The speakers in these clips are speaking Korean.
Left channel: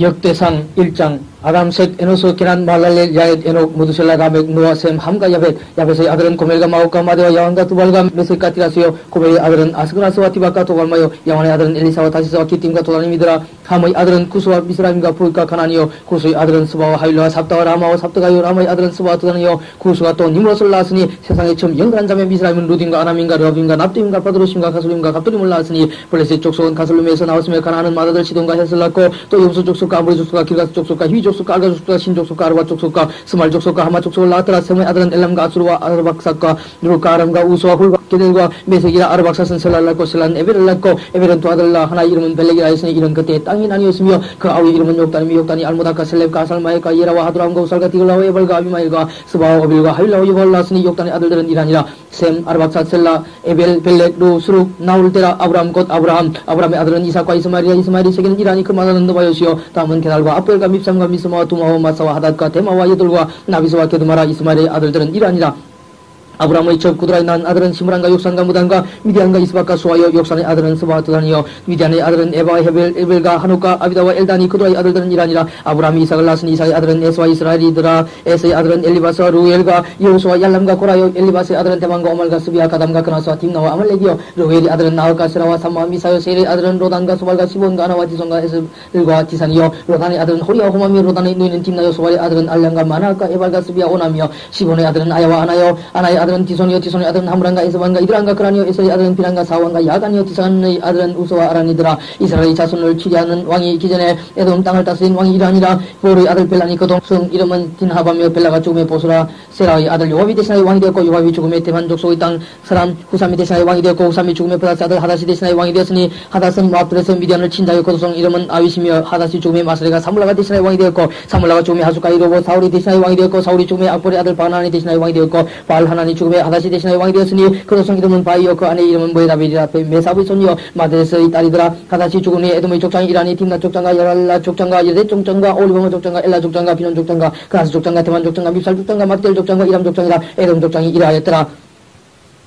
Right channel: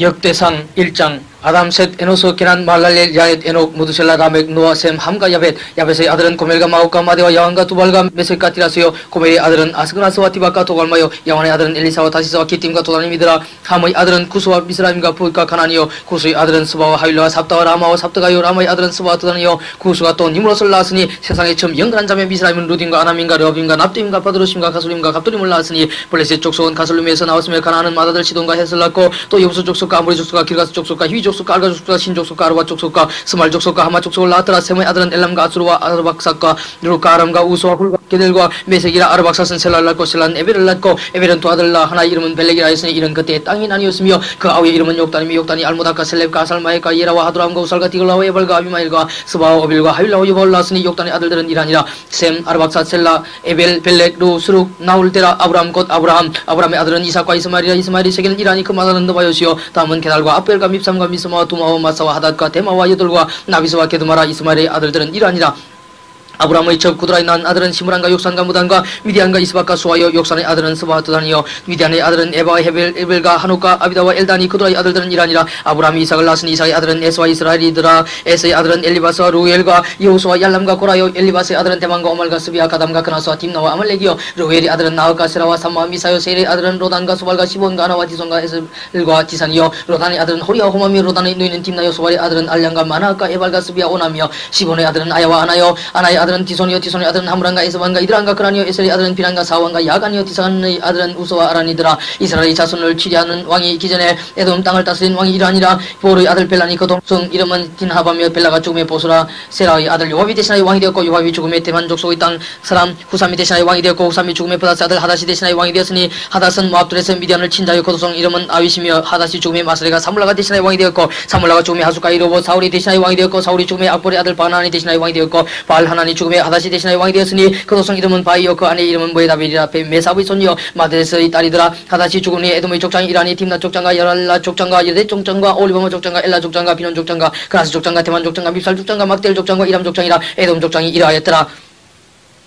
역대상 1장 아담 셋 에노스 게난 말랄렐 야넷 에녹 무두셀라 라멕 노아 셈 함과 야벳의 아들은 고멜과 마옥과 마데와 야왕과 두발과 메섹과 티라스요 고멜의 아들은 아스그나스와 디박과 도갈마요 야완의 아들은 엘리사와 다시스와 기팀과 도다님이더라 함의 아들은 구스와 미스라임과 부과 가나니요 구스의 아들은 스바와 하윌라와 삽다와 라마와 삽다가요 라마의 아들은 스바와 드다니요 구스가 또 니므롯을 낳았으니 세상에 처음 영근한 자매 미스라임은 루딘과 아남인과 르업임과 납디임과 바드로심과 가솔림과 갑돌림을 낳았으니 블레셋 족속은 가솔림에서 나왔으며 가나안은 마다들 시돈과 헷을 낳고 또 여부수 족속과 아모리 족속과 길가스 족속과 히위 족속과 알가 족속과 신 족속과 아르바 족속과 스말 족속과 하마 족속을 낳았더라. 셈의 아들은 엘람과 아수르와 아르박삭과 누룩과 아람과 우수와 훌과 게델과 메색이라 아르박삭은 셀라를 낳고 셀라는 에벨을 낳고 에벨은 두 아들 낳아 하나 이름은 벨렉이라 했으니 이는 그때 땅이 나뉘었으며 그 아우의 이름은 욕단이며 욕단이 알모닥과 셀렙과 아살마엘과 예라와 하드람과 우살과 디글라와 에발과 아비마일과 스바와 어빌과 하윌라와 여벌을 낳았으니 욕단의 아들들은 이라니라. 셈 아르박삭 셀라 에벨 벨렉 루 수룩 나홀테라 아브람 곧 아브람의 아들은 이삭과 이스마엘이라. 이스마엘이 세계는 이라니 그 마다는 너바요시요 다음은 게달과 아벨과 밉삼과 미스마와 두마와 마사와 하닷과 데마와 여들과 나비스와 게드마라. 이스마엘의 아들들은 이라니라. 아브라함의 첩 구드라이 난 아들은 시므란과 욕산과 무단과 미디안과 이스박과 수아요. 욕산의 아들은 스바와 드다니요. 미디안의 아들은 에바와 에벨과 한옥과 아비다와 엘다니. 그드라의 아들들은 이라니라. 아브라함이 이삭을 낳았으니 이삭의 아들은 에스와 이스라엘이더라. 에스의 아들은 엘리바스와 루엘과 여호수와 얄람과 고라요. 엘리바스의 아들은 대만과 오말과 스비와 가담과 그나스와 딥나와 아말렉이요. 루엘의 아들은 나흑과 세라와 삼마와 미사요. 셀의 아들은 로단과 소발과 시본과 아나와 디손과 에슬과 디산이요. 로단의 아들은 호리와 호마미. 로단의 누이는 딥나요. 소발의 아들은 알량과 마나흑과 에발과 스비와 오나미요. 시본의 아들은 아야와 아나요. 아나의 아들은 디손이요. 디손의 아들은 하므란과 에스반과 이드란과 그라니요. 에셀의 아들은 비란과 사완과 야간이요. 디산의 아들은 우스와 아란이더라. 이스라엘의 자손을 치리하는 왕이 기전에 에돔 땅을 다스린 왕이 이라니라. 보르의 아들 벨라니 그 동성 이름은 딘하바며 벨라가 죽음의 보스라. 세라의 아들 요압이 대신하여 왕이 되었고 요압이 죽음의 대만 족속의 땅 사람 후삼이 대신하여 왕이 되었고 후삼이 죽음의 브다스 아들 하닷이 대신하여 왕이 되었으니 하닷은 모압들에서 미디안을 친 자요. 그 동성 이름은 아윗이며 하닷이 죽음의 마스레가 사물라가 대신하여 왕이 되었고 사물라가 죽음의 하숫가이 로봇 사울이 대신하여 왕이 되었고 사울이 죽음의 악볼의 아들 바나니 대신하여 왕이 되었고 바알하나니 죽음의 하닷이 대신하여 왕이 되었으니 그 도성 이름은 바이요. 그 아내 이름은 모에다벨이라. 메사브의 손이요 마데스의 딸이더라. 하닷이 죽은 후에 에돔의 족장이 이라니 딥나 족장과 여랄라 족장과 여대 족장과 올리버머 족장과 엘라 족장과 비논 족장과 그나스 족장과 대만 족장과 밉살 족장과 막델 족장과 이람 족장이라. 에돔 족장이 이라하였더라.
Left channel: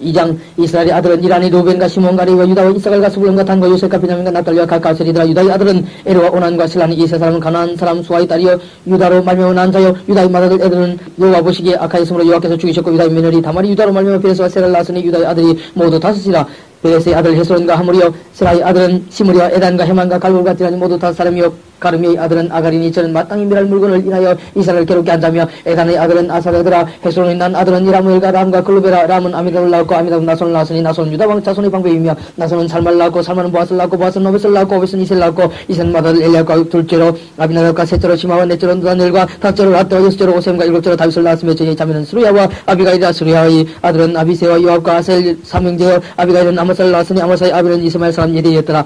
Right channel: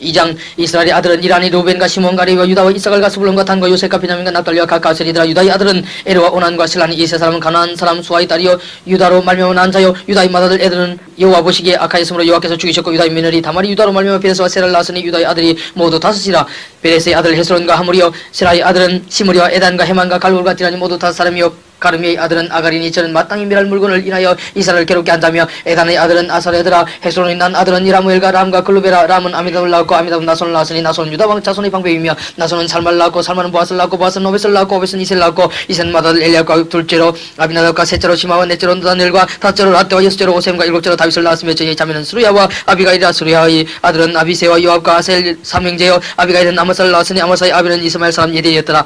2장 이스라엘의 아들은 이라니 루벤과 시몬과 레위와 유다와 이사갈과 스불론과 단과 요셉과 베냐민과 납달리와 가까셀이더라. 유다의 아들은 에르와 오난과 실라니. 이 세 사람은 가나안 사람 수아의 딸이요 유다로 말미암아 난 자요. 유다의 맏아들 애들은 여호와 보시기에 악하였으므로 여호와께서 죽이셨고 유다의 며느리 다말이 유다로 말미암아 베레스와 세라를 낳았으니 유다의 아들이 모두 다섯이라. 베레스의 아들 헤스론과 하물이요. 세라의 아들은 시므리와 에단과 헤만과 갈골과 디라니 모두 다섯 사람이요. 가르미의 아들은 아가리니. 저는 마땅히 멸할 물건을 인하여 이스라엘을 괴롭게 한다며. 에단의 아들은 아사레드라. 헤스론의 난 아들은 이라무엘과 람과 글루베라. 람은 아미답을 낳았고 아미답은 나손을 낳았으니 나손은 유다왕 자손의 방백이며 나손은 살마를 낳았고 살마는 보아스를 낳았고 보아스는 오벳을 낳았고 오벳은 이셀을 낳았고 이셀은 맏아들 엘리압과 둘째로 아비나답과 셋째로 시마와 넷째로 다넬과 다섯째로 라떼와 여섯째로 오셈과 일곱째로 다윗을 낳았으며 저희의 자매는 수르야와 아비가일이라. 수르야의 아들은 아비세와 요압과 아셀 삼형제요. 아비가일은 아마사를 낳았으니 아마사의 아비는 이스마엘 사람 예대였더라.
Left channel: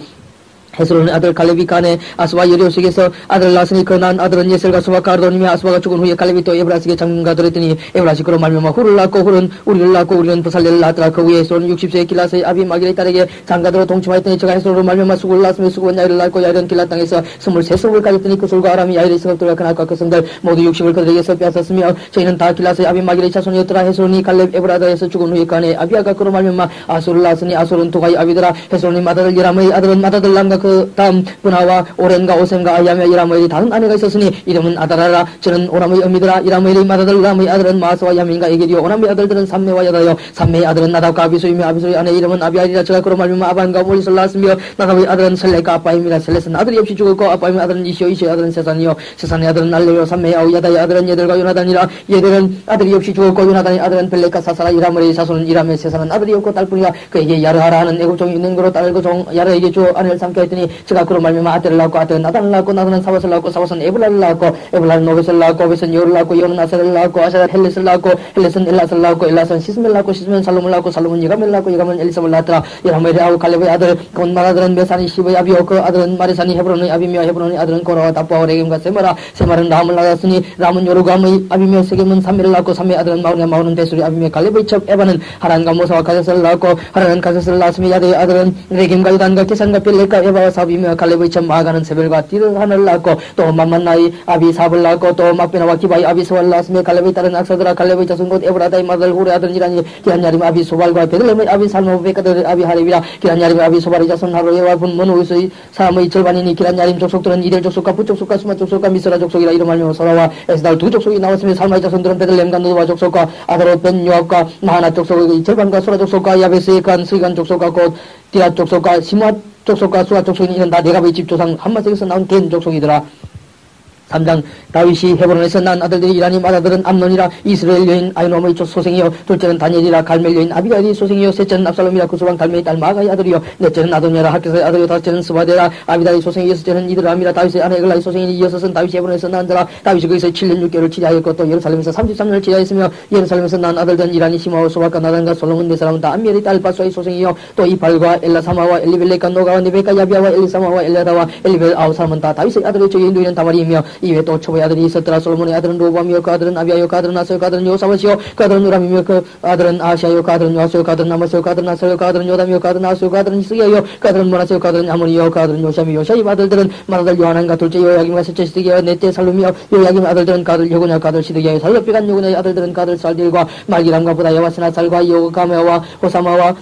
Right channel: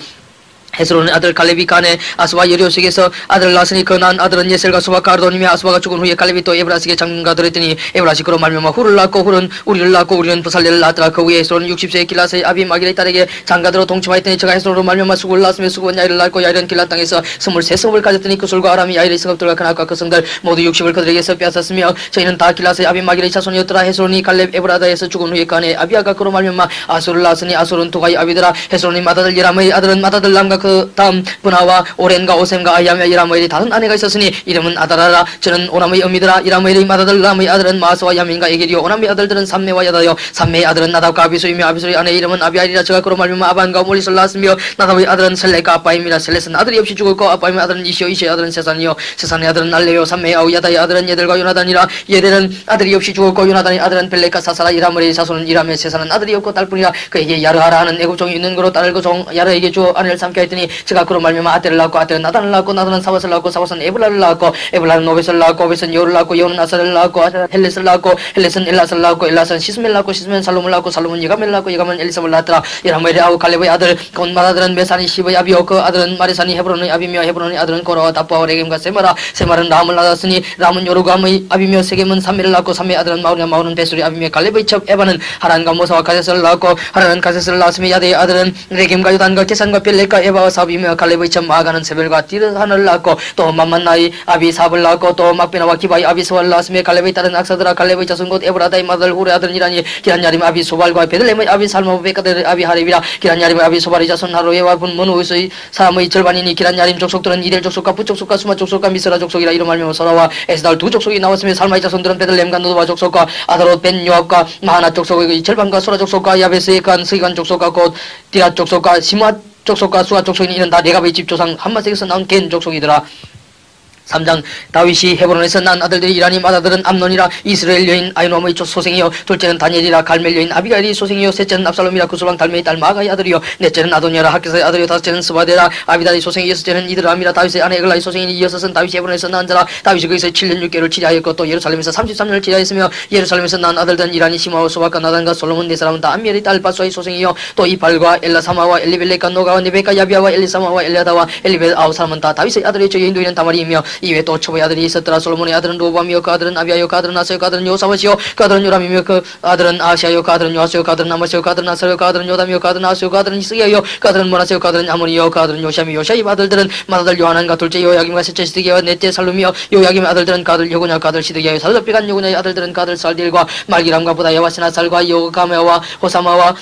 헤스론의 아들 갈렙이 가네 아스와 여리오색에서 아들을 낳았으니 그 난 아들은 예셀과 수와 가르도니며 아스와가 죽은 후에 갈렙이 또 에브라스에게 장군가 들었더니 에브라시 그로 말미암아 훌을 낳고 훌은 우리를 낳고 우리는 부살레를 낳았더라. 그 후에 헤스론은 60세의 길라스의 아비 마길의 딸에게 장가들어 동침하였더니 저가 헤스론으로 말미암아 수구를 낳았으며 수구는 야일을 낳고 야일은 길라 땅에서 23성을 가졌더니 그 술과 아람이 야일의 성읍들과 그 낙과 그 성들 모두 60을 그들에게서 빼앗았으며 저희는 다 길라스의 아비 마길의 자손이었더라. 헤스론이 갈렙 에브라다에서 죽은 후에 그 아내 아비아가 그로 말미암아 아술을 낳았으니 아술은 두가의 아비더라. 헤스론이 맏아들 예람의 아들은 맏아들 람과 그 다음 분하와 오렌과 오셈과 아야며 이라모엘이 다른 아내가 있었으니 이름은 아다라라. 저는 오람의 어미더라. 이라모엘의 맏아들 람의 아들은 마스와 야민과 에겔이요. 오람의 아들들은 삼메와 야다요. 삼메의 아들은 나답과 아비수이며 아비수의 아내 이름은 아비아리라. 저가 그로 말미암아 아반과 몰리스를 낳았으며 나답의 아들은 셀렉과 아빠임이라. 셀렛은 아들이 없이 죽었고 아빠임의 아들은 이시요. 이시의 아들은 세산이요. 세산의 아들은 알레요. 삼메의 아우 야다의 아들은 예델과 요나단이라. 예델은 아들이 없이 죽었고 요나단의 아들은 벨렉과 사사라. 이라모엘의 자손은 이람의 세산은 아들이 없고 딸뿐이라. 그에게 야르하라 하는 애국종이 있는 거로 딸을 그 종 야르에게 주어 아내를 삼게 하였더니 저가 그로 말미암아 아델을 낳고 아델은 나단을 낳고 나단은 사밧을 낳고 사밧은 에블라를 낳고 에블라는 오벳을 낳고 오벳은 여호를 낳고 여호는 아사를 낳고 아사는 헬렛을 낳고 헬렛은 엘라스를 낳고 엘라스는 시스멜을 낳고 시스멜은 살롬을 낳고 살롬은 예가멜을 낳고 예가멜은 엘리사를 낳았더라. 예라모엘의 아우 갈렙의 아들 곧 맏아들은 메산이 시브의 아비요. 그 아들은 마리산이 헤브론의 아비며 헤브론의 아들은 고라와 다빠와 레겜과 세마라. 세마는 람을 낳았으니 람은 요르감의 아비며 세겜은 삼메를 낳고 삼메의 아들은 마오냐 마오는 베술의 아비며 갈렙의 첩 에바는 하란과 모사와 가세스를 낳고 하란은 가세스를 낳았으며 야대의 아들은 레겜과 요단과 계산과 벨렉과 에바 아비야와 사비며 갈렙의 참 마가는 세벨과 디르한을 낳고 또 만만나이 아비삽을 낳고 또 막베나와 기바이 아비스와를 낳았으며 갈렙의 딸은 악사드라 갈렙의 자손 곧 에브라다의 마들 후레 아들이라니 기란야림 아비소발과 베들레헴의 아비살모 베카드 아비하렙이라 기란야림의 아비소발의 자손 하로에와 분문우스의 사람의 절반이니 기란야림 족속들은 이델 족속과 부족속과 수마 족속과 미스라 족속이라 이름 알며 서라와 에스달 두 족속이 나왔으며 살마의 자손들은 베들레헴과 노도바 족속과 아다롯 벤 요압과 마하나 족속의 절반과 소라 족속과 야베스의 간 스이간 족속과 곧 디라 족속과 시므아 족속과 수아 족속이 이는 다 레갑의 집 조상 함마색에서 나온 겐 족속이더라. 3장 다윗이 헤브론에서 난 아들들이 이라님 아들은 암논이라 이스라엘 여인 아이노함의 소생이요 둘째는 다니엘이라 갈멜 여인 아비가일이 소생이요 셋째는 압살롬이라 구술왕 달메의 딸 마가의 아들이요 넷째는 아도니아라 학개서의 아들이요 다섯째는 스바데라 아비다의 소생이 여섯째는 이드람이라 다윗의 아내 에글라의 소생이니 여섯은 다윗이 헤브론에서 난 자라. 다윗이 거기서 7년 6개월을 치리하였고 또 예루살렘에서 33년을 치리하였으며 예루살렘에서 난 아들들은 이라니 시마와 소박과 나단과 솔로몬 네 사람은 다 암미엘의 딸 바수아의 소생이요 또 이팔과 엘라사마와 엘리벨렉과 노가와 네베카 야비아와 엘리사마와 엘리아다와 엘리벨 아홉 사람은 다 다윗의 아들이죠. 여인도이는 다말이이며 이외에 또 초보의 아들이 있었더라. 솔로몬의 아들은 로보암이요 그 아들은 아비아요 그 아들은 아사요 그 아들은 요사바시요 그 아들은 요람이며 그 아들은 아시아요 그 아들은 요아스요 그 아들은 아마시요 그 아들은 아사요 그 아들은 요담이요 그 아들은 아스요 그 아들은 히스기야요 그 아들은 모나세요 그 아들은 아모니요 그 아들은 요시아미 요시아의 아들들은 맏아들 요하난과 둘째 요야김과 셋째 시드기야와 넷째 살루미요 요야김의 아들들은 그 아들 요고냐 그 아들 시드기야요 살르비간 요고냐의 아들들은 그 아들 살딜과 말기람과 부다야와 시나살과 요가메와 호사마와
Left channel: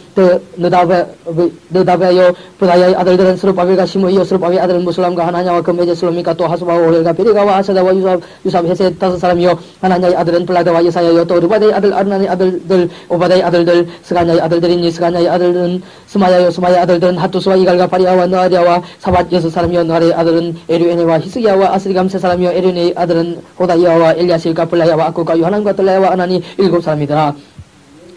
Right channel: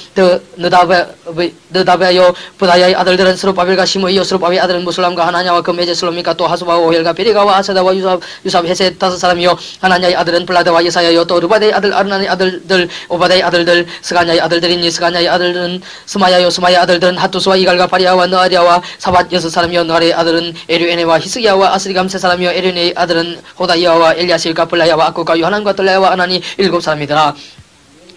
느다베요 부다야의 아들들은 스룹바벨과 시므이요 스룹바벨의 아들은 무슬람과 하나냐와 그 메제 슬로미카 또 하수바와 오헬과 베리가와 아세다와 유삽 헤셋 다섯 사람이요 하나냐의 아들은 블라드와 예사야요 또 르바데의 아들 아르나의 아들들 오바데의 아들들 스가냐의 아들들이니 스가냐의 아들들은 스마야요 스마야의 아들들은 하투스와 이갈과 바리아와 느아리아와 사밧 여섯 사람이요 느아리의 아들은 에류에네와 히스기야와 아스리감 세 사람이요 에류네의 아들은 호다이아와 엘리아실과 블라야와 아쿠과 요하난과 들라야와 아나니 일곱 사람이더라.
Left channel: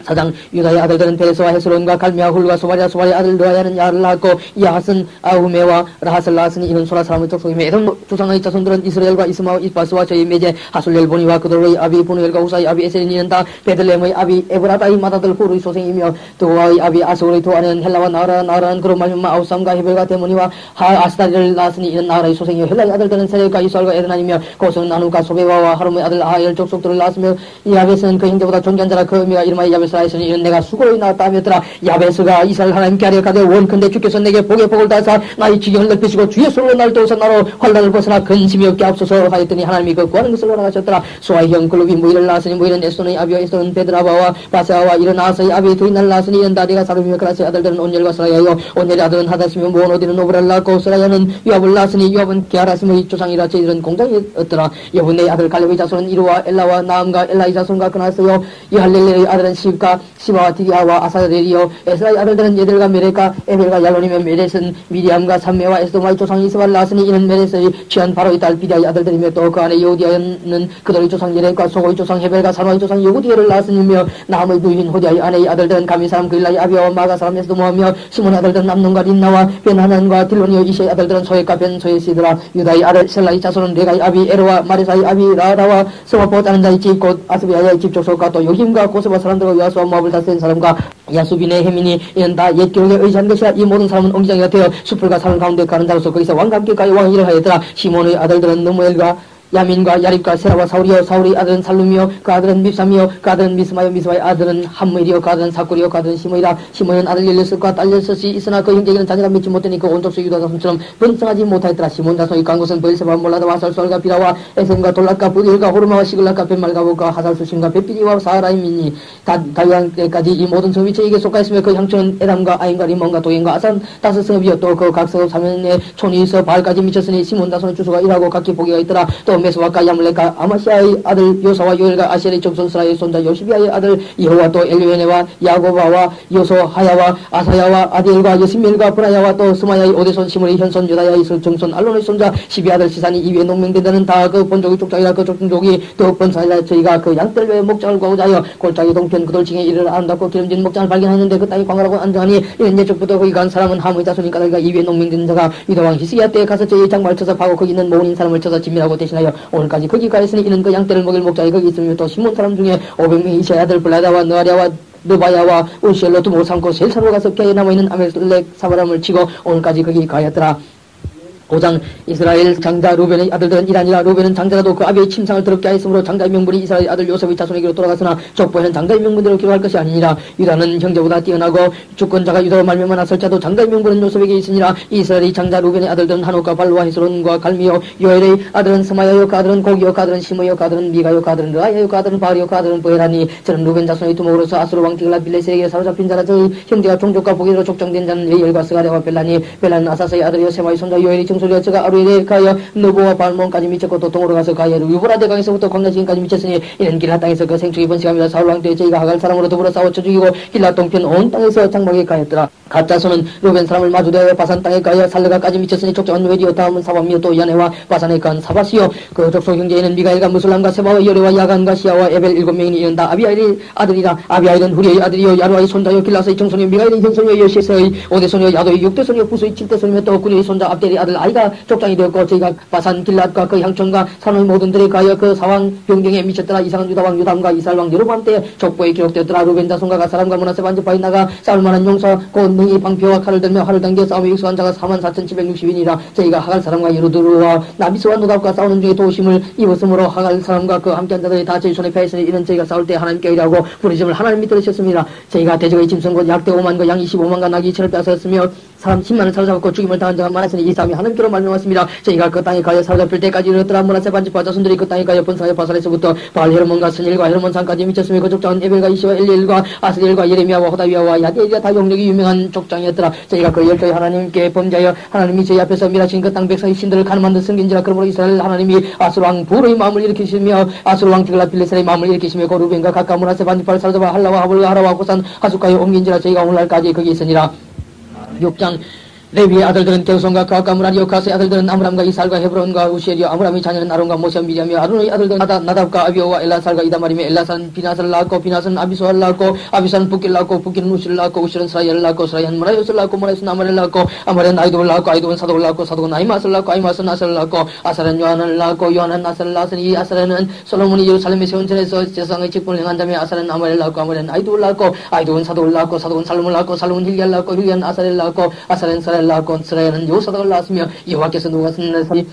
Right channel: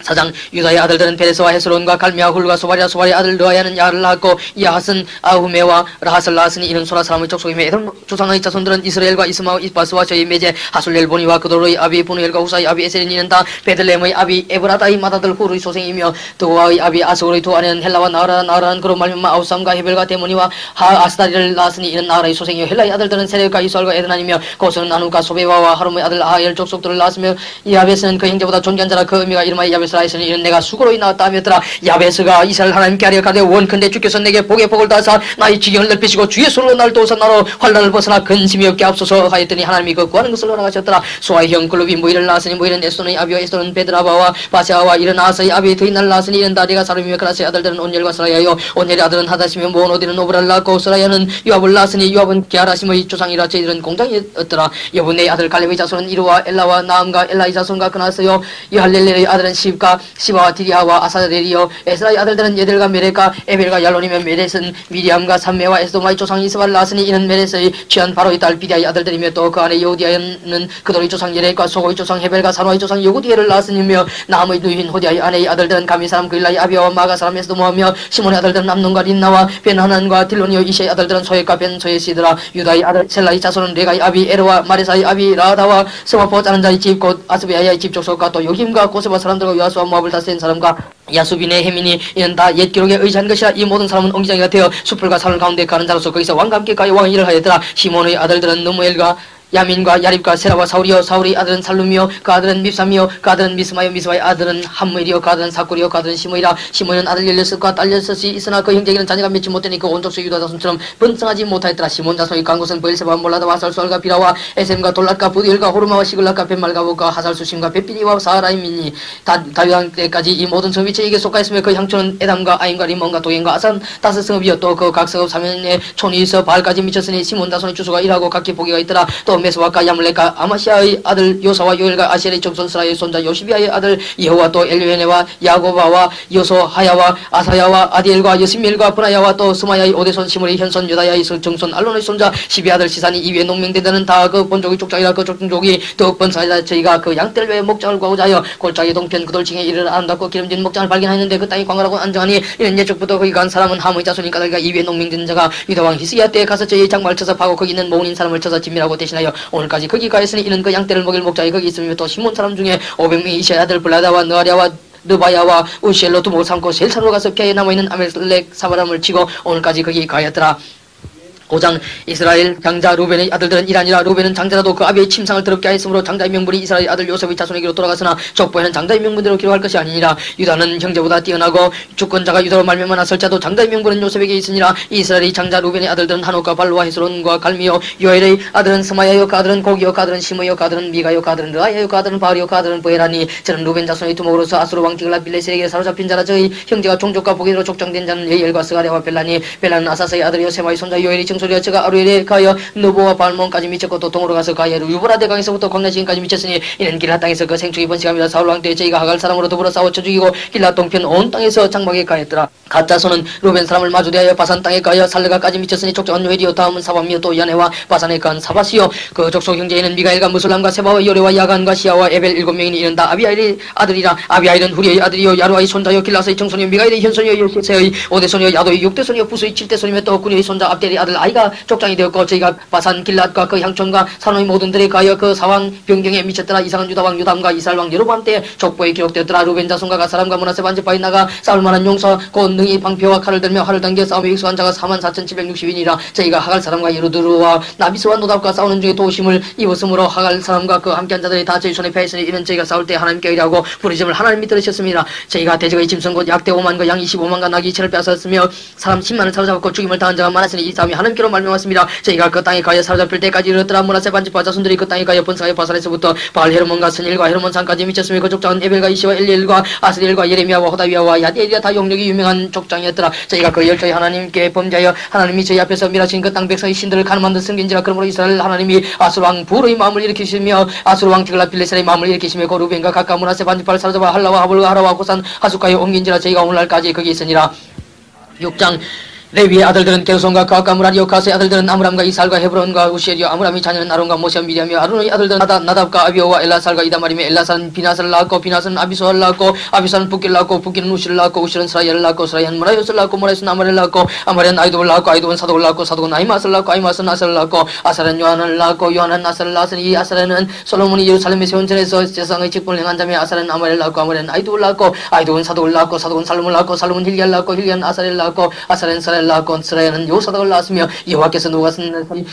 4장 유다의 아들들은 베레스와 헤스론과 갈미아 훌과 소바리아 소바리의 아들 르아야는 야를 낳았고 야핫은 아후메와 라핫을 낳았으니 이는 소라 사람의 족속이며 에돔 조상의 자손들은 이스라엘과 이스마와 이바스와 저희 메제 하술렐 보니와 그도로의 아비 보누엘과 후사의 아비 에셀인 이는 다 베들레헴의 아비 에브라다의 맏아들 후르의 소생이며 드와의 아비 아스골의 두 아내는 헬라와 나아라는 그로 말미암아 아우삼과 헤벨과 데모니와 아스다리를 낳았으니 이는 나아라의 소생이요 헬라의 아들들은 세력과 이스알과 에드나니며 고스는 나누가 소베와와 하rum의 아들 아엘 족속들을 낳았으며 야베스는 그 형제보다 존귀한 자라. 그 의미가 이름하여 야베스 이스라엘은 이는 내가 수고로이 나왔다 하였더라. 야베스가 이스라엘 하나님께 하려 가되 원컨대 주께서 내게 복의 복을 다하사 나의 지경을 넓히시고 주의 손으로 날 도우사 나로 환난을 벗어나 근심이 없게 앞서서 하였더니 하나님이 그 구하는 것을 허락하셨더라. 소아의 형 글룹이 모이를 낳았으니 모이는 에스돈의 아비와 에스돈은 베드라바와 바세아와 이른 아사의 아비의 드인날 낳았으니 이른 다리가 사람이며 그라스의 아들들은 온열과 스라야요 온열의 아들은 하다시며 모노디는 오브라를 낳고 스라야는 요압을 낳았으니 요압은 게하라심의 조상이라 저희들은 공장이었더라. 여분의 아들 갈렙의 자손은 이루와 엘라와 나암과 엘라의 자손과 그나스요 이할렐레의 아들은 시바와 디리아와 아사렐이요 에스라의 아들들은 예델과 메레카 에벨과 얄론이며 메렛은 미리암과 삼메와 에스도마의 조상 이스바를 낳았으니 이는 메렛의 취한 바로의 딸 비디아의 아들들이며 또 그 안에 여우디아는 그들의 조상 예레과 소고의 조상 헤벨과 사노의 조상 요구디엘을 낳았으니며 나함의 누이인 호디아의 아내의 아들들은 가미 사람 그일라의 아비아와 마가 사람 에스도모하며 시몬의 아들들은 암논과 린나와 벤하난과 딜론이요 이시의 아들들은 소액과 벤소에시드라. 유다의 아들 셀라의 자손은 레가의 아비 에르와 마레사의 아비 라다와 스마포 자는 자의 집 곧 아스베야의 집 족속과 또 요힘과 고세바 사람들과 요아스와 모압을 다스린 사람과 야수빈의 해민이 이는 다 옛 기록에 의지한 것이라. 이 모든 사람은 옹기장이가 되어 숲풀과 산을 가운데 가는 자로서 거기서 왕과 함께 가요 왕의 일을 하였더라. 시몬의 아들들은 느무엘과 야민과 야립과 세라와 사울이요 사울의 아들은 살룸이요 그 아들은 밉삼이요 그 아들은 미스마요 미스마의 아들은 함무엘이요 그 아들은 사꿀이요 그 아들은 시므이라. 시므이는 아들 16과 딸 6이 있으나 그 형제에게는 자녀가 맺지 못되니 그 온 족속 유다 자손처럼 번성하지 못하였더라. 시몬 자손의 강곳은 브엘세바 몰라다와 살수알과 비라와 에셈과 돌랏과 부디엘과 호르마와 시글락과 벤말가복과 하살수심과 베피니와 사하라임이니 다윗왕 때까지 이 모든 성위체에게 속하였으며 그 향초는 에담과 아임과 리몬과 도겐과 아산 다섯 성읍이요 또 그 각 성읍 사면에 촌이 있어 바알까지 미쳤으니 시몬 자손의 주소가 일하고 각기 보기가 있더라. 또 메스와카 야물레카 아마시아의 아들 요사와 요엘과 아셀의 정손 스라의 손자 요시비아의 아들 여호와 또 엘리웨네와 야고바와 요소하야와 아사야와 아디엘과 여시멜과 브라야와 또 스마야의 오대손 시므의 현손 유다야의 정손 알론의 손자 시비 아들 시산이 이외에 농명되는 다 그 본족의 족장이라. 그 족족이 더 번성하자 저희가 그 양떼를 외에 목장을 구하고자 하여 골짜기 동편 그돌층에 이르러 아름답고 기름진 목장을 발견하였는데 그 땅이 광활하고 안정하니 이는 예적부터 거기 간 사람은 함의 자손인 까닭이가 이외에 농명된 자가 유다왕 히스기야 때에 가서 저희의 장막을 쳐서 파고 거기 있는 모은인 사람을 쳐서 진멸하고 대신하여 오늘까지 거기 가있으니 이는 그 양떼를 먹일 목장이 거기 있으며 또 시몬 사람 중에 500명이 이시아의 아들 블라다와 느아리아와 느바야와 우시엘로 두목 삼고 셀산으로 가서 피하에 남아있는 아멜렉 사바람을 치고 오늘까지 거기 가였더라. 5장 이스라엘 장자 루벤의 아들들은 이라니라. 루벤은 장자라도 그 아비의 침상을 더럽게 하였으므로 장자의 명분이 이스라엘 아들 요셉의 자손에게로 돌아갔으나 족보에는 장자의 명분대로 기록할 것이 아니니라. 유다는 형제보다 뛰어나고 주권자가 유다로 말미암아 나설자도 장자의 명분은 요셉에게 있으니라. 이스라엘의 장자 루벤의 아들들은 한옥과 발루와 헤스론과 갈미요. 요엘의 아들은 스마야요. 그 아들은 고기요. 그 아들은 시므요. 그 아들은 미가요. 그 아들은 르아야요. 그 아들은 바알이요. 그 아들은 보헤라니. 저는 루벤 자손의 두목으로서 아수르 왕 디글라 빌레셀에게 사로잡힌 자라. 저의 형제가 종족과 보기로 족장된 자는 예엘과 스가랴와 벨라니. 벨라는 아사스의 아들이요 세마의 손자 요엘이 정소리여. 저가 아루엘에 가여 느보와 발몬까지 미쳤고 도통으로 가서 가야로 유브라데 강에서부터 광야시인까지 미쳤으니 이는 길라 땅에서 그 생축이 번식합니다. 사울 왕 때 저희가 하갈 사람으로 더불어 싸워 쳐 죽이고 길라 동편 온 땅에서 장막에 가였더라. 가짜손은 루벤 사람을 마주대하여 바산 땅에 가여 살르가까지 미쳤으니 족장은 요엘이요. 다음은 사밤이요. 또 야네와 바산에 간 사바시요. 그 족속 형제에는 미가엘과 무술람과 세바와 요레와 야간과 시아와 에벨 7명이 이른다. 아비아일의 아들이라. 아비아일은 후리의 아들이요. 야루아의 손자요. 길라스의 정손이요. 미가엘의 현손이요. 요시세의 5대손이요. 야도의 6대손이요. 부스의 7대손이며 또 구리의 손자 압델의 아들 아이가 족장이 되었고 저희가 바산 길랏과 그 향촌과 산호의 모든 들에 가여 그 사왕 변경에 미쳤더라. 이상한 유다왕 유담과 이스라엘왕 여로보암 때에 족보에 기록되었더라. 루벤 자손과 가사람과 문하세 반지파에 나가 싸울만한 용사 곧 능히 방패와 칼을 들며 활을 당겨 싸움에 익숙한 자가 44,760인이라. 저희가 하갈 사람과 예루드루와 나비스와 노답과 싸우는 중에 도심을 입었으므로 하갈 사람과 그 함께한 자들이 다 저희 손에 패했으니 이는 저희가 싸울 때 하나님께 의뢰하고 부르심을 하나님이 들으셨습니다. 저희가 대적의 짐승 곧 약대 5만 그 양 25만과 낙이 2천을 빼앗았으며 사람 10만을 사로잡고 죽임을 당한 자가 많았으니 이 싸움이 하나님께로 말미암았습니다. 저희가 그 땅에 가여 사로잡힐 때까지 이르렀더라. 문하세 반지파 자손들이 그 땅에 가여 번성하여 바산에서부터 바알 헤르몬과 스닐과 헤르몬 산까지 미쳤으며 그 족장은 에벨과 이시와 엘리엘과 아스리엘과 예레미야와 호다위아와 야디엘이라 다 영력이 유명한 족장이었더라. 저희가 그 열조의 하나님께 범죄하여 하나님이 저희 앞에서 멸하신 그 땅 백성의 신들을 가늠한 듯 섬긴지라. 그러므로 이스라엘 하나님이 아수르 왕 부르의 마음을 일으키시며 아수르 왕 디글라 빌레셀의 마음을 일으키시며 그 루벤과 각각 문하세 반지파를 사로잡아 할라와 하볼과 하라와 고산 하숫가에 옮긴지라. 저희가 오늘날까지 거기 있으니라. 6장 레위의 아들들은 게르손과 가까 무라리요. 가스의 아들들은 아므람과 이살과 헤브론과 우시엘이요. 아므람의 자녀는 아론과 모세와 미리암이요. 아론의 아들들은 나답과 아비오와 엘라살과 이다말이며 엘라살은 비나스를 낳았고 비나스는 아비소를 낳았고 아비소는 붓기를 낳았고 붓기는 우시를 낳았고 우시는 스라이엘을 낳았고 스라이엘은 무라요스를 낳았고 무라요스는 아말을 낳았고 아말은 아이돔을 낳았고 아이돔은 사독을 낳았고 사독은 아히마스를 낳았고 아히마스는 아살을 낳았고 아살은 요한을 낳았고 요한은 아살을 낳았으니 이 아살은 솔로몬이 예루살렘의 세원전에서 세상의 직분을 행한 자며 아살은 아말을 낳았고 아말은 아이돔을 낳았고 아이돔은 사독을 낳았고 사독은 살룸을 낳았고 살룸은 힐기야를 낳았고 힐기야는 아살을 낳았고 아살은 스라이엘을 낳았고 스라엘은 요사닥을 낳았으며 여호와께서 누가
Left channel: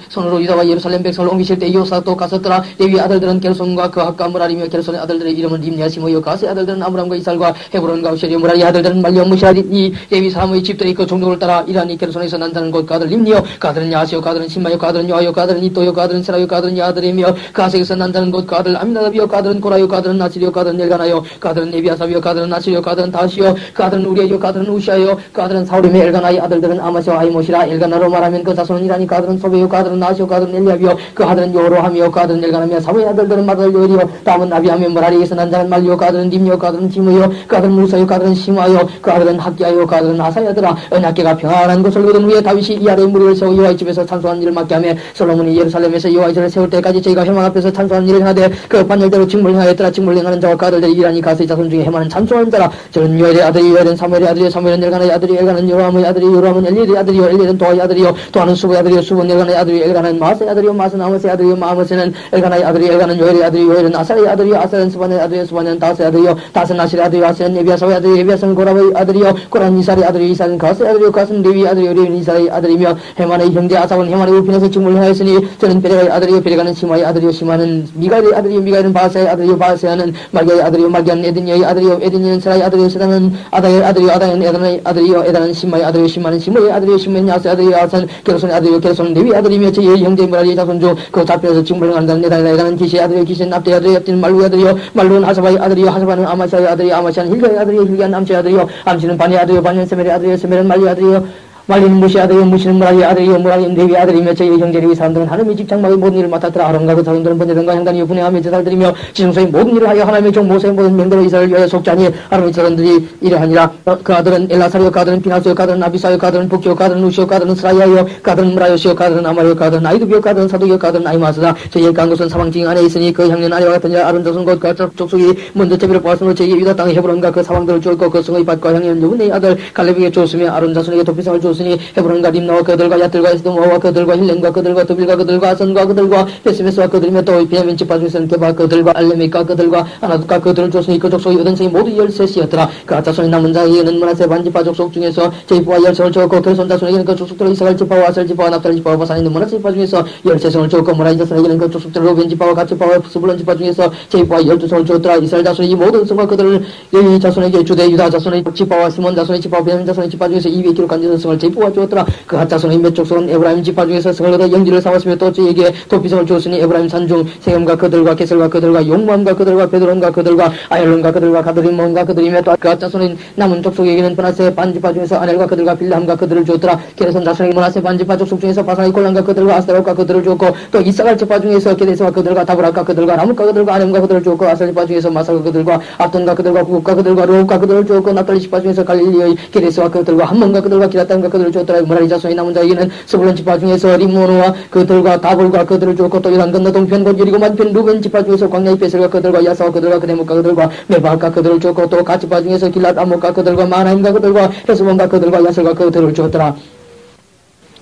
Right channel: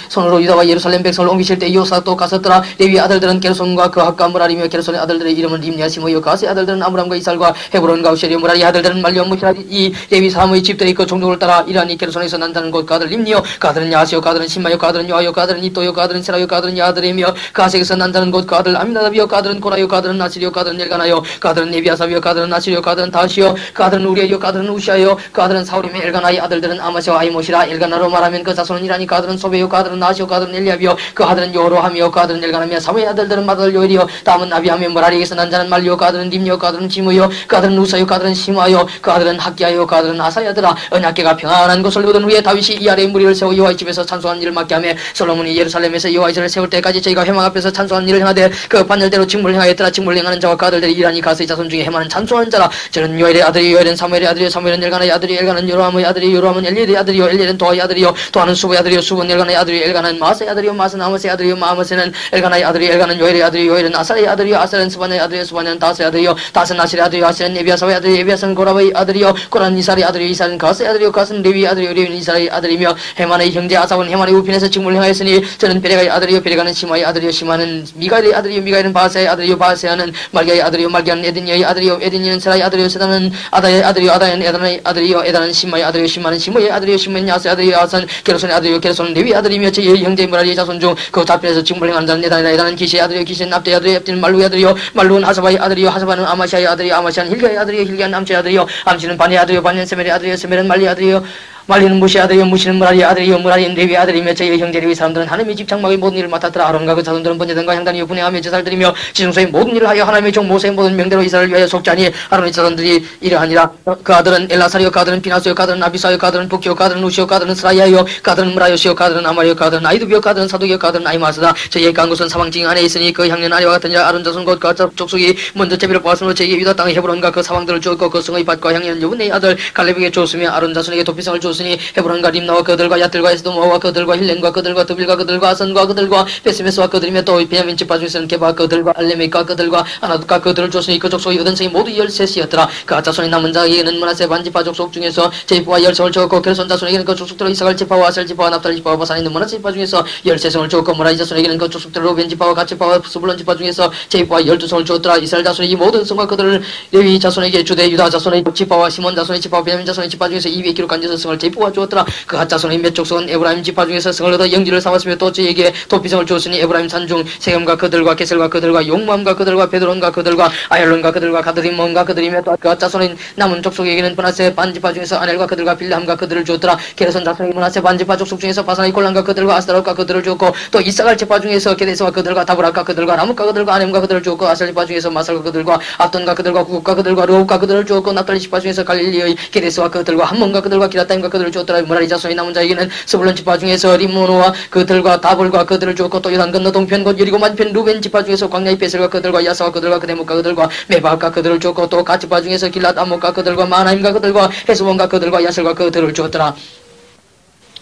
손으로 유다와 예루살렘 백성을 옮기실 때 요사닥도 갔었더라. 레위의 아들들은 게르손과 그핫과 무라리며 게르손의 아들들의 이름은 림냐 시므요. 가스의 아들들은 아므람과 이살과 헤브론과 우시엘이요. 무라리 아들들은 말리오 무시아리. 이 레위 사람의 집들이 그 종족을 따라 이라니 게르손에서 난다는 곧 그 아들 림니요. 그 아들은 야시요. 그 아들은 신마요. 그 아들은 요아요. 그 아들은 이또요. 그 아들은 세라요. 그 아들은 야드레며 그 아색에서 난다는 곧 그 아들 아미나답이요. 그 아들은 고라요. 그 아들은 나시리요. 그 아들은 엘가나요. 그 아들은 에비아삽이요. 그 아들은 나시리요. 그 아들은 다시요. 그 아들은 우리에요. 그 아들은 우시아요. 그 아들은 사울이며 엘가나의 아들들은 아마시와 아이모시라. 엘가나로 말하면 그 자손은 이라니. 그 아들은 소베요. 그 아들은 나시요. 그 아들은 엘리압이요. 그 아들은 요로하며 그 아들은 엘가나며 사무의 아들들은 마들 요엘이요. 다음은 아비하며 무라리에서 난 자는 말리요. 그 아들은 림요. 그 아들은 지무요. 그 아들은 우사요. 그 아들은 시마요. 그 아들은 학기야요. 그 아들은 아사야더라. 언약궤가 평안한 곳을 얻은 후에 다윗이 이 아래에 무리를 세워 여호와의 집에서 찬송한 일을 맡게 하며 솔로몬이 예루살렘에서 여호와의 전을 세울 때까지 저희가 회막 앞에서 찬송한 일을 행하되 그 반열대로 직무를 행하였더라. 직무를 행하는 자와 그 아들들이 이라니 가스의 자손 중에 헤마는 찬송하는 자라. 저는 요엘의 아들이 요엘은 사무엘의 아들이요. 사무엘은 엘가나의 아들이 엘가는 요로함의 아들이 요로함은 엘리엘의 아들이요. 엘리엘은 도아의 아들이요. 도아는 수보의 아들이요. 수보는 엘가나의 아들이요. 엘가는 마아스의 아들이요. 마아스는 아모스의 아들이요. 마아모스는 엘가나의 아들이 엘가는 요엘의 아들이요. 요엘은 아살의 아들이요. 아살은 스바냐의 아들이요. 스바냐는 다스의 아들이요. 다스는 아실의 아들이요. 아실은 에비아사의 아들이요. 에비아사는 고라의 아들이요. 고라는 이살의 아들이요. 이살은 가스의 아들이요. 가스는 레위의 아들이요. 레위는 이살의 아들이며 헤만의 형제 아삽은 헤만의 우편에서 직무를 행하였으니 저는 베레가의 아들이요. 베레가는 시마의 아들이요. 시마는 미가엘의 아들이요. 미가엘은 바세의 아들이요. 바세아는 말기야의 아들이요. 말기야는 에드니아의 아들이요. 에드니아는 세라의 아들이요. 세다는 아다의 아들이요. 아다는 에단의 아들이요. 에단은 시마의 아들이요. 시마는 시므의 아들이요. 시므는 야스의 아들이요. 야스는 게르손의 아들이요. 게르손은 레위의 아들이며 제 형제 무라리의 자손 중 그 답변에서 직무를 행하는 자는 에단이라. 에단은 기시의 아들이요. 기시는 압대의 아들이요. 압대는 말루의 아들이요. 말루는 하사바의 아들이요. 하사바는 아마시아의 아들이요. 아마시아는 힐가의 아들이요. 힐가는 암시의 아들이요. 암시는 바니의 아들이요. 바니는 세멜의 아들이요. 세멜은 말리의 아들이요. 말리는 무시의 아들이요. 무시는 무라리의 아들이요. 무라리는 레위의 아들이며 저희의 형제 레위 사람들은 하나님의 집 장막의 모든 일을 맡았더라. 아론과 그 자손들은 번제단과 향단이요 분행하며 제사를드리며 지중소의 모든 일을 하여 하나님의 종 모세의 모든 명대로 이스라엘을 위하여 속자니 아론의 자손들이 이러하니라. 그 아들은 엘라사리요. 그 아들은 비나스요. 그 아들은 아비사요. 그 아들은 북기요. 그 아들은 우시요. 그 아들은 스라이아요. 그 아들은 무라요시요. 그 아들은 아마리요. 그 아들은 아이두비요. 그 아들은 사독이요. 그 아들은 아이마스다. 저희의 간 곳은 사방징 안에 있으니 그 향년 아래와 같으니라. 아론 자손 곧 그 족속이 먼저 제비를 보았으므로 저희에게 유다 땅의 헤브론과 그 사방들을 주었고 그 성의 밭과 향년 여분의 아들 갈렙에게 주었으며 아론 자손에게 도피성을 주었으며 주었으니 헤브론과 림나와 그들과 얏들과 에스도모와 그들과 힐렌과 그들과 드빌과 그들과 아선과 그들과 베스메스와 그들이며 또 베냐민 지파 중에서는 게바 그들과 알레메과 그들과 아나둑과 그들을 주었으니 그 족속의 여든성이 모두 13이었더라. 그 자손의 남은 자에게는 므낫세 반지파 족속 중에서 제이프와 열성을 주었고 게르손 자손에게는 그 족속대로 이사갈 지파와 아셀 지파와 납달리 지파와 바산에 있는 므낫세 지파 중에서 13성을 주었고 므라이 자손에게는 그 족속대로 로벤 지파와 갓 지파와 스불론 지파 중에서 제이프와 12성을 주었더라. 이스라엘 자손의 이 모든 성과 그들을 레위 자손에게 주되 유다 자손의 지파와 시몬 자손의 지파와 베냐민 자손의 지파 중에서 200기록간 성을 제이프와 주었더라. 그 갓 자손의 몇 족속은 에브라임 지파 중에서 성을 얻어 영지를 삼았으며 또 저에게 도피성을 주었으니 에브라임 산중 세겜과 그들과 게셀과 그들과 용맘과 그들과 베드론과 그들과 아얄론과 그들과 가드림몬과 그들이며 또 그 자손의 남은 족속에게는 므낫세 반지파 중에서 아넬과 그들과 빌람과 그들을 주었더라. 게르손 자손의 므낫세 반지파 족속 중에서 바산의 골란과 그들과 아스타롯과 그들을 주었고 또 이사갈 지파 중에서 게데스와 그들과 다브락과 그들과 라뭇과 그들과 아넴과 그들을 주었고 아셀 지파 중에서 마살과 그들과 압돈과 그들과 구국과 그들과 르홉과 그들을 주었고 납달리 지파 중에서 갈릴리의 게데스와 그들과 함몬과 그들과 기라타임과 그들을 주었더라. 므라리 자손의 남은 자에게는 스불론 지파 중에서 림모노와 그들과 다볼과 그들을 주었고 또 요단 건너 동편 곧 여리고 만편 루벤 지파 중에서 광야의 베셀과 그들과 야사와 그들과 그데목과 그들과 메바과 그들을 주었고 또 갓 지파 중에서 길랏 암목과 그들과 마나임과 그들과 헤스본과 그들과 야셀과 그들을 주었더라.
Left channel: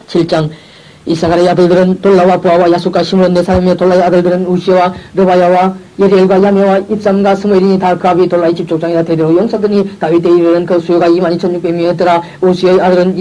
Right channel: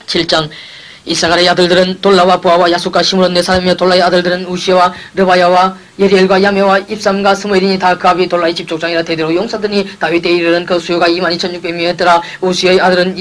7장 이사갈의 아들들은 돌라와 부하와 야숫과 시므론 네 사람이며 돌라의 아들들은 우시와 르바야와 예리엘과 야메와 입삼과 스무엘이니 다 그 아비 돌라의 집족장이라 대대로 용사들이 다윗 때 이르는 그 수요가 22,600명이었더라. 우시의 아들은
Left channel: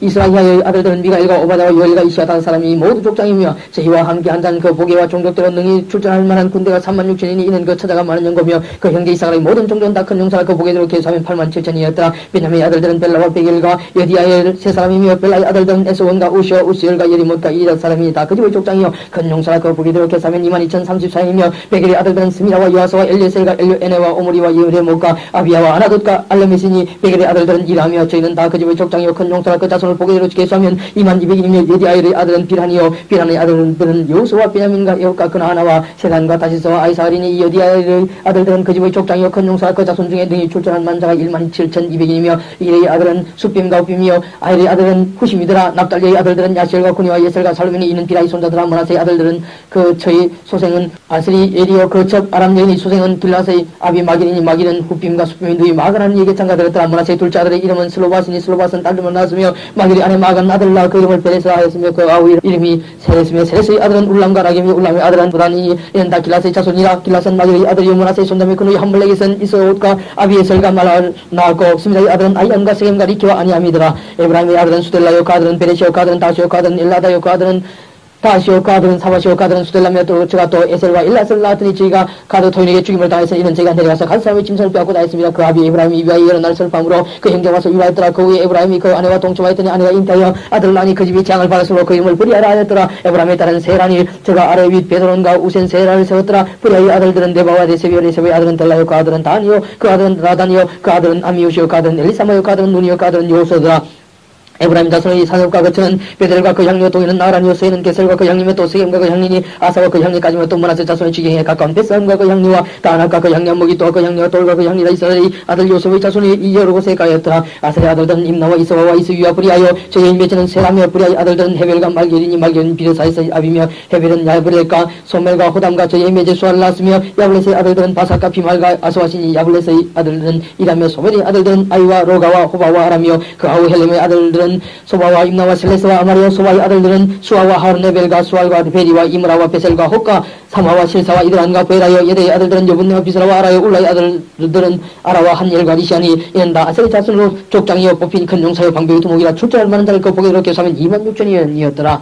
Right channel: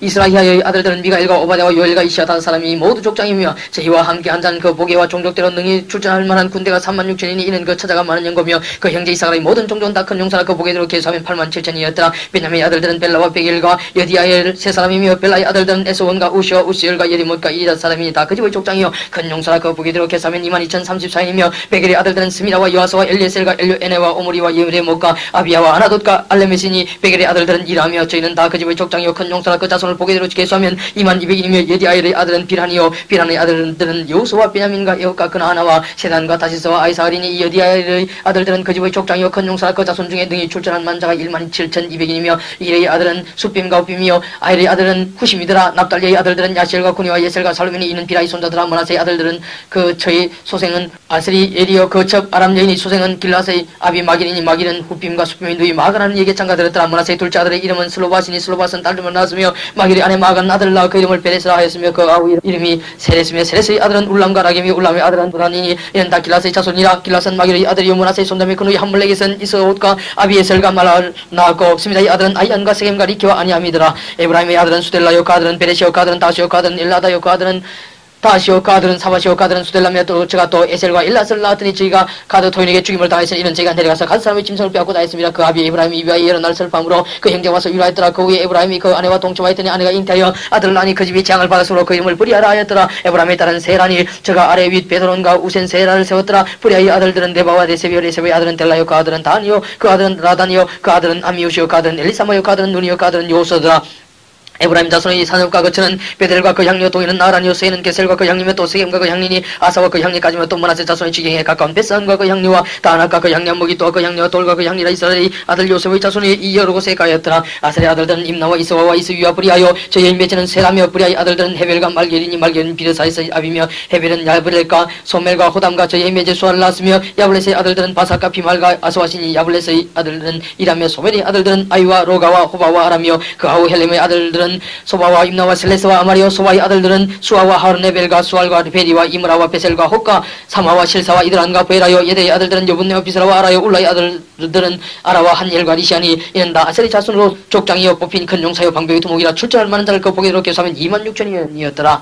이스라히야의 아들들은 미가엘과 오바댜와 요엘과 이시야 다섯 사람이 모두 족장이며 제희와 함께 한잔 그 보게와 종족대로 능히 출전할 만한 군대가 36,000이니 이는 그 찾아가 많은 영거며 그 형제 이사갈의 모든 종족은 다 큰 용사라 그 보게대로 계수하면 87,000이었더라. 베냐민의 아들들은 벨라와 베겔과 여디아엘 세 사람이며 벨라의 아들들은 에스원과 우시와 우시엘과 예리못과 이리다 사람이니 다 그 집의 족장이요 큰 용사라 그 보게대로 계수하면 22,034인이며 베겔의 아들들은 스미라와 요아스와 엘리에셀과 엘료에네와 오므리와 예레못과 아비야와 아나돗과 알레메시니 베겔의 아들들은 이라며 저희는 다 그 집의 족장이요 큰 용사라 그 자손을 보게대로 계수하면 22,200인이며 예디아엘의 아들은 비란이요 비란의 아들들은 여호수와 베냐민과 여호과 그나하나와 세단과 다시스와 아이사갈이니 여디아엘의 아들들은 그 집의 족장이요 큰 용사라 그 자손 중에 능히 출전한 만자가 17,200인이며 이레의 아들은 숫빔과 우빔이요 아헬의 아들은 후심이더라. 납달리의 아들들은 야시엘과 구니와 예셀과 살루민이 이는 비라의 손자더라. 므낫세의 아들들은 그 저희 소생은 아스리 에리어 그 첩 아람 여인이 소생은 길라스의 아비 마길이니 마길은 후빔과 숫빔이 누이 마가라는 예계창가 들었더라. 므낫세의 둘째 아들의 이름은 슬로바시니 슬로바스는 딸들만 낳았으며 마길의 아내 마간 아들을 낳아 그 이름을 베레스라 하였으며 그 아우 이름이 세레스며 세레스의 아들은 울람과 라겜이며 울람의 아들은 부단이니 이는 다 길라스의 자손이라. 길라스는 마길의 아들이요 므낫세의 손담이 그누이 함블렉에선 이스옷과 아비에셀과 말을 낳았고 스미다의 아들은 아이안과 세겜과 리키와 아니함이더라. 에브라임의 아들은 수델라요 그 아들은 베레시요 그 아들은 다시요 그 아들은 엘라다요 그 아들은 다시오 가드는 사바시오 가드는 수델라며 또 제가 또 에셀과 일라스를 낳았더니 저희가 가드 토인에게 죽임을 당했으니 이는 제가 내려가서 가드 사람의 짐승을 빼앗고 다했습니다. 그 아비 에브라임이 이비아의 여러 날 설밤으로 그 형제가 와서 유라했더라. 그 후에 에브라임이 그 아내와 동침하였더니 아내가 잉태하여 아들을 낳으니 그 집이 재앙을 받았으므로 그 이름을 브리아라 하였더라. 에브라임에 따른 세라니 저가 아래 윗 베드론과 우센 세라를 세웠더라. 브리아의 아들들은 네바와 레세비오 레세비의 아들은 델라요 그 아들은 다니요 그 아들은 라다니요 그 아들은 아미오시요 그 아들은 엘리사마요 그 아들은 누니요 그 아들은 요소더라. 에브라임 자손의 산업과 거처는 베델과 그 향리와 동이는 나란이요 세는 게셀과 그 향리며 또 세겜과 그 향리니 아사와 그 향리까지며 또 므낫세 자손의 지경에 가까운 베산과 그 향리와 다낙과 그 향리 안목이 또 그 향리와 돌과 그 향리라. 이스라엘의 아들 요셉의 자손이 이 여러 곳에 가였더라. 아셀의 아들들은 임나와 이스와와 이스위와 브리아요 저희의 맺지는 세라며 브리아의 아들들은 헤벨과 말게리니 말게리는 비르사이스의 아비며 헤벨은 야브렐과 소멜과 호담과 저희의 맺에 수아를 낳았으며 야블렛의 아들들은 바삭과 비말과 아스와시니 야블렛의 아들들은 이라며 소멜의 아들들은 아이와 로가와 호바와 아라며 그 아우 헬렘의 아들들은 소바와 임나와 셀레스와 아마리오 소바의 아들들은 수아와 하르네벨과 수알과 베리와 이므라와 베셀과 호카 사마와 실사와 이드란과 베라요 예대의 아들들은 여분네와 비스라와 아라요 울라의 아들들은 아라와 한엘과 리시아니 이는 다 아셀의 자손으로 족장이여 뽑힌 큰 용사요 방백의 두목이라 출전할 만한 자를 그 보게대로 계수하면 26,000이었더라.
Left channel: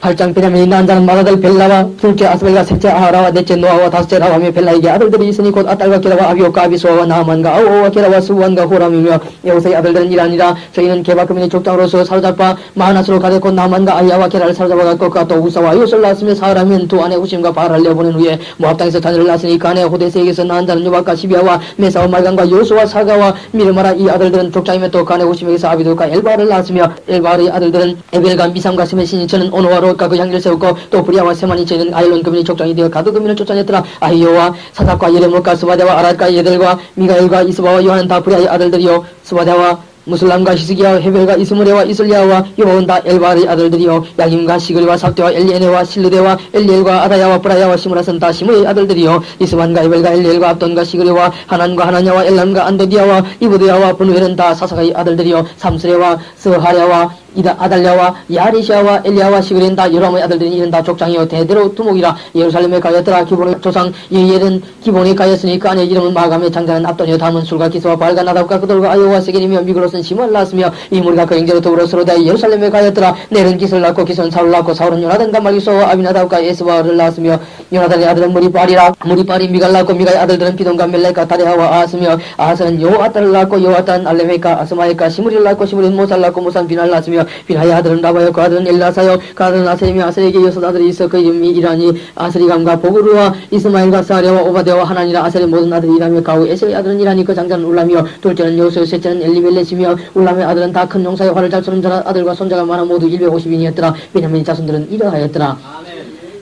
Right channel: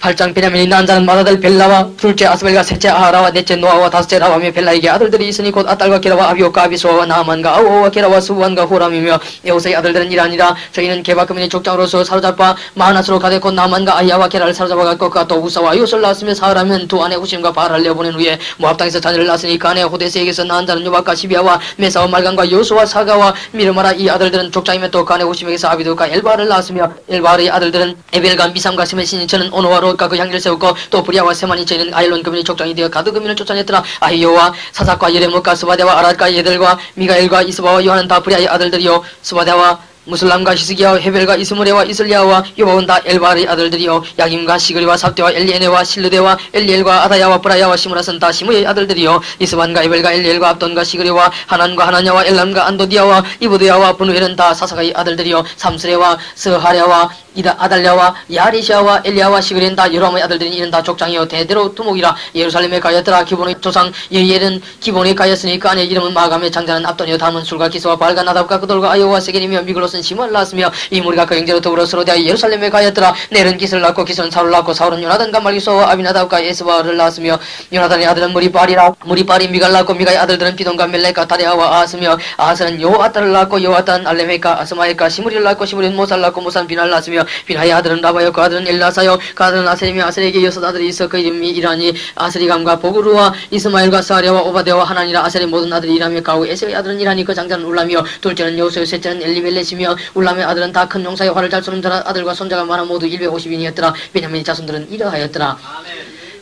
8장 베냐민이 낳은 자는 마다들 벨라와 둘째 아스벨과 셋째 아하라와 넷째 노아와 다섯째 라와며 벨라에게 아들들이 있으니 곧 아딸과 게라와 아비오과 아비수아와 나아만과 아우와 게라와 수완과 호람이며 여호세의 아들들은 이라니라. 저희는 게바크민의 족장으로서 사로잡아 마하나스로 가되 곧 나아만과 아이야와 게라를 사로잡아갔고 그가 또 우사와 요술 낳았으며 사하라면 두 아내 후심과 바알을 내어보낸 후에 모압 땅에서 자녀를 낳았으니 그 아내 호데스에게서 낳은 자는 요박과 시비아와 메사와 말간과 요수와 사가와 미르마라. 이 아들들은 족장이며 또 그 아내 후심에게서 아비도과 엘바를 낳았으며 엘바의 아들들은 에벨과 미삼과 세메시니 저는 오노와 그 향기를 세웠고 또 브리아와 세만이 저희는 아일론 금인이 족장이 되어 가드 금인을 쫓아냈더라. 아히요와 사삭과 예레못과 스바데와 아랄과 예들과 미가엘과 이스바와 요한은 다 브리아의 아들들이요 스바데와 무슬람과 히스기야와 헤벨과 이스므레와 이슬리야와 요바온 다 엘바의 아들들이요 야김과 시그리와 삽대와 엘리에네와 실르데와 엘리엘과 아다야와 브라야와 시므라선 다 시므의 아들들이요 이스반과 에벨과 엘리엘과 압돈과 시그리와 하난과 하나냐와 엘람과 안도디야와 이브드야와 분우엘은 다 사사가의 아들들이요 삼스레와 스하랴와 이다 아달랴와 야리시아와 엘리야와 시그리는 다 여로함의 아들들이 이는 다 족장이요 대대로 두목이라 예루살렘에 가였더라 기본의 조상 예엘은 기본에 가였으니 그 안에 이름은 마감의 장자는 압돈이요 다음은 술과 기소와 발과 나답과 그돌과 아요와 세겔이며 미글롯은 시므를 낳았으며 이 무리가 그 형제로 더불어 서로 대하여 예루살렘에 가였더라 넬은 기스를 낳고 기스는 사울을 낳고 사울은 요나단과 말기소와 아비나답과 에스바를 낳았으며 요나단의 아들은 무리빨이라 무리빨이 미갈 낳고 미가의 아들들은 비돈과 멜렉과 다레아와 아하스며 아하스는 요아따를 낳고 요아따는 알레메과 아스마에과 시므리를 낳고 시므리는 모사를 낳고 모사는 비나를 낳았으며 비나의 아들은 라바요 그 아들은 엘라사요 그 아들은 아셀이며 아셀에게 여섯 아들이 있어 그 이름이 이라니 아스리감과 보그루와 이스마엘과 사랴와 오바데와 하나니라 아셀의 모든 아들이 이라며 가우 에세의 아들은 이라니 그 장자는 울라며 둘째는 여호수요 셋째는 엘리멜렛이며 울람의 아들은 다 큰 용사요 활을 잘 쏘는 자라 아들과 손자가 많아 모두 150인이었더라 베냐민 자손들은 이러하였더라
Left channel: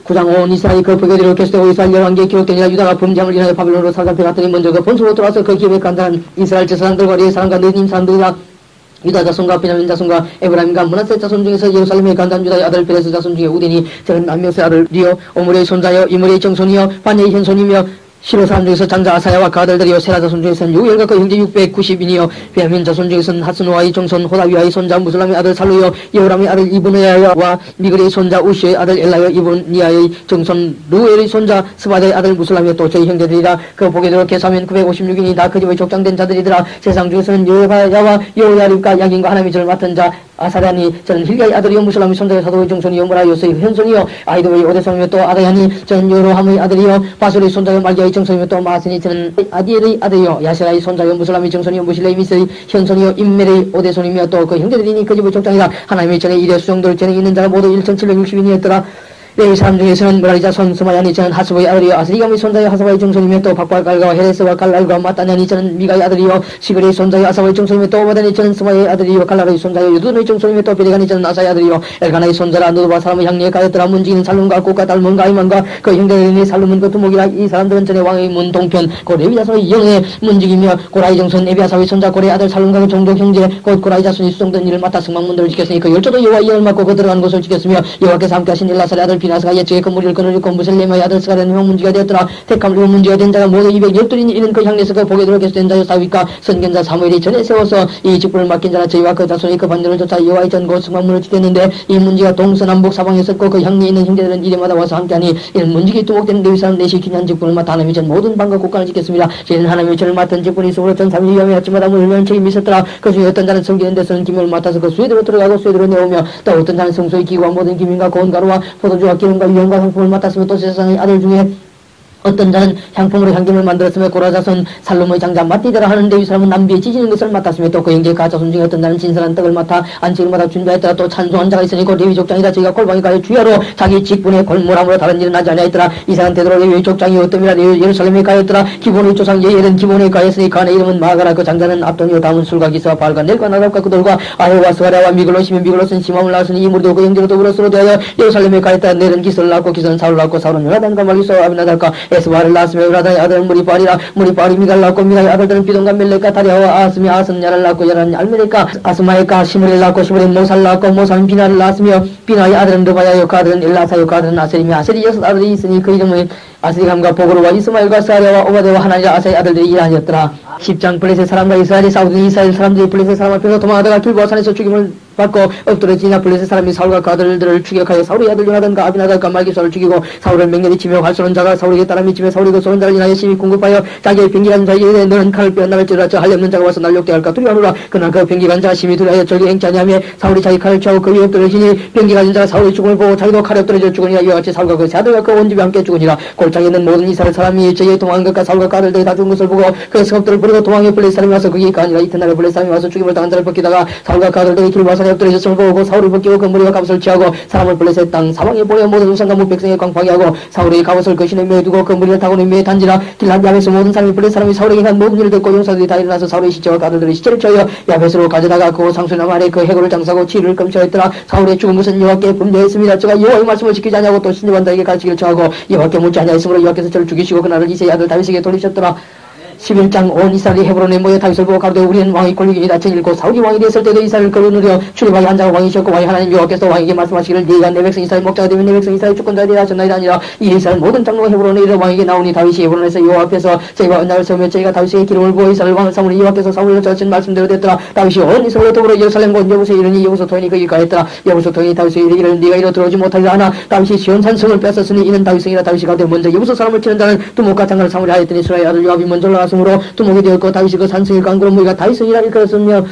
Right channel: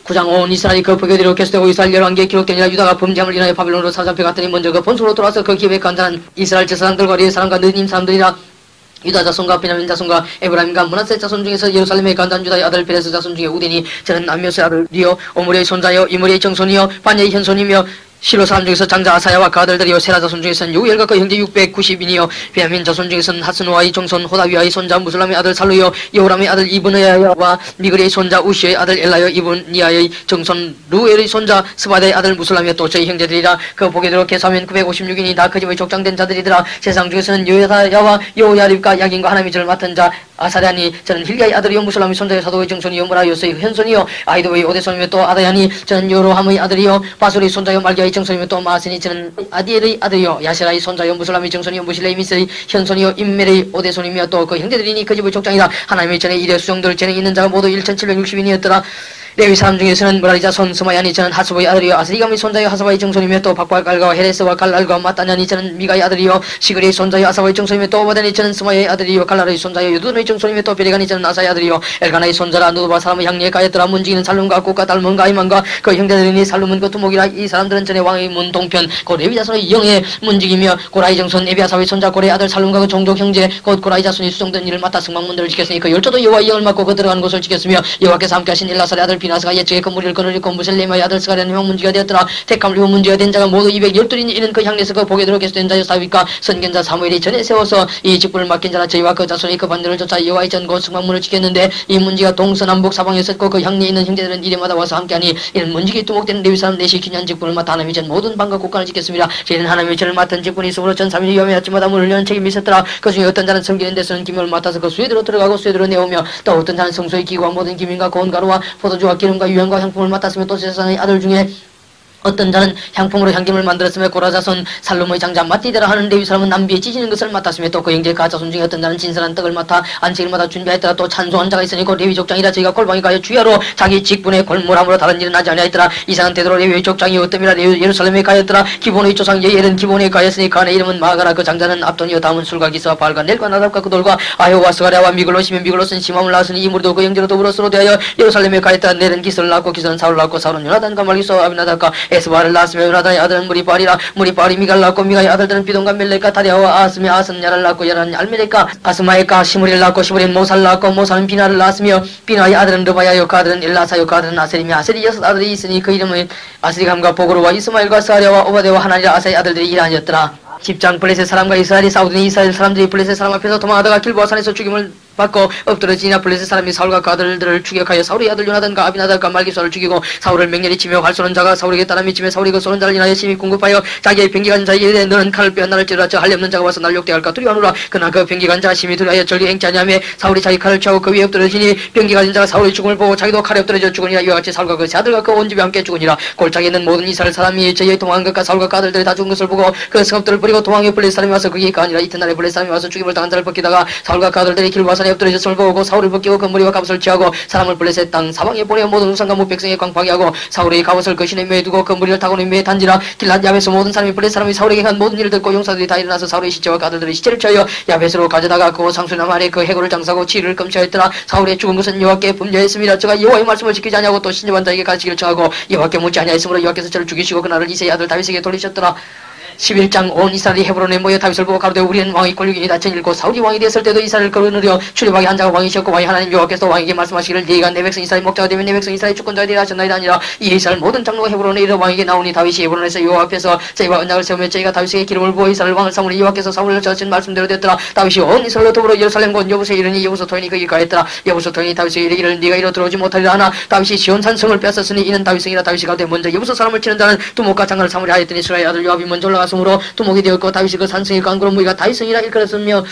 9장 온 이스라엘이 그 포교대로 계속되고 이스라엘 열왕기에 기록되니라 유다가 범죄함을 인하여 바빌론으로 사로잡혀갔더니 먼저 그 본소로 돌아와서 그 기업에 간자는 이스라엘 제사장들과 리의 사람과 느님 사람들이라 유다 자손과 베냐민 자손과 에브라임과 므낫세 자손 중에서 예루살렘에 간단 유다의 아들 베레스 자손 중에 우덴이 저는 암묘스의 아들이요 오므리의 손자여 이므리의 정손이요 반야의 현손이며 실로 사람 중에서 장자 아사야와 그 아들들이요 세라 자손 중에서는 요엘과 그 형제 690인이요 베냐민 자손 중에서는 하스노아의 정손 호다위아의 손자 무슬람의 아들 살루요 여호람의 아들 이브느야와 미그리의 손자 우시의 아들 엘라요 이브니아의 정손 루엘의 손자 스바다의 아들 무슬람이요 또 저희 형제들이라 그 보게대로 계산하면 956인이 다 그 집의 족장된 자들이더라 세상 중에서는 요야사야와 요야립과 야긴과 하나님의 저를 맡은 자 아사랴니 저는 힐리아의 아들이요 무슬람의 손자요 사도의 정손이요 무라요스의 현손이요 아이도의 오데손이며 또 아다야니 저는 요로함의 아들이요 바술의 손자요 말기아의 정손이며 또 마아스니 저는 아디엘의 아들이요 야세라의 손자요 무슬람의 정손이요 무실레의 미스의 현손이요 임멜의 오데손이며 또 그 형제들이니 그 집의 족장이다 하나님의 전에 일의 수종들 재능 있는 자가 모두 1760인이었더라 레위 사람 중에서는 무라리 자손 스마야니 저는 하수보의 아들이요 아스리감의 손자요 하사바의 정손이며 또 박과 갈과 헤레스와 갈랄과 마따냐니 저는 미가의 아들이요 시그리의 손자요 아사바의 정손이며 또 오바다니 저는 스마야의 아들이요 갈랄의 손자요 유두의 정손이며 또 베리가니 저는 아사의 아들이요 엘가나의 손자라 누드바 사람의 향리에 가였더라 문지기는 살룸과 꽃과 달몬과 아이만과 그 형제들이니 살룸은 그 두목이라 이 사람들은 전에 왕의 문 동편 그 레위 자손의 영의 문지기며 고라이 정손 에비아사의 손자 고레의 아들 살룸과 그 종족 형제 곧 고라이 자손이 수종된 일을 맡아 승방문들을 지켰으니 그 열조도 여호와의 영을 맡고 그 들어간 곳을 지켰으며 여호와께서 함께하신 엘라살의 아들 비나스가 옛적에 그 무리를 거느리고 무셀레마의 아들 스가랴는 형문지가 되었더라 택함을 입은 문지가 된 자가 모두 212인이 이는 그 향내에서 그 보게대로 계속된 자여 사윗과 선견자 사무엘이 전에 세워서 이 직분을 맡긴 자라 저희와 그 자손이 그 반대를 쫓아 여호와의 전곧 승방문을 지켰는데 이 문지가 동서남북 사방에 있었고 그 향내에 있는 형제들은 이래마다 와서 함께하니 이는 문지기 두목된 레위 사람 넷이 기념 직분을 맡아 하나님의 전 모든 방과 국간을 지켰습니다. 저희는 하나님의 전을 맡은 직분이 있으므로 전 3일 위험에 아침마다 문을 여는 책임이 있었더라. 그 중에 어떤 자는 섬기는 데서는 기명을 맡아서 그 수에들어 들어가고 수에들어 내오며 또 어떤 자는 성소의 기구와 모든 기민과 고운 가루와 포도주와 기름과 유향과 향품을 맡았으며 또 세상의 아들 중에 어떤 자는 향품으로 향기름을 만들었으며 고라자손 살룸의 장자 마띠데라 하는 레위 사람은 남비에 찢는 것을 맡았으며 또 그 형제 가자손 중에 어떤 자는 진선한 떡을 맡아 안식일마다 준비하였더라. 또 찬송한 자가 있으니 그 레위 족장이라 저희가 골방에 가여 주야로 자기 직분에 골몰함으로 다른 일은 하지 아니하였더라. 이상한 태도로 레위 족장이 어뜸이라 예루살렘에 가였더라. 기본의 조상 예엘은 기본에 가였으니 그 안에 이름은 마가라. 그 장자는 압돈이요 다음은 술과 기스와 발과 넬과 나답과 그돌과 아효와 스가랴와 미글롯이며 미글롯은 시맘을 낳았으니 이 무리도 그 형제로 더불어 서로 대하여 예루살렘에 가였더라. 넬은 기스를 낳고 기스는 사울을 낳고 사울은 요나단과 말기소와 아비나답과 에스바를 낳았으며 요나단의 아들은 무리빨이라 무리빨이 미갈 낳고 미가의 아들들은 비돈과 멜렉과 다리아와 아스며 아스는 야를 낳고 야는 알메렉과 아스마에과 시므리를 낳고 시므리는 모사를 낳고 모사는 비나를 낳았으며 비나의 아들은 르바야요 그 아들은 엘라사요 그 아들은 아셀이며 아셀이 여섯 아들이 있으니 그 이름은 아스리감과 보그루와 이스마엘과 스아랴와 오바데와 하나니라 아사의 아들들이 이라니었더라. 10장 블레셋 사람과 이스라엘이 싸우더니 이스라엘 사람들이 블레셋 사람 앞에서 도망하다가 길보아 산에서 죽임을 받고 엎드러지나 블레셋 사람이 사울과 그 아들들을 추격하여 사울의 아들 요나단과 아비나답과 말기소를 죽이고 사울을 맹렬히 치며 활 쏘는 자가 사울에게 따라 미치며 사울이 그 쏘는 자를 인하여 심히 궁급하여 자기의 병기간 자에게 이르되 너는 칼을 빼어 나를 찌르라 저 할례 없는 자가 와서 날 욕대할까 두려워하노라. 그러나 그 병기간 자가 심히 두려워하여 절기 행차냐며 사울이 자기 칼을 취하고 그 위에 엎드러지니 병기간 자가 사울의 죽음을 보고 자기도 칼에 엎드러져 죽으니라. 이와 같이 사울과 그 세 아들과 그 온 집이 함께 죽으니라. 골짜기에 있는 모든 이스라엘 사람이 저희의 도망한 것과 사울과 그 아들들이 다 죽은 것을 보고 그 성읍들을 버리고 도망해 블레셋 사람이 와서 그게 아니라 이튿날에 블레셋 사람이 와서 죽임을 당한 자를 벗기다가 사울과 그 아들들이 길보아 산에 엎드러졌음을 보고 사울을 벗기고 그 머리와 갑옷을 취하고 사람을 블레셋 땅 사방에 보내어 모든 우상과 백성의 광파게 하고 사울의 갑옷을 그 신의 묘에 두고 그 머리를 타고는 묘에 단지라. 길앗 야벳에서 모든 사람이 블레셋 사람이 사울에게 한 모든 일을 듣고 용사들이 다 일어나서 사울의 시체와 그 아들들의 시체를 취하여 야벳으로 가져다가 그 상수남 아래 그 해골을 장사하고 치를 금치하였더라. 사울의 죽은 것은 여호와께 범죄했습니다. 저가 여호와의 말씀을 지키지 아니하고 또 신접한 자에게 가르치기를 청하고 여호와께 묻지 아니하였으므로 여호와께서 저를 죽이시고 그날을 이새의 아들 다윗에게 돌리셨더라. 11장 온 이스라엘이 헤브론에 모여 다윗을 보고 가로되 우리는 왕의 권력이니이다. 전1 사울이 왕이 되었을 때도 이스라엘을 거느려 출입하게 한 자가 왕이셨고 왕이 하나님 여호와께서 왕에게 말씀하시기를 네가 내 백성 이스라엘 목자가 되면 내 백성 이스라엘 주권자가 되리라 하셨나이다. 아니라 이 이스라엘 모든 장로가 헤브론에 이르러 왕에게 나오니 다윗이 헤브론에서 여호와 앞에서 저희와 언약을 세우며 저희가 다윗에게 기름을 부어 이스라엘 왕을 삼으니 여호와께서 사울을 저신 말씀대로 됐더라. 다윗이 온 이스라엘로 더불어 예루살렘 곧 여부서에 이르니 여부서 토인이 거기 가했더라. 여부서 토인이 다윗에게 이르기를 네가 이로 들어오지 못하리라 하나 다윗이 시온산 성을 뺏었으니 이는 다윗성이라. 다윗이 가로되 먼저 여부서 사람을 치는 자는 두목과 장관을 삼으려 하였더니 이스라엘 아들 요압이 먼저 올라갔으므로 두목이 되었고 다윗이 그 산성의 강구로 무기가 다윗성이라 일컬었으며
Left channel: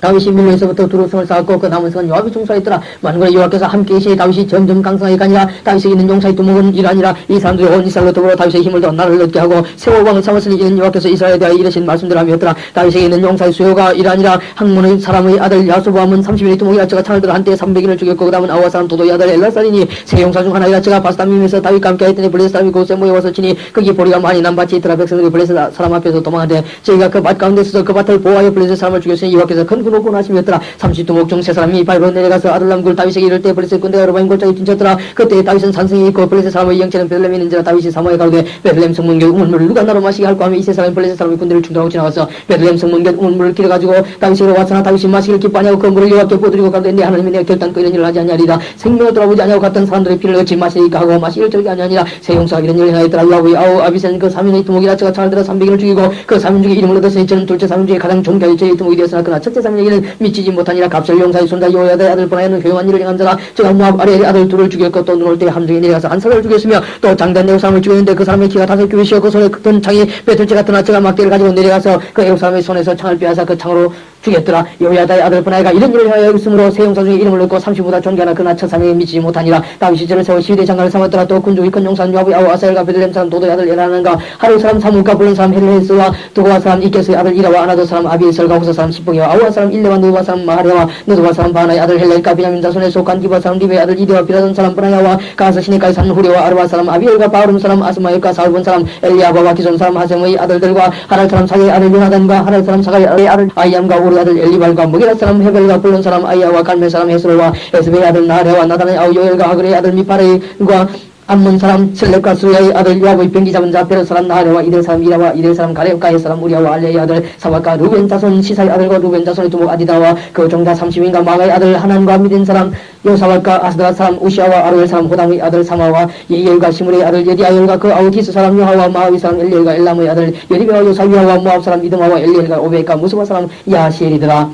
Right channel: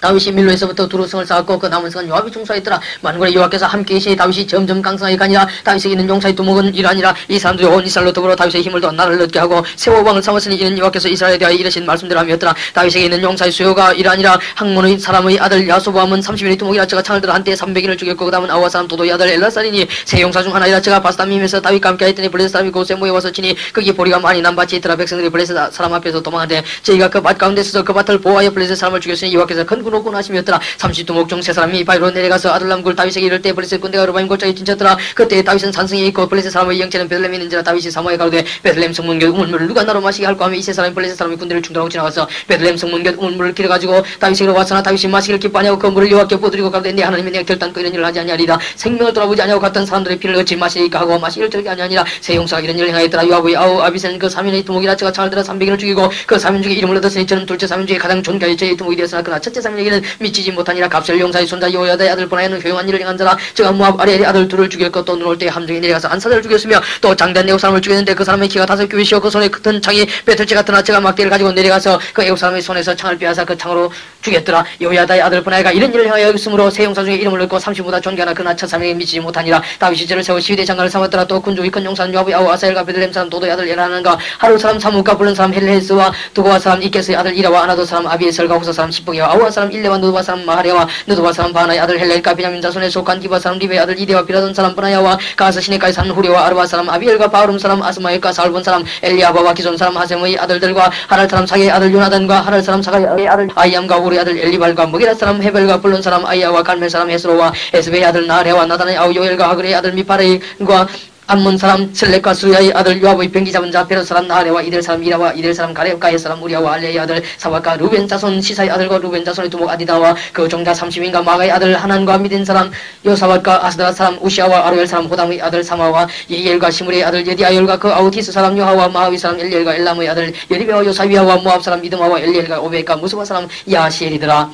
다윗이 밀로에서부터 두루 성을 쌓았고 그 남은 성은 요압이 총수하였더라. 만군의 여호와께서 함께 계시니 다윗이 점점 강성하게 가니라. 다윗에게 있는 용사의 두목은 이러하니라. 이 사람들이 온 이스라엘로 더불어 다윗의 힘을 더 나를 얻게 하고 세워 왕을 삼았으니 이는 여호와께서 이스라엘에 대하여 이르신 말씀대로 함이었더라. 다윗에게 있는 용사의 수요가 이러하니라. 학문의 사람의 아들 야소보암은 30인의 두목이라. 저가 창을 들어 한때 300인을 죽였고 그 다음은 아우와 사람 도도의 아들 엘라살이니 세 용사 중 하나이라. 저가 바스다밈에서 다윗과 함께 하였더니 블레셋 사람이 그곳에 모여와서 치니 거기 보리가 많이 남밭이 있더라. 백성들이 블레셋 사람 앞에서 도망하되 저희가 그 밭 가운데 서서 그 밭을 보호하여 블레셋 사람을 죽였으니 여호와께서 큰 군호군 하심이었더라. 30두목 중 세 사람이 바위로 내려가서 아둘람굴 다윗에게 이를 때 블레셋 군대가 르바임 골짜기 진쳤더라. 그때 다윗은 산성에 있고 블레셋 사람의 영체는 베들레헴에 있는지라. 다윗이 사모에 가로되 베들레헴 성문 곁 우물물을 누가 나로 마시게 할까 하며 이 세 사람이 블레셋 사람의 군대를 충돌하고 지나가서 베들레헴 성문 곁 우물물을 길어가지고 다윗에게로 왔으나 다윗이 마시기를 기뻐하냐고 그 물을 여호와께 부어드리고 가로되 네 하나님이 내가 결단코 이런 일을 하지 아니하리라. 생명을 돌아보지 아니하고 갔던 사람들의 피를 어찌 마시리까 하고 마시기를 들게 아니하니라. 세 용사가 이런 일을 행하였더라. 요압의 아우 아비새는 그 3인의 두목이라. 저가 창을 들어 300인을 죽이고 그 3인 중에 이름을 얻었으니 저는 둘째 3인 중에 가장 존귀하여 저의 두목이 되었으나 그러나 첫째 3인에게는 미치지 못하니라. 갑셀 용사의 손자 여호야다의 아들 보나야는 효용한 일을 행한 자라. 저가 모압 아리엘의 아들 둘을 죽였고 또 눈 올 때 함정에 내려가서 안사자를 죽였으며 또 장대한 애국 사람을 죽였는데 그 사람의 키가 5규빗이요 그 손에 큰 창이 배틀째 같으나 저가 막대를 가지고 내려가서 그 애국 사람의 손에서 창을 빼앗아 그 창으로 죽였더라. 여호야다의 아들 보나야가 이런 일을 하여 있으므로 세 용사 중에 이름을 얻고 30보다 존귀하나 그러나 첫 사명에 미치지 못하니라. 다윗이 저를 세워 시위대 장관을 삼았더라. 또 군중의 큰 용사는 요압의 아우 아사엘과 베들레헴 사람 도도의 아들 엘하나가 하루 사람 사무과 불른 사람 헬레스와 두고와 사람 이케스의 아들 이라와 아나도 사람 아비에셀과 후사 사람 시봉이와 아우와 사람 일레와 느바 사람 마하레와 느도바 사람 바나의 아들 헬렐과 베냐민 자손에 속한 기바 사람 리베의 아들 이데와 비라돈 사람 브나야와 가서 시내까지 사는 후레와 아르바 사람 아비엘과 바울음 사람 아스마엘과 사울본 사람 엘리아바와 기존 사람 하셈의 아들들과 하랄 사람 사게의 아들 요나단과 하랄 사람 사가의 아들 아이암과 우리 아들 엘리발과 무기라 사람 헤벨과 불론 사람 아이야와 갈멜 사람 헤스로와 에스베의 아들 나레와 나단의 아우 요엘과 하그레의 아들 미파레과 암몬 사람 슬렉과 수야의 아들 요압의 병기 잡은 자 베롯 사람 나하레와 이들 사람 이라와 이들 사람 가렙과 헷 사람 우리아와 알레의 아들 사박과 루벤 자손 시사의 아들과 루벤 자손의 두목 아디다와 그 종자 30인과 마가의 아들 하난과 미딘 사람 요사박과 아스드라 사람 우시아와 아르엘 사람 호담의 아들 사마와 예엘과 시므리의 아들 예디아엘과 그 아우티스 사람 요하와 마하위 사람 엘리엘과 엘람의 아들 여리베와 요사위아와 모압 사람 이드마와 엘리엘과 오베과 무스바 사람 야시엘이더라.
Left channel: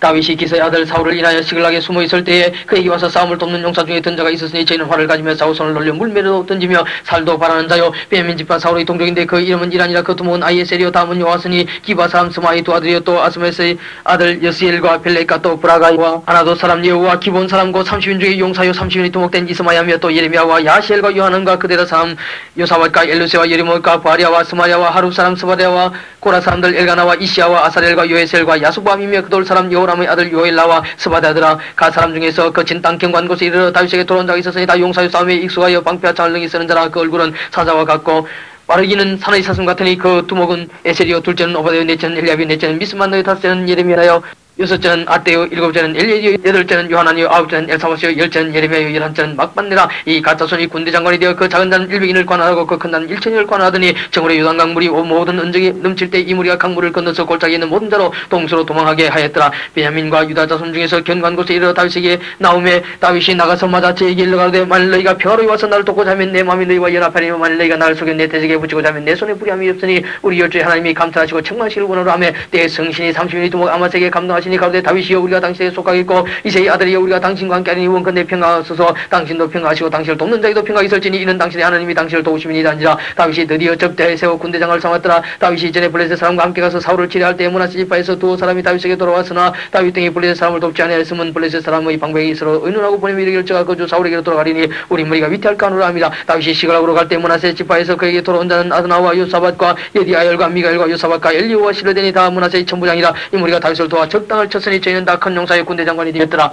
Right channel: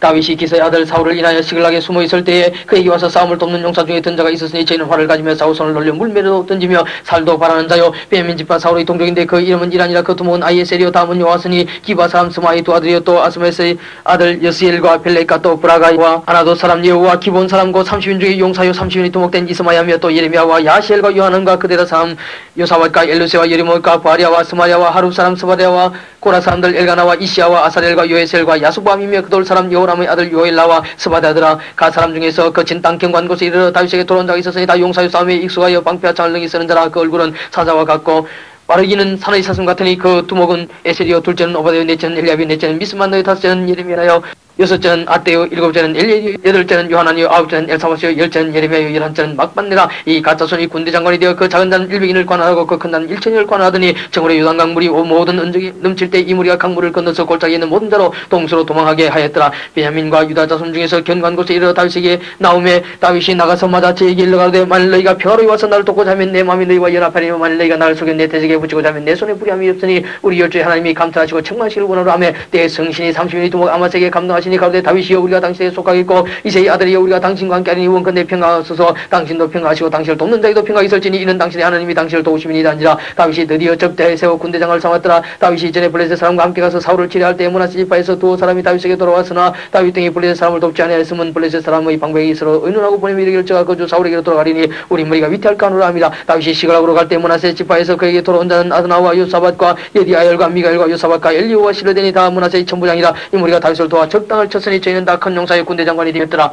다윗이 기사의 아들 사울을 인하여 시글락에 숨어있을 때에 그에게 와서 싸움을 돕는 용사 중에 든 자가 있었으니 저희는 활을 가지며 사울 손을 놀려 물매로 던지며 살도 바라는 자요 베냐민 집파 사울의 동족인데 그 이름은 이란이라. 그 두목은 아이에셀이요 다음은 요아스니 기바 사람 스마의 두 아들이요 또 아스메스의 아들 여스엘과 벨레카 또 브라가와 아나도 사람 예후와 기본 사람고 30인 중에 용사요 30인이 두목된 이스마야며 또 예레미야와 야시엘과 요하난과 그대라 사람 요사vat과 엘루세와 예리모과 바리아와 스마리아와 하룹 사람 스바리아와 고라 사람들 엘가나와 이시아와 아사렐과 요에셀과 야수밤이며 그돌 사람 여호람의 아들 요엘라와 스바다더라. 가 사람 중에서 거친 땅 경관 곳에 이르러 다윗에게 돌아온 자가 있었으니 다 용사의 싸움에 익숙하여 방패와 창을 능히 쓰는 자라. 그 얼굴은 사자와 같고 빠르기는 산의 사슴 같으니 그 두목은 에셀이요 둘째는 오바데요 넷째는 엘리압이 넷째는 미스만너요 다섯째는 예레미야요 여섯째는 아떼요 일곱째는 엘리에요 여덟째는 요하나니요 아홉째는 엘사바시요 열째는 예레미야요 열한째는 막반네라. 이 가짜손이 군대 장관이 되어 그 작은 자는 100인을 관할하고 그 큰 자는 1000인을 관할하더니 정오래 요단강 물이 모든 은적이 넘칠 때 이 무리가 강물을 건너서 골짜기에 있는 모든 자로 동수로 도망하게 하였더라. 베냐민과 유다 자손 중에서 견고한 곳에 이르러 다윗에게 나오매 다윗이 나가서 맞아 저에게 일러가되 만일 너희가 평화로이 와서 나를 돕고자 하면 내 마음이 너희와 연합하리며 만일 너희가 나를 속여 내 대적에 붙이고자 하면 내 손에 불의함이 없으니 우리 열조의 하나님이 감탄하시고 책망하시기를 원하노라 하며 내 성신이 30인이 두목 아마스에게 감동하시니 가로되 다윗이여 우리가 당신에게 속하겠고 이세의 아들이여 우리가 당신과 함께 하니 원컨대 평강하소서. 당신도 평강하시고 당신을 돕는 자에도 평강이 있을지니 이는 당신의 하나님이 당신을 도우심이니라 한지라. 다윗이 드디어 접대에 세워 군대 장관을 삼았더라. 다윗이 이전에 블레셋 사람과 함께 가서 사울을 치려할 때 므낫세 지파에서 두어 사람이 다윗에게 돌아왔으나 다윗 등이 블레셋 사람을 돕지 아니하였으면 블레셋 사람의 방백이 있으러 의논하고 보내며 이르기를 저가 그주 사울에게로 돌아가리니 우리 머리가 위태할까 하노라 합니다. 다윗이 시글락으로 갈 때 므낫세 지파에서 그에게 돌아온 자는 아드나와 요사밧과 예디아엘과 미가엘과 요사밧과 엘리오와 시르데니 다 므낫세의 천부장이라. 이 무리가 다윗을 도와 적당을 쳤으니 저희는 다 큰 용사의 군대 장관이 되었더라.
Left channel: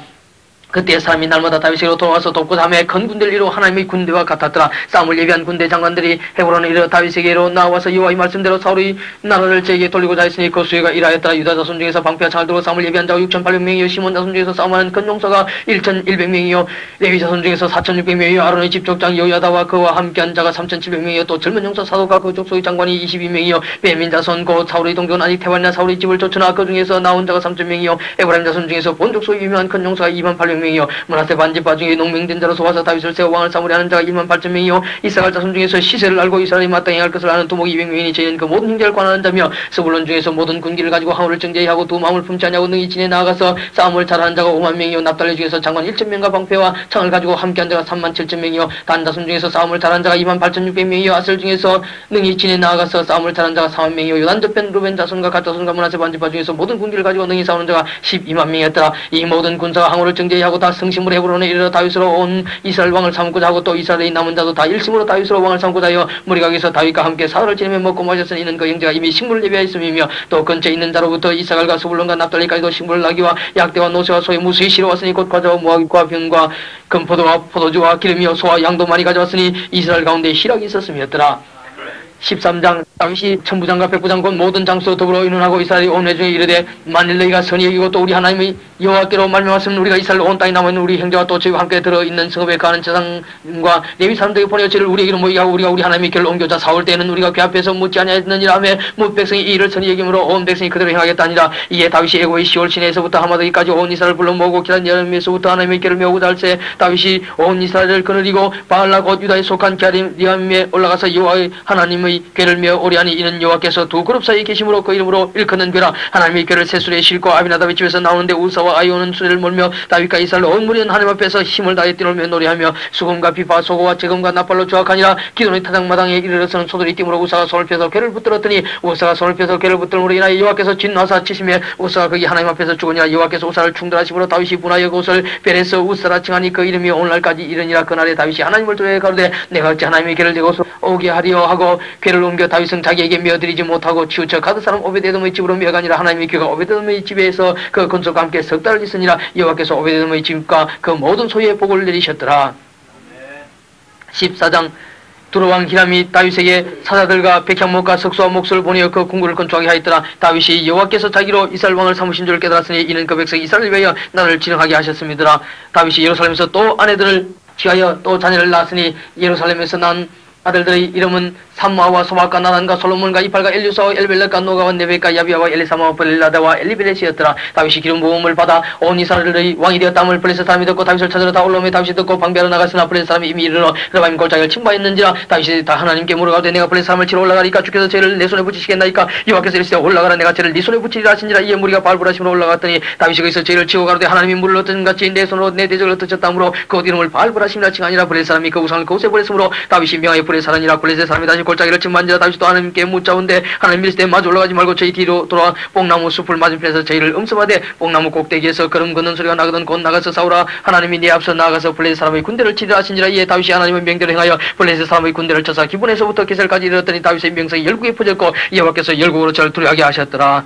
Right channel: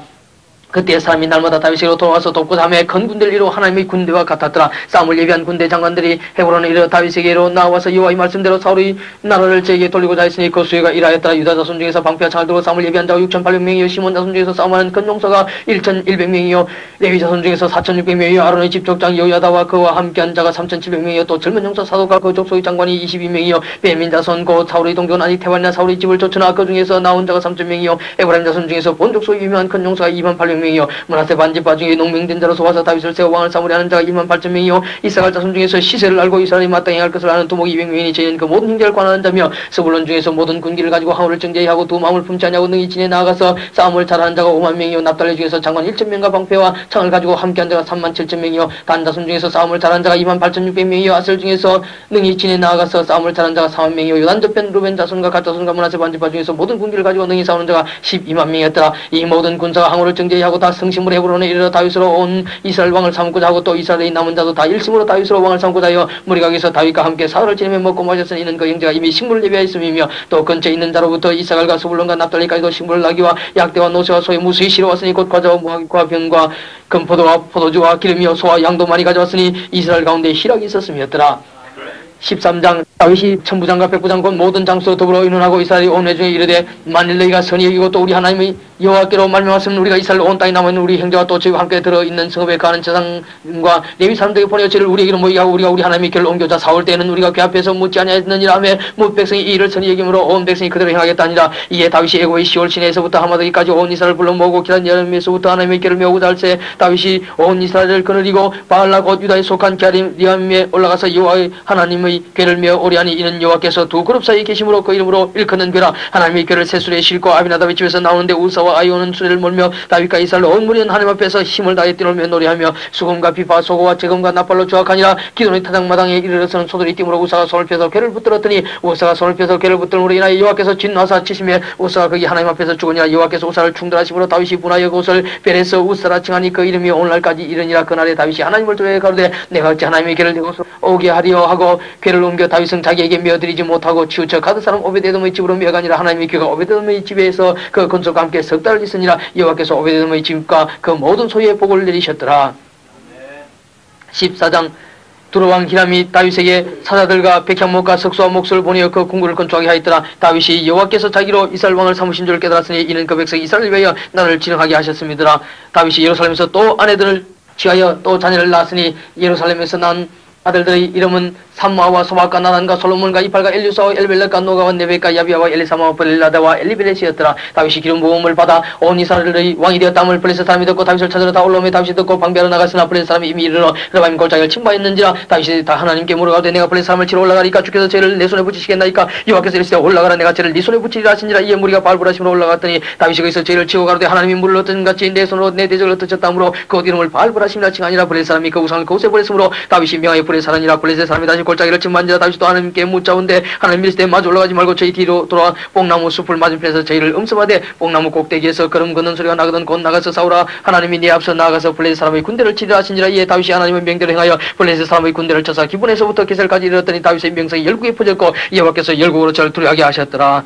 그때 사람이 날마다 다윗에게로 돌아와서 돕고 다음에 큰 군대를 이루어 하나님의 군대와 같았더라. 싸움을 예비한 군대 장관들이 헤브론에 이르러 다윗에게로 나와서 여호와의 말씀대로 사울이 나라를 제게 돌리고 자했으니 그 수혜가 이라였더라. 유다 자손 중에서 방패와 창을 들고 싸움을 예비한 자가 6,800명이요 시몬 자손 중에서 싸움하는 큰 용사가 1,100명이요 레위 자손 중에서 4,600명이요 아론의 집족장 여호야다와 그와 함께한 자가 3,700명이요 또 젊은 용사 사도가 그 족속의 장관이 22명이요 베민 자손 곧 사울의 동족은 아직 태반이나 사울의 집을 쫓으나 그 중에서 나온 자가 3,000명이요 에브라임 자손 중에서 본 족속의 유명한 큰 용사가 28,000명이요 므낫세 반지파 중에 농민된 자로 소화사 다윗을 세워 왕을 삼으려 하는 자가 28,000명이요 이스라엘 자손 중에서 시세를 알고 이스라엘이 마땅히 할 것을 아는 두목 200명이니 저희는 그 모든 형제를 관하는 자며 스불론 중에서 모든 군기를 가지고 항우를 정죄하고 두 마음을 품지 아니하고 능히 진에 나아가서 싸움을 잘하는 자가 50,000명이요 납달리 중에서 장관 1,000명과 방패와 창을 가지고 함께한 자가 37,000명이요 단 자손 중에서 싸움을 잘하는 자가 28,600명이요 아슬 중에서 능히 진에 나아가서 싸움을 잘하는 자가 40,000명이요 요단 저편 루벤 자손과 갓 자손과 므낫세 반지파 중에서 모든 군기를 가지고 능히 싸우는 자가 120,000명이었더라. 이 모든 군사가 항우를 정죄하고 다 성심으로 헤브론에 이르러 다윗으로 온 이스라엘 왕을 삼고자 하고 또 이스라엘의 남은 자도 다 일심으로 다윗으로 왕을 삼고자 하여 무리각에서 다윗과 함께 사흘을 지내며 먹고 마셨으니 이는 그 형제가 이미 식물을 예비하였음이며 또 근처에 있는 자로부터 이사갈과 스불론과 납달리까지도 식물을 나기와 약대와 노새와 소의 무수히 실어왔으니 곧 과자와 무화과 병과 금포도와 포도주와 기름이요 소와 양도 많이 가져왔으니 이스라엘 가운데 희락이 있었음이었더라. 13장 다윗이 천부장과 백부장 곧 모든 장수와 더불어 의논하고 이스라엘이 온 회중에 이르되 만일 너희가 선히 여기고 또 우리 하나님의 여호와께로 말미암았으면 우리가 이스라엘 온 땅에 남아있는 우리 형제와 또 저희와 함께 들어있는 성읍에 가는 제사장과 레위 사람들에게 보내어 저를 우리에게로 모이게 하고 우리가 우리 하나님의 길을 옮겨자 사올 때에는 우리가 그 앞에서 묻지 아니하였느니라 하며 모든 백성이 이 일을 선히 여김으로 온 백성이 그대로 행하겠다 하니라. 이에 다윗이 애고의 시올 시내에서부터 하마드기까지 온 이스라엘을 불러 모으고 기란 여름에서부터 하나님의 길을 메우고자 할새 다윗이 온 이스라엘을 거느리고 바알라 곧 유다에 속한 갸림리암에 올라가서 여호와의 하나님의 궤를 메어 오리하니 이는 여호와께서 두 그룹 사이에 계심으로 그 이름으로 일컫는 궤라. 하나님의 궤를 세술에 싣고 아비나답의 집에서 나오는데 우사와 아이오는 수레를 몰며 다윗과 이스라엘 온 무리는 하나님 앞에서 힘을 다해 뛰놀며 노래하며 수금과 비파 소고와 재금과 나팔로 조악하니라. 기도의 타작마당에 이르러서는 소들이 띠므로 우사가 손을 펴서 궤를 붙들었더니 우사가 손을 펴서 궤를 붙들므로 인하여 여호와께서 진나사 치심에 우사가 거기 하나님 앞에서 죽으니라. 여호와께서 우사를 충돌하심으로 다윗이 분하여 그곳을 베레서 우사라 칭하니 그 이름이 오늘날까지 이르니라. 그날에 다윗이 하나님을 두려워 가로되 내가 어찌 하나님의 궤를 대고 오게 하리요 하고 궤를 옮겨 다윗은 자기에게 메어드리지 못하고 치우쳐 가드 사람 오베데돔의 집으로 메어가니라. 하나님의 궤가 오베데돔의 집에서 그 건축과 함께 석 달을 있으니라. 여호와께서 오베데돔의 집과 그 모든 소유의 복을 내리셨더라. 14장 두로왕 히람이 다윗에게 사자들과 백향목과 석수와 목수를 보내어 그 궁궐을 건축하게 하였더라. 다윗이 여호와께서 자기로 이스라엘 왕을 삼으신 줄 깨달았으니 이는 그 백성 이스라엘을 위하여 나를 진흥하게 하셨음이더라. 다윗이 예루살렘에서 또 아내들을 취하여 또 자녀를 낳았으니 예루살렘에서 난 아들들의 이름은 삼마와 소마과 나단과 솔로몬과 이팔과 엘류사와 엘벨렉과 노가와 네베과 야비아와 엘리사마와 블라다와 엘리벨렛이었더라. 다윗이 기름 부음을 받아 온 이스라엘의 왕이 되었다함을 블레셋 사람이 듣고 다윗을 찾으러 다 올라오며 다윗이 듣고 방비하러 나갔으나 블레셋 사람이 이미 이르러 르바임 골짜기를 침범했는지라. 다윗이 다 하나님께 물어가되 내가 블레셋 사람을 치러 올라가니까 주께서 죄를 내 손에 붙이시겠나이까. 여호와께서 이르시되 올라가라 내가 죄를 네 손에 붙이리라 하시니라. 이에 무리가 바알브라심으로 올라갔더니 다윗이 거기서 죄를 치고 가로되 하나님이 물을 얻은 같이 내 손으로 내 대적을 얻으셨다므로 그 이름을 바알브라심이라 칭하니라. 블레셋 사람이 그 우상을 그곳에 버렸으므로 다윗이 명하여 블레셋 사람이라. 블레셋 사람이 다시 골짜기를 침범한지라. 다윗도 하나님께 묻자온데 하나님 이르시되 마주 올라가지 말고 저희 뒤로 돌아 뽕나무 숲을 맞은편에서 저희를 음습하되 뽕나무 꼭대기에서 걸음 걷는 소리가 나거든 곧 나가서 싸우라. 하나님이 네 앞서 나아가서 블레셋 사람의 군대를 치리라 하시니라. 이에 다윗이 하나님의 명대로 행하여 블레셋 사람의 군대를 쳐서 기본에서부터 게셀까지 이르렀더니 다윗의 명성이 열국에 퍼졌고 여호와께서 열국으로 저를 두려워하게 하셨더라.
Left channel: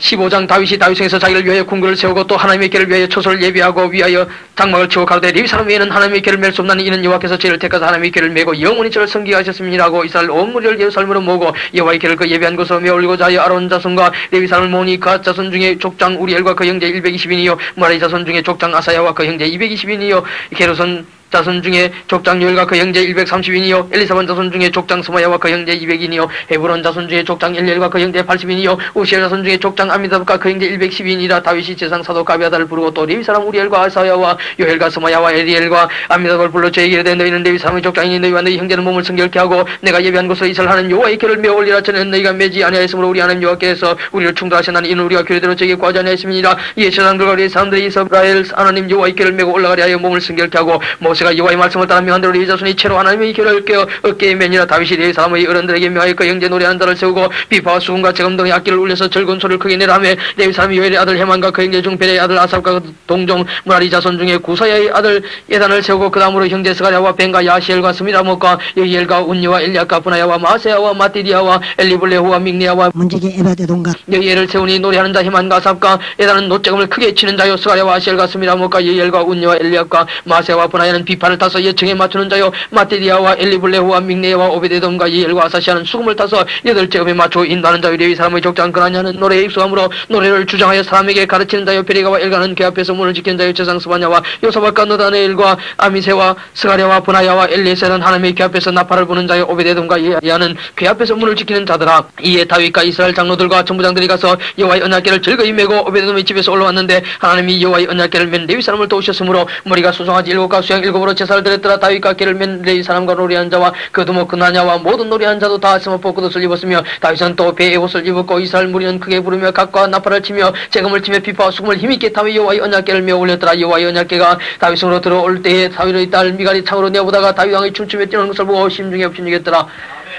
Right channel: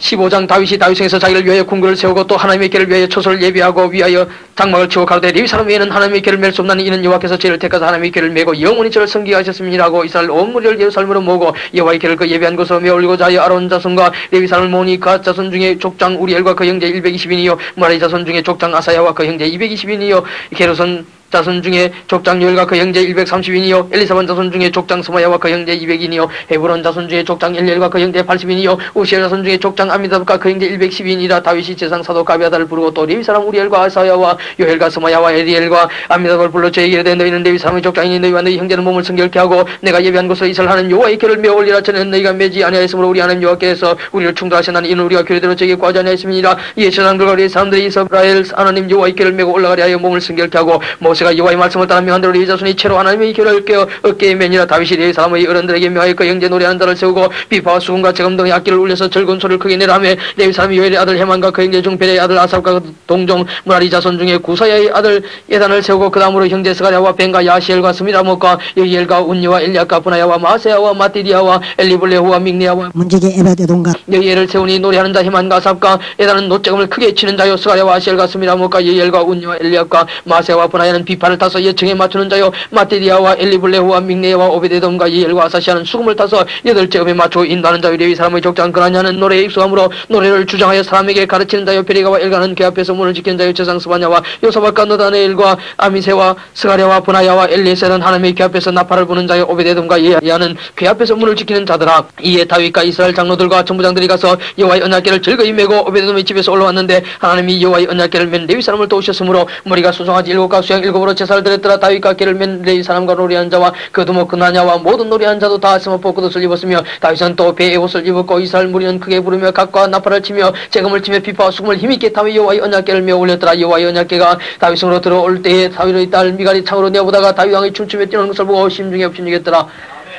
15장 다윗이 다윗성에서 자기를 위하여 궁궐을 세우고 또 하나님의 길을 위하여 초소를 예비하고 위하여 장막을 치고 가로되 레위 사람 외에는 하나님의 길을 맬 수 없나니 이는 여호와께서 저를 택하사 하나님의 길을 메고 영원히 저를 섬기게 하셨음이라고. 이스라엘 온 무리를 예루살렘으로 모으고 여호와의 길을 그 예비한 곳으로 메어 올리고자 하여 아론 자손과 레위 사람을 모으니 갓 자손 중에 족장 우리엘과 그 형제 120인이요 므라리 자손 중에 족장 아사야와 그 형제 220인이요 게르손 자손 중에 족장 요엘과 그 형제 130인이요 엘리사반 자손 중에 족장 스마야와 그 형제 200인이요 헤브론 자손 중에 족장 엘리엘과 그 형제 80인이요 우시엘 자손 중에 족장 아미다브과 그 형제 110인이라. 다윗이 제상 사도 가비아다를 부르고 또 레위 사람 우리엘과 아사야와 요엘과 스마야와 엘리엘과 아미다브를 불러 저에게 이르되 너희는 레위 사람의 족장이니 너희와 너희 형제는 몸을 성결케 하고 내가 예비한 곳으로 이설하는 여호와의 길을 메어 올리라. 저는 너희가 매지 아니하였으므로 우리 하나님 여호와께서 우리를 충돌하시나니 이는 우리가 규례대로 저에게 구하지 아니하였음이니라. 이에 제사장들과 레위 사람들이 이스라엘 하나님 여호와의 길을 메고 올라가려 하여 몸을 성결케 하고 모세가 여호와의 말씀을 따라 명한 대로 이 자손이 채로 하나님의 길을 깨어 어깨에 매니라. 다윗이 네 사람의 어른들에게 명하여 그 형제 노래하는 자를 세우고 비파와 수금과 재금 등의 악기를 울려서 즐거운 소리를 크게 내라며 네 사람이 요엘의 아들 헤만과 그 형제 중 벨의 아들 아삽과 그 동종 무라리 자손 중에 구사야의 아들 예단을 세우고 그 다음으로 형제 스가랴와 벤과 야시엘과 스미라목과 예히엘과 운니와 엘리야과 분하야와 마세야와 마띠디야와 엘리블레후와 믹리야와 문제기 에베데동과 예히엘을 세우니 노래하는 자 헤만과 아삽과 예단은 노재금을 크게 치는 자요. 스가랴와 아시엘과 스미라목과 예히엘과 운니와 엘리야과 마세야와 분하야는 비파를 타서 예층에 맞추는 자요. 마띠디야와 엘리블레후와 믹리야와 오베데돔과 예히엘과 아사시아는 수금을 타서 여덟 재금에 맞추어 인도하는 자요. 레위 사람의 족장 그나냐는 노래에 익숙함으로 노래를 주장하여 사람에게 가르치는 자요. 베리가와 엘가는 그 앞에서 문을 지키는 자요. 제상 스바냐와 요사박과 노다네엘과 아미세와 스가랴와 분하야와 엘리에셀은 하나님의 그 앞에서 나팔을 부는 자요. 오베데돔과 예야는 그 앞에서 문을 지키는 자들아. 이에 다윗과 이스라엘 장로들과 전부장들이 가서 여호와의 언약궤를 즐거이 메고 오베데돔의 집에서 올라왔는데 하나님이 여호와의 언약궤를 맨 레위 사람을 도우셨으므로 머리가 수송아지 7과 수양 7으로 제사를 드렸더라. 다윗과 궤를 맨 레위 사람과 노래한 자와 그 두목 그나냐와 모든 노래한 자도 다 스모포 겉옷을 입었으며 다윗은 또 배에 옷을 입었고 이스라엘 무리는 크게 부르며 각과 나팔을 치며 재금을 치며 비파와 수금을 힘있게 타며 여호와의 언약궤를 메어 올렸더라. 여호와의 언약궤가 다윗으로 들어올 때에 다윗의 딸 미갈이 창으로 내어보다가 다윗 왕이 춤추며 뛰는 것을 보고 심중에 옥신이겠더라.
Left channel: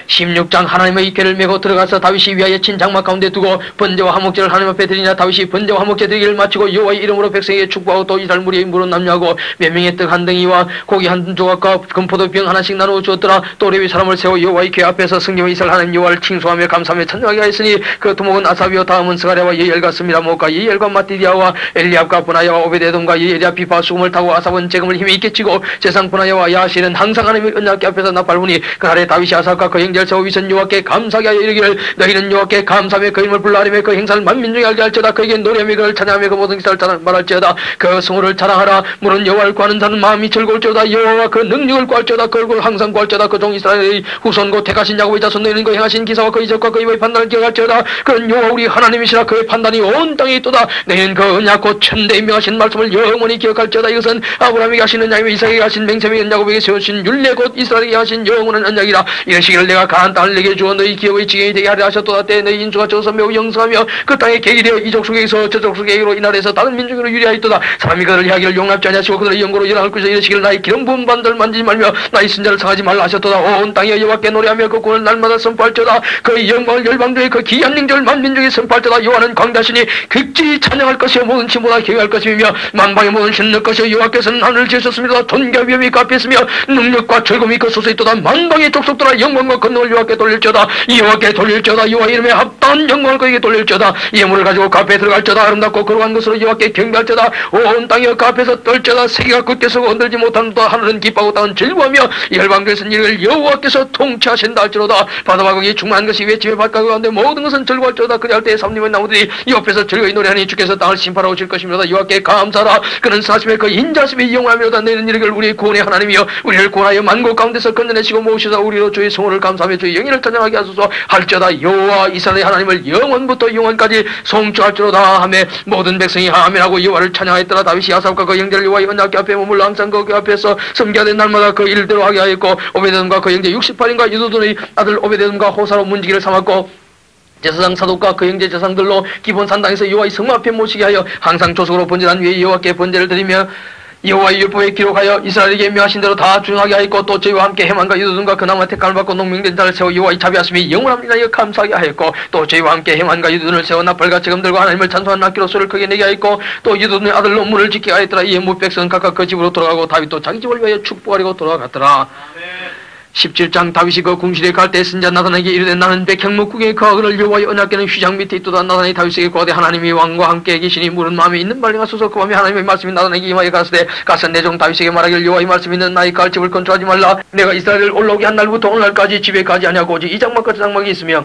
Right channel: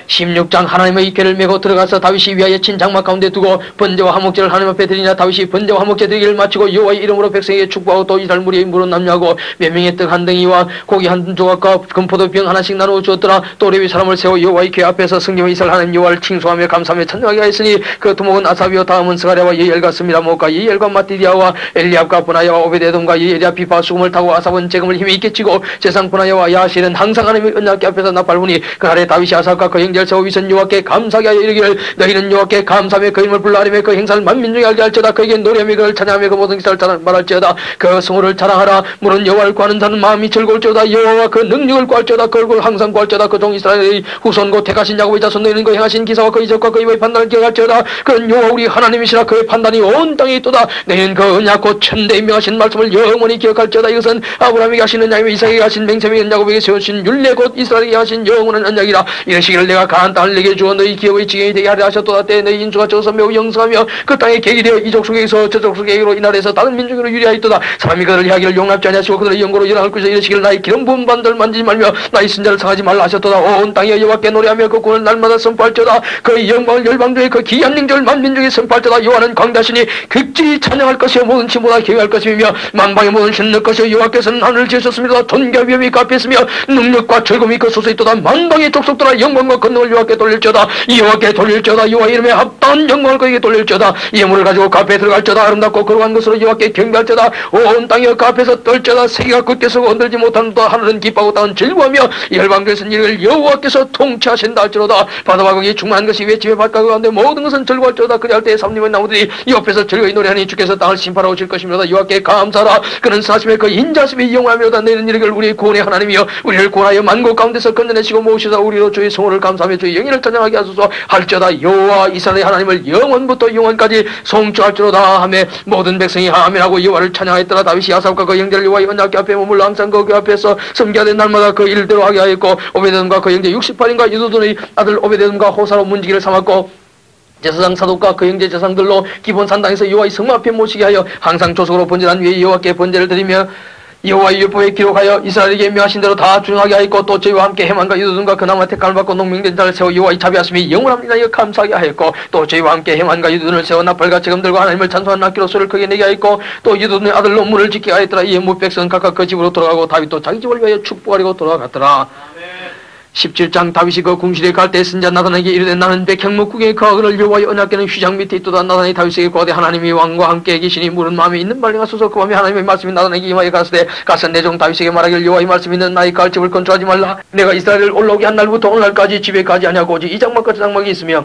16장 하나님의 궤를 메고 들어가서 다윗이 위하여 친 장막 가운데 두고 번제와 화목제를 하나님 앞에 드리나 다윗이 번제와 화목제 드리기를 마치고 여호와의 이름으로 백성에게 축복하고 또 이스라엘 무리의 물은 남녀하고 몇 명의 떡 한 덩이와 고기 한 조각과 금포도병 하나씩 나누어 주었더라. 또 레위 사람을 세워 여호와의 궤 앞에서 성경의 이스라엘 하는 여호와를 칭송하며 감사하며 찬양하게 하였으니 그 두목은 아삽이요 다음은 스가랴와 예히엘과 스미라목과 예히엘과 마띠디아와 엘리압과 분하야와 오베데돔과 예히엘이 비파 수금을 타고 아삽은 재금을 힘이 있게 치고 제상 분하야와 야실은 항상 하나님의 언약궤 앞에서 나팔부니 그날에 다윗이 아삽과 그 형제를 세워 위선 여호와께 감사하게 하여 이르기를 너희는 여호와께 감사하며 그 힘을 불러하리며 그 행사를 만민중에 알게 할지어다. 그에게 노래하며 그를 찬양하며 그 모든 기사를 말할지어다. 그 성호를 자랑하라. 물은 여호와를 구하는 자는 마음이 즐거울지어다. 여호와 그 능력을 구할지어다. 그 얼굴을 항상 구할지어다. 그 종 이스라엘의 후손 곧 택하신 야곱의 자손 너희는 그 행하신 기사와 그 이적과 그 입의 판단을 기억할지어다. 그는 여호와 우리 하나님이시라. 그의 판단이 온 땅에 있도다. 너희는 그 언약 곧 천대에 명하신 말씀을 영원히 기억할지어다. 이것은 아브라함에게 하신 언약이며 이삭에게 하신 맹세며 야곱에게 세우신 율례 곧 이스라엘에게 하신 영원한 언약이라. 이러시기를 내가 가나안 땅을 내게 주어 너희 기업의 지경이 되게 하려 하셨도다. 때 너희 인수가 저서 매우 영성하며 그 땅에 계기 되어 이족 속에서 저족 속에로 이 나라에서 다른 민족으로 유리하였도다. 사람이 그들을 향하기를 용납지 아니하시고 그들의 영고로 일어날 것이다. 이러시기를 나의 기름 부은 반들 만지지 말며 나의 순자를 상하지 말라 하셨도다. 온 땅에 여호와께 노래하며 그 구원을 날마다 선포할지어다. 그의 영광을 열방 중에 그 기이한 능력을 만민중에 선포할지어다. 여호와는 광대하시니 극진히 찬양할 것이요 모든 친보다 기회할 것이며 만방의 모든 신을 것이요 여호와께서는 하늘을 지으셨습니다. 돈과 위엄이 갚혔으며 능력과 즐거움이 그 솟아 있도다. 만방의 족속들아 영광과 권능을 여호와께 돌릴지어다. 여호와께 돌릴지어다. 여호와 이름에 합당한 영광을 그에게 돌릴지어다. 예물을 가지고 그 앞에 들어갈지어다. 아름답고 거룩한 것으로 여호와께 경배할지어다. 온 땅이 그 앞에서 떨지어다. 세계가 굳게 서고 흔들지 못한다. 하늘은 기뻐하고 땅은 즐거워하며 열방들에서 이를 여호와께서 통치하신다 할지로다. 바다와 거기 충만한 것이 외침의 바깥 가운데 모든 것은 즐거워할지어다. 그리할 때에 삼림의 나무들이 옆에서 즐거이 노래하니 주께서 땅을 심판하고 오실 것입니다. 여호와께 감사하라. 그는 사심의 그 인자심이 영원하며다. 너희는 이르기를 우리의 구원의 하나님이여 우리를 구원하여 만국 가운데서 건져내시고 모으시다. 우리로 주의 성호를 감사하며 주의 영예를 찬양하게 하소서 할지어다. 여호와 이스라엘의 하나님을 영원부터 영원까지 송축할지로다 하며 모든 백성이 아멘하고 여호와를 찬양하였더라. 다윗이 아삽과 그 형제를 여호와의 언약궤 앞에 머물러 항상 그 앞에서 섬기하되 날마다 그 일대로 하게 하였고 오베데돔과 그 형제 68인과 유도돈의 아들 오베데돔과 호사로 문지기를 삼았고 제사장 사독과 그 형제 제사장들로 기본 산당에서 여호와의 성막 앞에 모시게 하여 항상 조속으로 번제한 위에 여호와께 번제를 드리며 여호와의 율법에 기록하여 이스라엘에게 명하신 대로 다 준하게 하였고 또 저희와 함께 헤만과 유도든과 그나마 택함을 받고 농민된 자를 세워 여호와의 자비하심이 영원합니다. 이어 감사하게 하였고 또 저희와 함께 헤만과 유도든을 세워 나팔과 재금들과 하나님을 찬송하는 악기로 소리를 크게 내게 하였고 또 유도든의 아들로 문을 지키게 하였더라. 이에 무백성은 각각 그 집으로 돌아가고 다윗도 자기 집을 위하여 축복하려고 돌아갔더라. 17장 다윗이 그 궁실에 갈 때 선지자 나단에게 이르되 나는 백향목국에 그를 여호와의 언약궤는 휘장 밑에 있도다. 나단이 다윗에게 고하되 하나님이 왕과 함께 계시니 물은 마음에 있는 말링 하소서. 그 밤에 하나님의 말씀이 나단에게 임하여 가라사대 가서 내 종 다윗에게 말하기를 여호와의 말씀이 있는 나의 갈집을 건축하지 말라. 내가 이스라엘을 올라오게 한 날부터 오늘날까지 집에 가지 아니하고 오직 이 장막과 저 장막이 있으며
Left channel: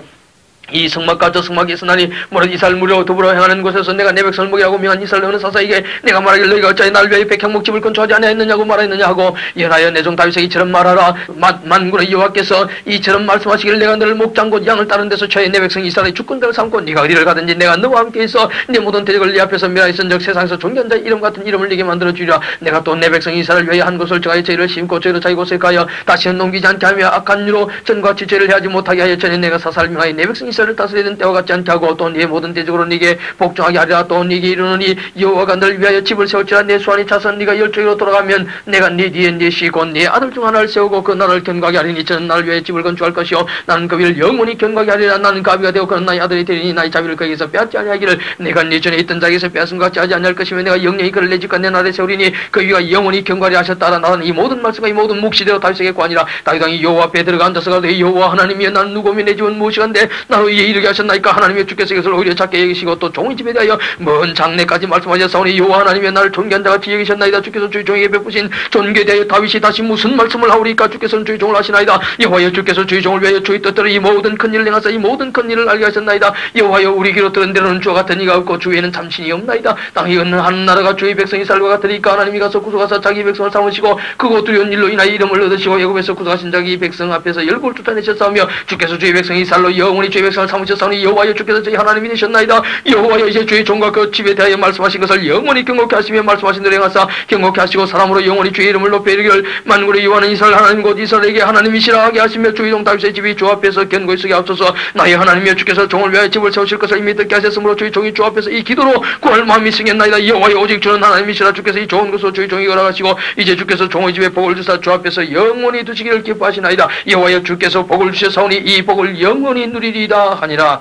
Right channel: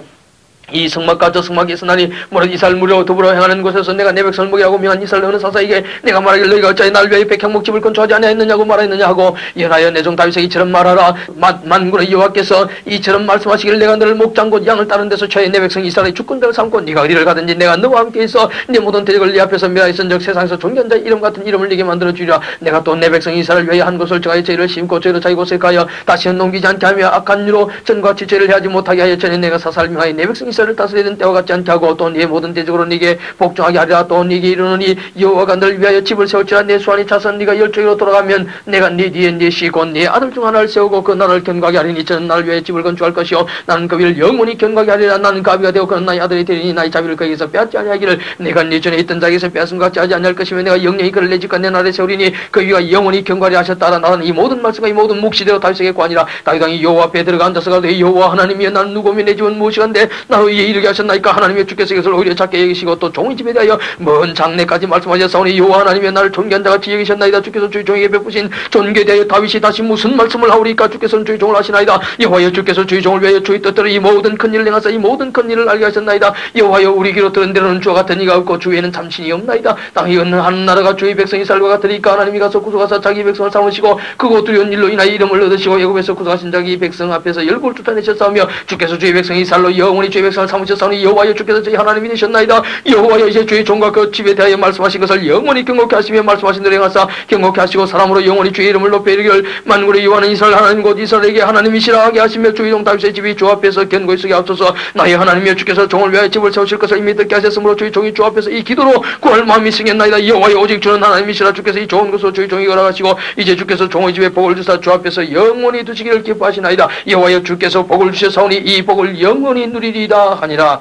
이 성막과 저 성막이 있으나니 모든 이스라엘 무리와 더불어 행하는 곳에서 내가 내 백성을 먹이라고 명한 이스라엘 어느 사사에게 내가 말하기를 너희가 어찌하여 날 위하여 백향목집을 건축하지 아니하였느냐고 말하였느냐 하고 예나여 내 종 다윗에게 이처럼 말하라. 만군의 여호와께서 이처럼 말씀하시기를 내가 너를 목장 곧 양을 따른 데서 처해 내 백성 이스라엘의 주권자를 삼고 네가 어디를 가든지 내가 너와 함께 있어 네 모든 대적을 네 앞에서 멸하였은즉 세상에서 존귀한 이름 같은 이름을 네게 만들어 주리라. 내가 또 내 백성 이스라엘 위하여 한 곳을 정하여 저희를 심고 저희를 자기 곳에 가여 다시는 넘기지 않게 하며 악한 유로 전과 지체를 해하지 못하게 하여 전에 내가 사사를 명하여 내 백성 이스라엘을 다스리던 때와 같지 않게 하고 또 네 모든 대적으로 네게 복종하게 하리라. 또 네게 이르노니 여호와가 너를 위하여 집을 세울지라. 내 수완이 차선 네가 열조기로 돌아가면 내가 네 뒤에 네 시고 네 아들 중 하나를 세우고 그 나라를 견고하게 하리니 저는 나를 위하여 집을 건축할 것이요 나는 그 위를 영원히 견고하게 하리라. 나는 그 아비가 되어 그는 나의 아들이 되리니 나의 자비를 그에게서 빼앗지 아니하기를 내가 네 전에 있던 자에게서 빼앗은 것 같지 하지 아니할 것이며 내가 영영히 그를 내 집과 내 나라에 세우리니 그 위가 영원히 견고하리 하셨다라. 나는 이 모든 말씀과 이 모든 묵시대로 다윗에게 관이라. 다윗 왕이 여호와 앞에 들어가 앉아서 가로되 여호와 하나님이여 나는 누구며 내 집은 무엇이간데 나로 이에 이르게 하셨나이까. 하나님의 주께서 이것을 오히려 작게 여기시고 또 종의 집에 대하여 먼 장래까지 말씀하셨사오니 여호와 하나님이여 나를 존귀한 자가 같이 여기셨나이다. 주께서 주의 종에게 베푸신 존귀에 대하여 다윗이 다시 무슨 말씀을 하오리까. 주께서는 주의 종을 하시나이다. 여호와여 주께서 주의 종을 위하여 주의 뜻대로 이 모든 큰 일을 행하사 이 모든 큰 일을 알게 하셨나이다. 여호와여 우리 귀로 들은 대로는 주와 같은 이가 없고 주위에는 참신이 없나이다. 땅에 있는 한 나라가 주의 백성이 살과 같으니까 하나님이 가서 구속하사 자기 백성을 삼으시고 그곳 두려운 일로 인하여 이름을 얻으시고 애굽에서 구속하신 자기 백성 앞에서 열골 쫓아내셨사오며 주께서 주의 백성이 살로 영원히 주의 백성을 삼으셨사오니 여호와여 주께서 저희 하나님이 되셨나이다. 여호와여 이제 주의 종과 그 집에 대하여 말씀하신 것을 영원히 경고케 하시며 말씀하신 대로 행하사 경고케 하시고 사람으로 영원히 주의 이름을 높여 이르기를 만군의 여호와는 이스라엘 하나님 곧 이스라엘에게 하나님이시라 하게 하시며 주의 종 다윗의 집이 주 앞에서 견고히 서게 하옵소서. 나의 하나님이여 주께서 종을 위하여 집을 세우실 것을 이미 듣게 하셨으므로 주의 종이 주 앞에서 이 기도로 구할 마음이 승했나이다. 여호와여 오직 주는 하나님이시라. 주께서 이 좋은 것으로 주의 종이 허락하시고 이제 주께서 종의 집에 복을 주사 주 앞에서 영원히 두시기를 기뻐하시나이다. 여호와여 주께서 복을 주셨사오니 이 복을 영원히 누리리이다 하니라.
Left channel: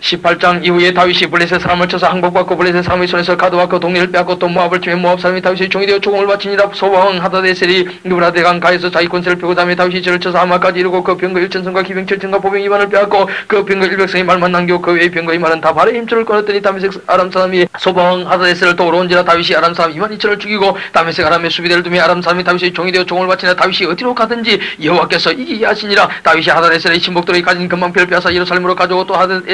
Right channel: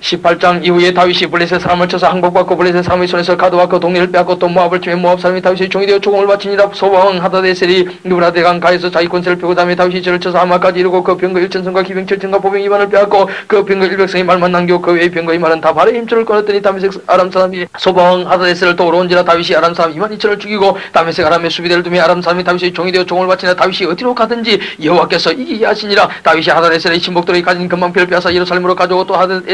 18장 이후에 다윗이 블레셋 사람을 쳐서 항복받고 블레셋 사람의 손에서 가드와 그 동네를 빼앗고 또 모압을 치며 모압 사람이 다윗의 종이 되어 조공을 바치니라. 소바왕 하다데셀이 누브라데강 가에서 자기 권세를 펴고 다음에 다윗이 저를 쳐서 아마까지 이르고 그 병거 1,000성과 기병 7,000과 보병 2만을 빼앗고 그 병거 100성의 말만 남기고 그 외의 병거 2만은 다 발에 힘줄을 끊었더니 다메섹 아람 사람이 소바왕 하다데셀을 도우러온지라. 다윗이 아람 사람 22000을 죽이고 다메섹 아람의 수비대를 두며 아람 사람이 다윗의 종이 되어 종을 바치나. 다윗이 어디로 가든지 여호와께서 이기게 하시니라. 다윗이 하다데셀의 신복들이 가진 금방패를 빼앗아 예루살렘으로 가져오고 또 하다데셀의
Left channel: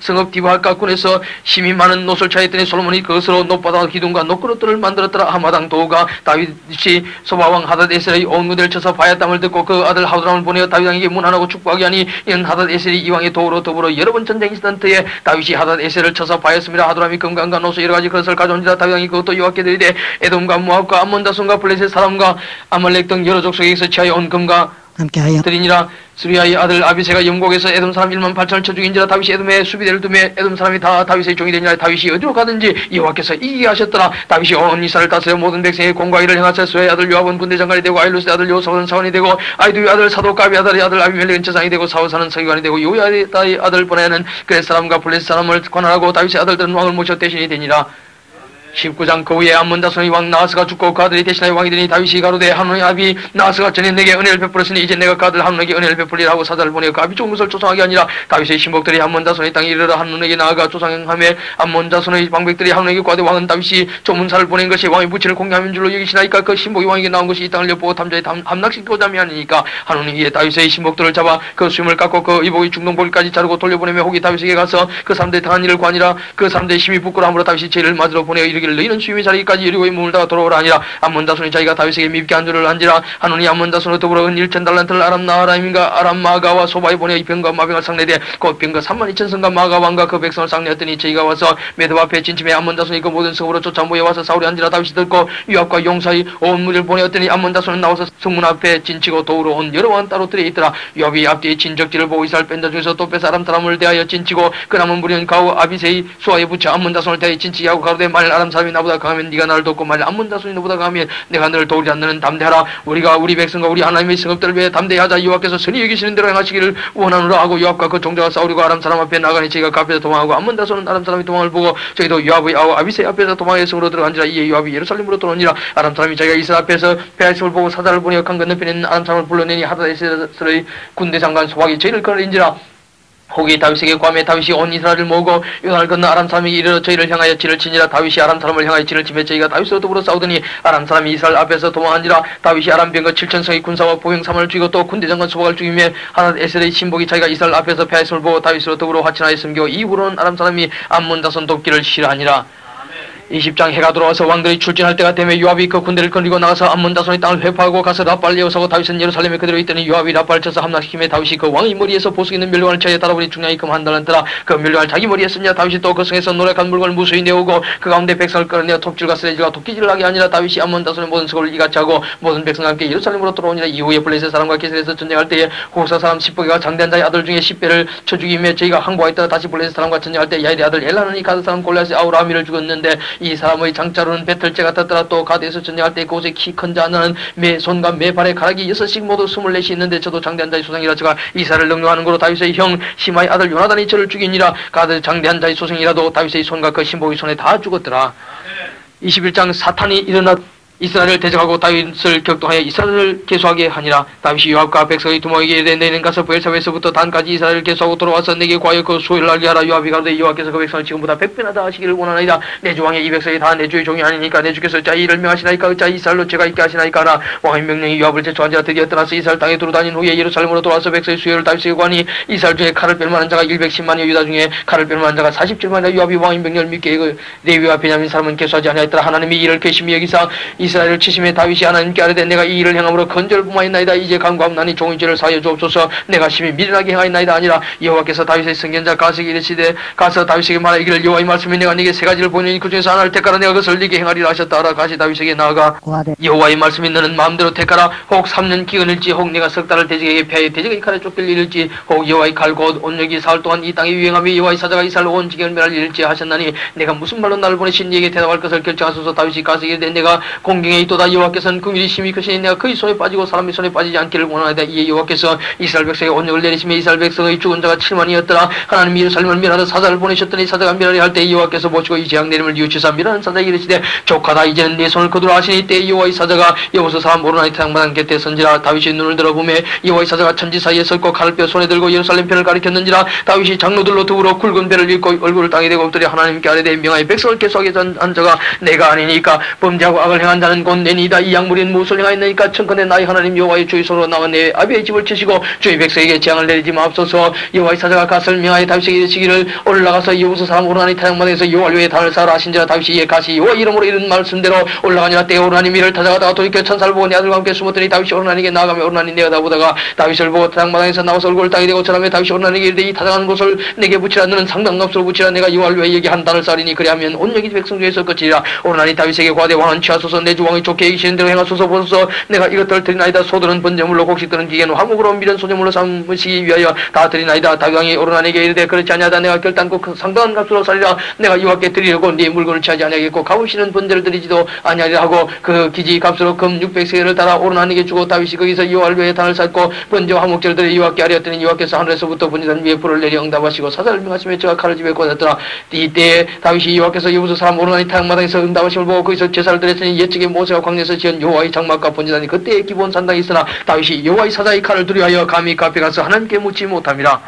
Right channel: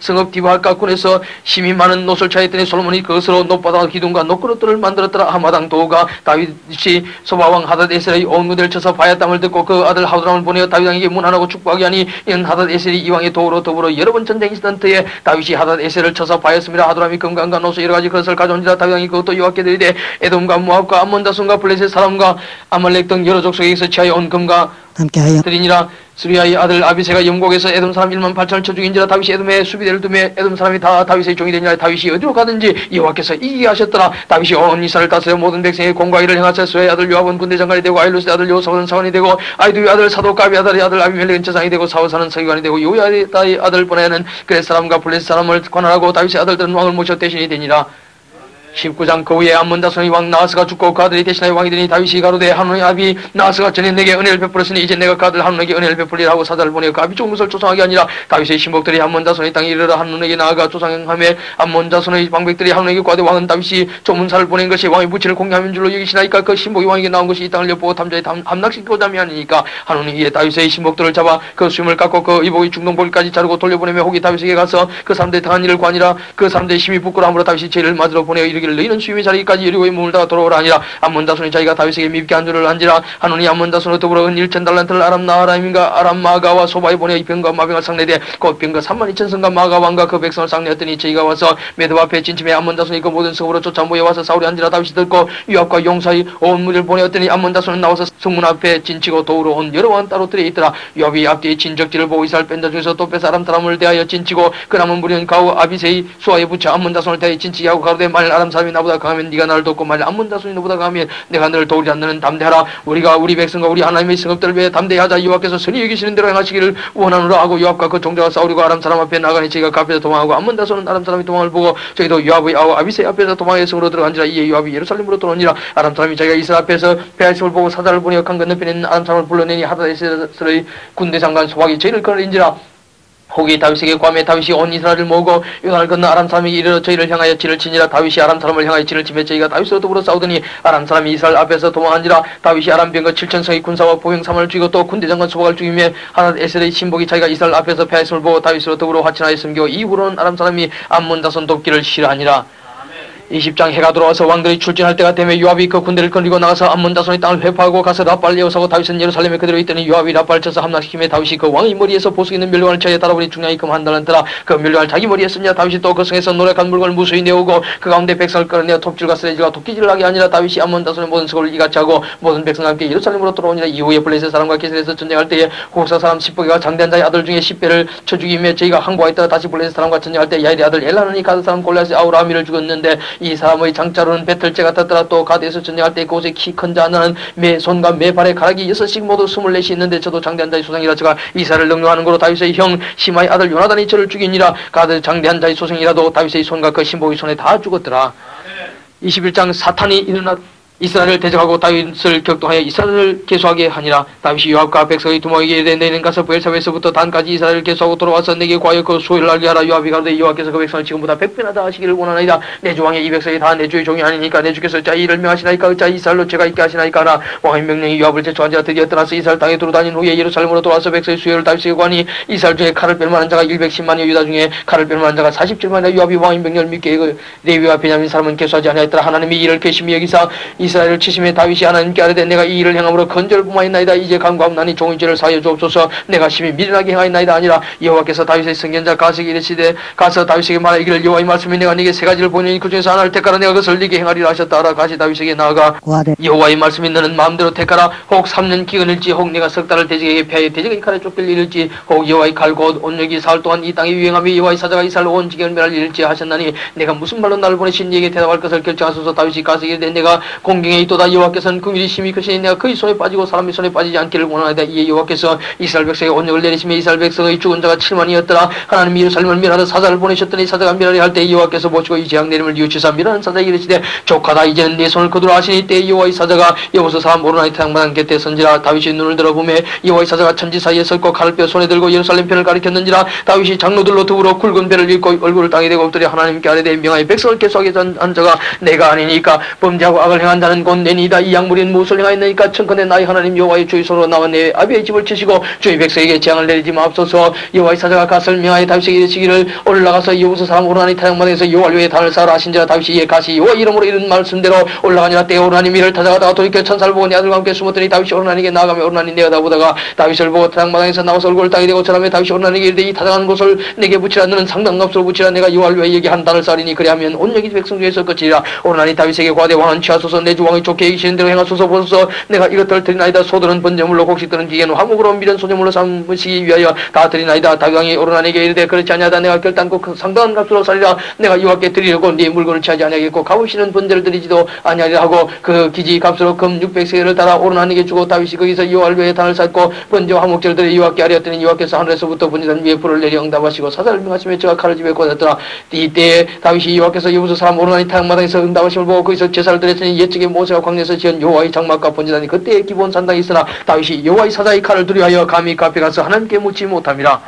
성읍 디바할까 꾼에서 힘이 많은 노를 차였더니 솔로몬이 그것으로 높바다 기둥과 높그릇들을 만들었더라. 하마당 도우가 다윗이 소바왕 하다데셀의 온 무대를 쳐서 바야 땅을 듣고 그 아들 하도람을 보내어 다윗 왕에게 문안하고 축복하게 하니 이는 하다데셀이 이 왕의 도우로 더불어 여러 번 전쟁이 있었던 때에 다윗이 하다데셀을 쳐서 바였습니다. 하도람이 금강과 노소 여러 가지 그것을 가져온지라. 다윗 왕이 그것도 여호와께 드리되 에돔과 모압과 암몬 자손과 블레셋 사람과 아말렉 등 여러 족속에서 취하여 온 금과 함께하여 드리니라. 스리아의 아들 아비새가 영국에서 에돔 사람 18,000을 쳐 죽인지라. 다윗이 에돔의 수비대를 두며 에돔 사람이 다 다윗의 종이 되니라. 다윗이 어디로 가든지 여호와께서 이기게 하셨더라. 다윗이 온 이스라엘 다스려 모든 백성의 공과일을 행하사 수의 아들 요압은 군대 장관이 되고 아일루스의 아들 요사는 사원이 되고 아이두의 아들 사독가비 아들의 아들 아비멜렉은 제사장이 되고 사우사는 서기관이 되고 요야의 아들 보내는 그의 사람과 블레셋 사람을 관할하고 다윗의 아들들은 왕을 모셔 대신이 되니라. 19장 그 후에 암몬 자손의 왕 나하스가 죽고 그 아들이 대신하여 왕이 되니 다윗이 가로되 하노의 아비 나하스가 전에 내게 은혜를 베풀었으니 이제 내가 그 아들 한눈에게 은혜를 베풀리라 하고 사자를 보내어 그 아비 죽은 것을 조상하게 아니라. 다윗의 신복들이 암몬 자손의 땅에 이르러 한눈에게 나아가 조상행하며 암몬 자손의 방백들이 한눈에게 구하되 왕은 다윗이 조문사를 보낸 것이 왕의 부친을 공개하는 줄로 여기시나이까. 그 신복이 왕에게 나온 것이 이 땅을 엿보고 탐자에 함락시키고자 함이니까. 한눈이 이에 다윗의 신복들을 잡아 그 수염을 깎고 그 의복의 중동볼까지 자르고 돌려보내며 혹이 다윗에게 가서 그 사람들이 당한 일을 구하니라. 그 사람들의 힘이 부끄러움으로 다윗이 죄를 맞으러 보내어 이르기를 너희는 수임의 자리까지 여리고에 머물다가 돌아오라 하니라. 암몬 자손이 자기가 다윗에게 밉게 한 줄을 한지라. 하노니 암몬 자손으로 더불어 은 1,000달란트를 아람 나하라임과 아람 마가와 소바에 보내어 이 병과 마병을 상대되 곧 병과 32,000성과 마가 왕과 그 백성을 상대했더니 저희가 와서 메드 앞에 진침해 암몬 자손이 그 모든 성으로 쫓아 모여와서 사울이 한지라. 다윗이 듣고 요압과 용사의 온 무리를 보내었더니 암몬 자손은 나와서 성문 앞에 진치고 도우러 온 여러 왕 따로 들에 있더라. 요압이 앞뒤에 진적지를 보고 이스라엘 뺀자 중에서 또 빼서 아람 사람을 대하여 진치고 그 남은 무리는 가우 아비새의 수하에 붙여 암몬 자손을 대하여 진치게 하고 가로되 만일 아람 사람이 나보다 강하면 네가 나를 돕고 만일 암몬 자손이 너보다 강하면 내가 너를 도우지 않는 담대하라. 우리가 우리 백성과 우리 하나님의 성읍들을 위해 담대하자. 여호와께서 선히 여기시는 대로 행하시기를 원하노라 하고 요압과 그 종자가 싸우려고 아람 사람 앞에 나가니 저희가 그 앞에서 도망하고 암몬 자손은 아람 사람이 도망을 보고 저희도 요압의 아우 아비새 앞에서 도망의 성으로 들어간지라. 이에 요압이 예루살렘으로 들어오니라. 아람 사람이 자기가 이스라엘 앞에서 베아심을 보고 사자를 보내어 강 건너편에 있는 아람 사람을 불러내니 하다데셀의 군대 장관 소박이 죄를 끊어린지라. 혹이 다윗에게 구하며 다윗이 온 이스라엘을 모으고 요단을 건너 아람 사람이 이르러 저희를 향하여 진을 치니라. 다윗이 아람 사람을 향하여 진을 치며 저희가 다윗으로 더불어 싸우더니 아람 사람이 이스라엘 앞에서 도망한지라. 다윗이 아람 병거 7,000성의 군사와 보병 3만을 죽이고 또 군대 장관 소박을 죽이며 하닷에셀의 신복이 자기가 이스라엘 앞에서 패하심을 보고 다윗으로 더불어 화친하여 섬기고 이후로는 아람 사람이 암몬 자손 돕기를 싫어하니라. 20장 해가 돌아와서 왕들이 출진할 때가 되며 요압이 그 군대를 거느리고 나가서 암몬 자손의 땅을 회파하고 가서 라발을 예우사고 다윗은 예루살렘에 그대로 있더니 요압이 라발을 쳐서 함락시키며 다윗이 그 왕의 머리에서 보석 있는 멸류관을 쳐에 따라보니 중량이 금 한 달란트라 그 멸류관을 자기 머리에 쓰냐. 다윗이 또 그 성에서 노력한 물건을 무수히 내오고 그 가운데 백성을 끌어내어 톱질과 쓰레질과 도끼질을 하게 하니라. 다윗이 암몬 자손의 모든 수고를 이같이 하고 모든 백성과 함께 예루살렘으로 돌아오니라. 이후에 블레셋 사람과 게셀에서 전쟁할 때에 호사 사람 십보개가 장대한 자의 아들 중에 10배를 쳐 죽이며 저희가 항구하였다가 다시 블레셋 사람과 전쟁할 때 야일의 아들 엘라는이 가드 사람 골리앗이 아우라미를 죽었는데 이 사람의 장자로는 배틀째 같았더라. 또 가드에서 전쟁할 때 그곳에 키 큰 자 하나는 매 손과 매 발에 가락이 6씩 모두 24이 있는데 저도 장대한 자의 소생이라. 저가 이사를 능력하는 거로 다윗의 형 시마의 아들 요나단이 저를 죽이니라. 가드 장대한 자의 소생이라도 다윗의 손과 그 신복의 손에 다 죽었더라. 21장 사탄이 일어났 이스라엘을 대적하고 다윗을 격동하여 이스라엘을 계수하게 하니라. 다윗이 요압과 백성의 두목에게 이르되 내일은 가서 브엘사베에서부터 단까지 이스라엘을 계수하고 돌아와서 내게 과연 그 소유를 알게 하라. 요압이 가로되 여호와께서 그 백성을 지금보다 100배나 다 하시기를 원하나이다. 내 주왕의 이 백성이 다 내 주의 종이 아니니까 내 주께서 자 이를 명하시나이까 자 이스라엘로 제가 있게 하시나이까 하나. 왕의 명령이 요압을 제초한 자가 드디어 떠나서 이스라엘 땅에 두루다닌 후에 예루살렘으로 돌아와서 백성의 수요를 다윗에게 구하니 이스라엘 중에 칼을 뺄 만한 자가 110만여 유다 중에 칼을 뺄 만한 자가 47만여. 요압이 왕의 명령을 믿게 그 레위와 베냐민 사람은 계수하지 아니하였더라. 하나님이 이를 괘씸히 여기사 이스라엘을 치심에 다윗이 하나님께 아뢰되 내가 이 일을 행함으로 건절을 범하였나이다. 이제 간구하옵나니 종의 죄를 사하여 주옵소서. 내가 심히 미련하게 행하였나이다. 아니라 여호와께서 다윗의 선견자 가세에게 이르시되 가서 다윗에게 말하 이기를 여호와의 말씀이 내가 네게 세 가지를 보내니 그 중에서 하나를 택하라. 내가 그것을 네게 행하리라 하셨다 하라. 가시 다윗에게 나아가 여호와의 말씀이 너는 마음대로 택하라. 혹 3년 기근일지 혹 내가 석 달을 대적에게 패하여 대적의 칼에 쫓길 일일지 혹 여호와의 칼 곧 온역이 사흘 동안 이 땅에 유행하며 여호와의 사자가 이스라엘 온 지경을 멸할 일일지 하셨나니 내가 무슨 말로 나를 보내신 네게 대답할 것을 결정하소서. 다윗이 가세에게 이르되 내가 공경에 있도다. 여호와께서는 그 일이 심히 크시니 내가 그의 손에 빠지고 사람의 손에 빠지지 않기를 원하나이다. 이에 여호와께서 이스라엘 백성의 온역을 내리시며 이스라엘 백성의 죽은 자가 7만이었더라. 하나님이 예루살렘을 멸하러 사자를 보내셨더니 사자가 멸하려 할 때 여호와께서 보시고 이 재앙 내림을 뉘우치사 멸하는 사자에게 이르시되 족하다. 이제는 네 손을 거두라 하시니 이때 여호와의 사자가 여호수 사람 오르나니 태양마당 곁에 선지라. 다윗이 눈을 들어보며 여호와의 사자가 천지 사이에 섰고 칼을 뼈 손에 들고 예루살렘 편을 가리켰는지라. 다윗이 장로들로 더불어 굵은 배를 입고 얼굴을 땅에 대고 엎드려 하나님께 아뢰되 명하여 백성을 계수하게 한 자가 내가 아니니까 범죄하고 악을 행한 자는 곧 내니이다. 이 약물인 무엇을 행하였나이까. 청컨대 나의 하나님 여호와의 주의 손으로 나와 내 아비의 집을 치시고 주의 백성에게 재앙을 내리지 마옵소서. 여호와의 사자가 갓을 명하여 다윗에게 이르시기를 올라가서 여호수 사람 오르나니 태양마당에서 여호와를 위해 단을 쌓으라 하신지라. 다윗이 이에 가시 여호와 이름으로 이른 말씀대로 올라가니라. 때에 오르나니 이를 찾아가다가 돌이켜 천사를 보고 내 아들과 함께 숨었더니 다윗이 오르나니에게 나아가며 오르나니 내어다보다가 다윗을 보고 태양마당에서 나와서 얼굴을 땅에 대고 절하며 다윗이 오르나니에게 이르되 이 타작하는 곳을 내게 붙이라. 너는 상당 값으로 붙이라. 내가 여호와를 위해 여기 한 단을 쌓으리니 그리하면 온 여기 백성 중에서 끝이라. 오르나니 다윗에게 구하되 왕은 취하소서. 내 주 왕이 좋게 여기시는 대로 행하소서. 보소서. 내가 이것들을 드리나이다. 소들은 번제물로 곡식들은 기계는 화목으로 미련 소제물로 삼으시기 위하여 다 드리나이다. 다윗 왕이 오르나니에게 이르되 그렇지 아니하다. 내가 결단코 그 상당한 값으로 살리라. 내가 여호와께 드리려고 네 물건을 취하지 아니하겠고 값으시는 번제를 드리지도 아니하리라 하고 그 기지 값으로 금 600세겔을 따라 오르나니에게 주고 다윗이 거기서 여호와를 위해 단을 쌓고 번제와 화목제를 드려 여호와께 아뢰었더니 여호와께서 하늘에서부터 번제단 위에 불을 내려 응답하시고 사자를 명하시며 저가 칼을 집에 꽂았더라. 이때에 다윗이 여호와께서 여호수 사람 오르나니 태양마당에서 응답하심을 보고 거기서 제사를 드렸더니 옛적에 모세가 광야에서 지은 여호와의 장막과 번제단이 그때의 기본 산당이 있으나 다윗이 여호와의 사자의 칼을 두려워하여 감히 그 앞에 가서 하나님께 묻지 못함이라.